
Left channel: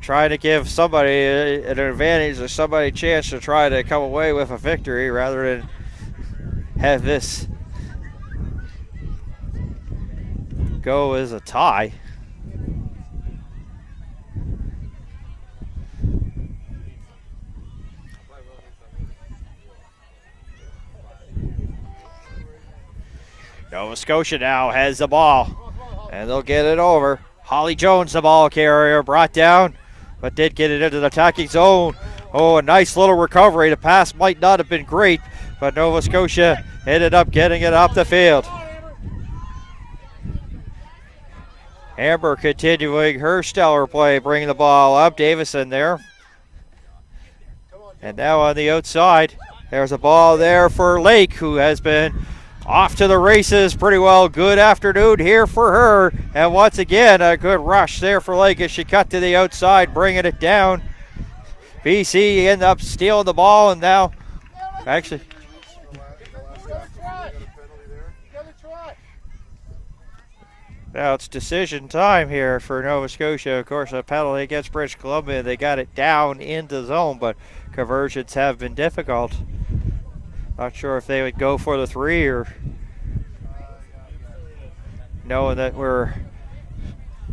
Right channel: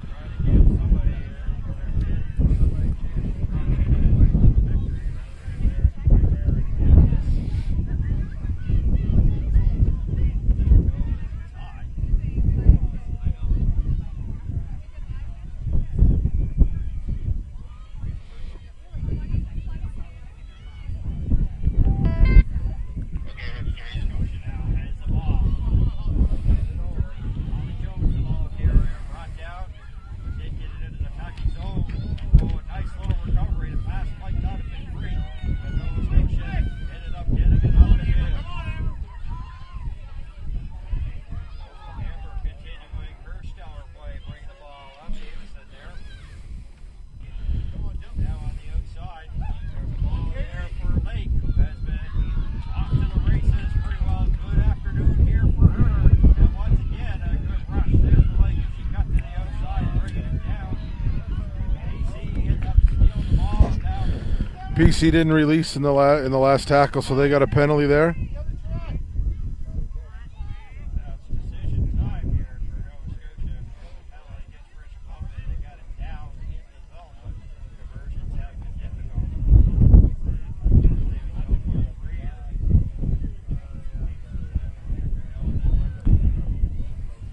trying to give somebody an advantage or somebody a chance to try to come away with a victory rather than have this go as a tie. Nova Scotia now has the ball, and they'll get it over. Holly Jones, the ball carrier, brought down, but did get it into the attacking zone. Oh, a nice little recovery. The pass might not have been great, but Nova Scotia ended up getting it up the field. Amber continuing her stellar play, bringing the ball up. Davison there. And now on the outside, there's a ball there for Lake, who has been off to the races pretty well. Good afternoon here for her. And once again, a good rush there for Lake as she cut to the outside, bringing it down. BC ended up stealing the ball, and now BC didn't release in the last tackle, so they got a penalty there. Now it's decision time here for Nova Scotia. Of course, a penalty against British Columbia. They got it down into zone, but conversions have been difficult. Not sure if they would go for the 3 or knowing that we're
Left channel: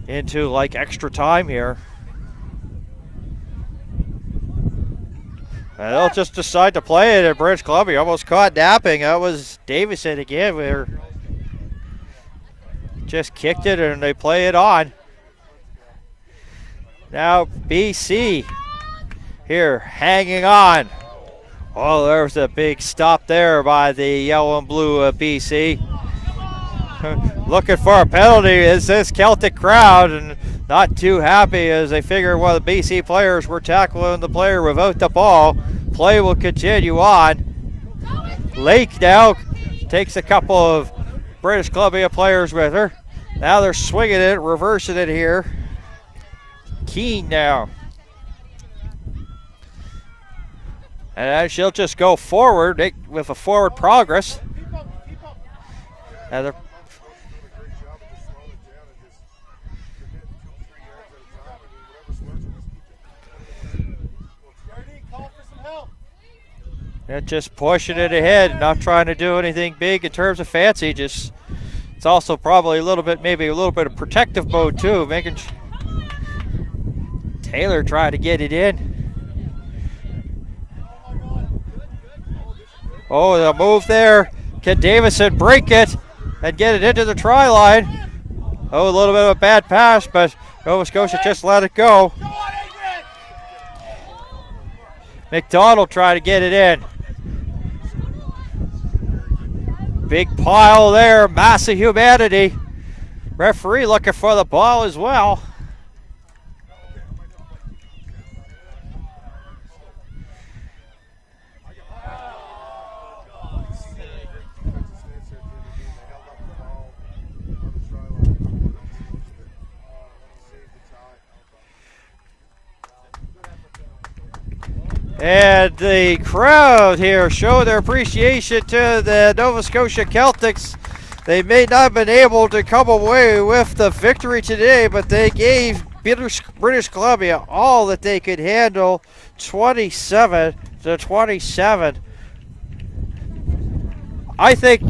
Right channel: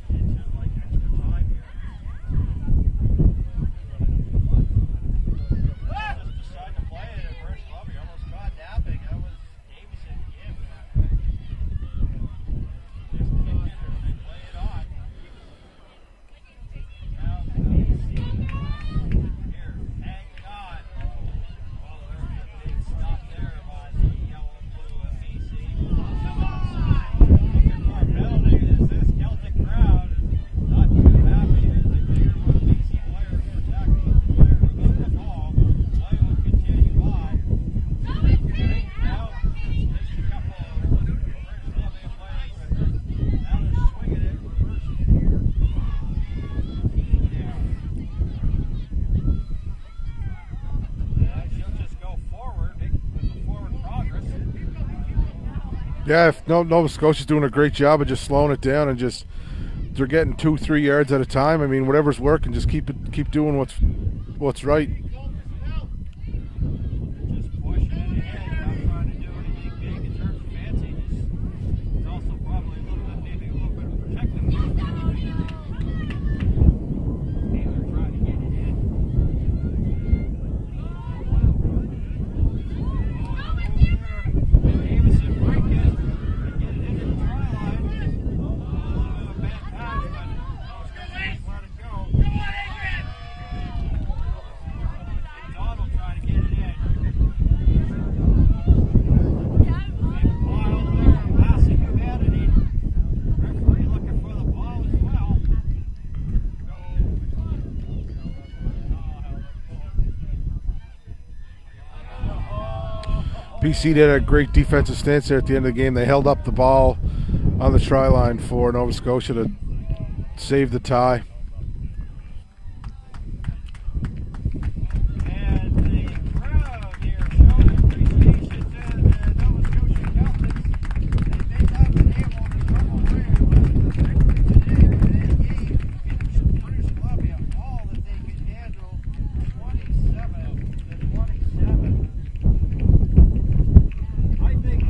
into like extra time here. And they'll just decide to play it at British Columbia. Almost caught napping. That was Davison again. We're just kicked it and they play it on. Now BC here hanging on. Oh, there's a big stop there by the yellow and blue BC. Looking for a penalty is this Celtic crowd, and not too happy as they figure one of the BC players were tackling the player without the ball. Play will continue on. Lake now takes a couple of British Columbia players with her. Now they're swinging it, reversing it here. Keane now. And she'll just go forward with a forward progress. Yeah, Nova Scotia's doing a great job of just slowing it down and just they're getting 2-3 yards at a time. I mean, whatever's working, just keep doing what's right. And just pushing it ahead, not trying to do anything big in terms of fancy. Just it's also probably maybe a little bit of protective mode too, making Taylor trying to get it in. Oh, the move there. Can Davison break it and get it into the try line? Oh, a little bit of a bad pass, but Nova Scotia just let it go. McDonald trying to get it in. Big pile there, massive humanity. Referee looking for the ball as well. BC did a great defensive stance there at the end of the game. They held up the ball on the try line for Nova Scotia to save the tie. And the crowd here show their appreciation to the Nova Scotia Celtics. They may not have been able to come away with the victory today, but they gave British Columbia all that they could handle, 27-27. I think,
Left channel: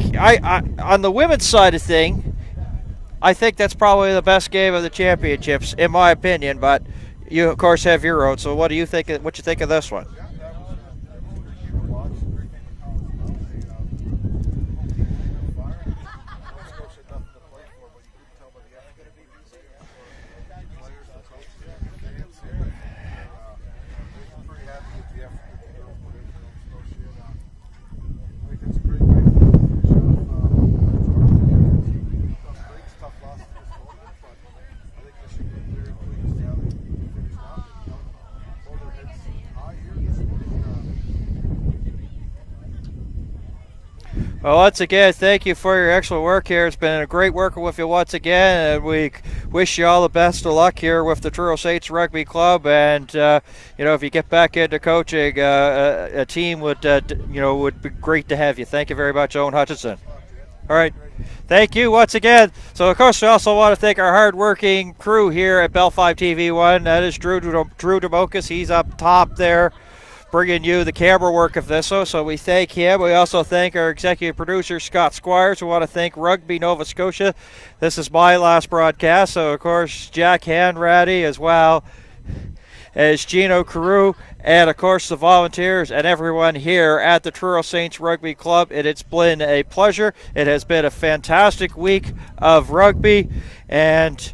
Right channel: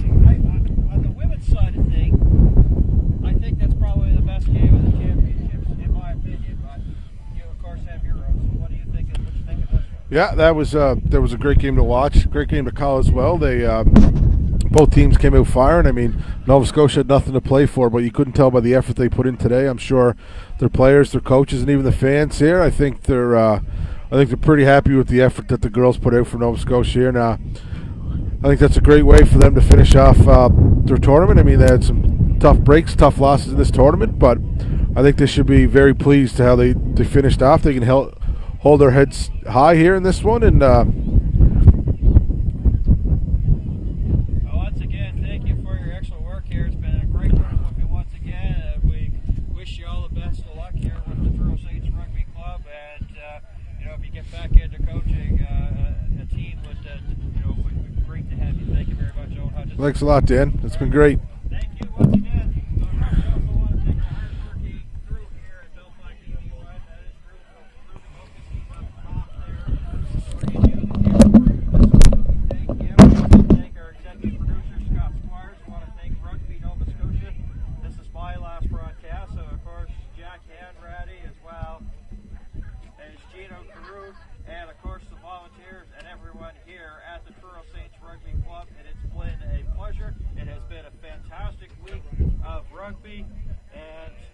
on the women's side of thing, I think that's probably the best game of the championships, in my opinion. But you, of course, have your own. So, what do you think? What you think of this one? Yeah, that was a great game to watch, great game to call as well. They both teams came out firing. I mean, Nova Scotia had nothing to play for, but you couldn't tell by the effort they put in today. I'm sure their players, their coaches, and even the fans here. I think they're pretty happy with the effort that the girls put out for Nova Scotia here. Now, I think that's a great way for them to finish off their tournament. I mean, they had some tough breaks, tough losses in this tournament, but I think they should be very pleased to how they finished off. They can hold their heads high here in this one. And well, once again, thank you for your excellent work here. It's been a great working with you once again, and we wish you all the best of luck here with the Truro Saints Rugby Club. And if you get back into coaching, a team would be great to have you. Thank you very much, Owen Hutchinson. Thanks a lot, Dan. It's all right, been great. Thank you once again. So, of course, we also want to thank our hard-working crew here at Bell 5 TV1. That is Drew Democus. He's up top there, bringing you the camera work of this. So we thank him. We also thank our executive producer, Scott Squires. We want to thank Rugby Nova Scotia. This is my last broadcast, so of course Jack Hanratty as well. as Gino Carew and, of course, the volunteers and everyone here at the Truro Saints Rugby Club. It's been a pleasure. It has been a fantastic week of rugby, and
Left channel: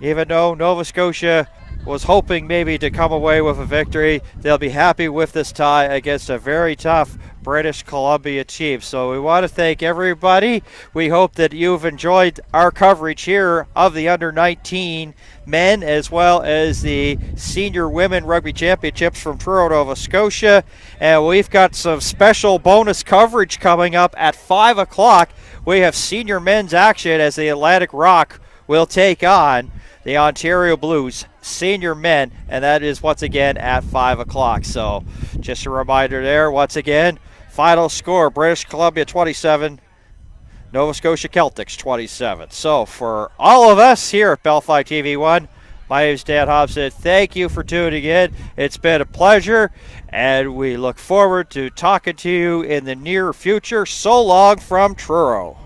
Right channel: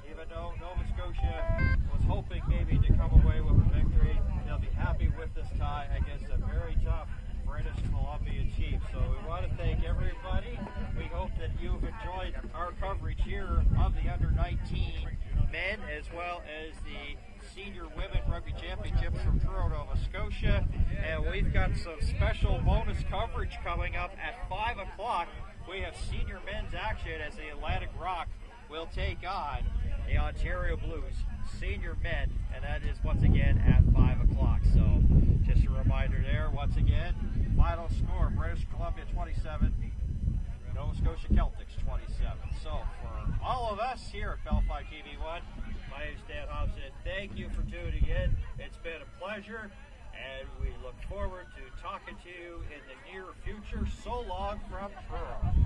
even though Nova Scotia was hoping maybe to come away with a victory, they'll be happy with this tie against a very tough British Columbia team. So we want to thank everybody. We hope that you've enjoyed our coverage here of the under-19 men as well as the senior women rugby championships from Truro, Nova Scotia. And we've got some special bonus coverage coming up at 5 o'clock. We have senior men's action as the Atlantic Rock will take on the Ontario Blues senior men, and that is once again at 5 o'clock. So just a reminder there, once again, final score, British Columbia 27, Nova Scotia Celtics 27. So for all of us here at Bellfly TV1, my name is Dan Hobson. Thank you for tuning in. It's been a pleasure, and we look forward to talking to you in the near future. So long from Truro.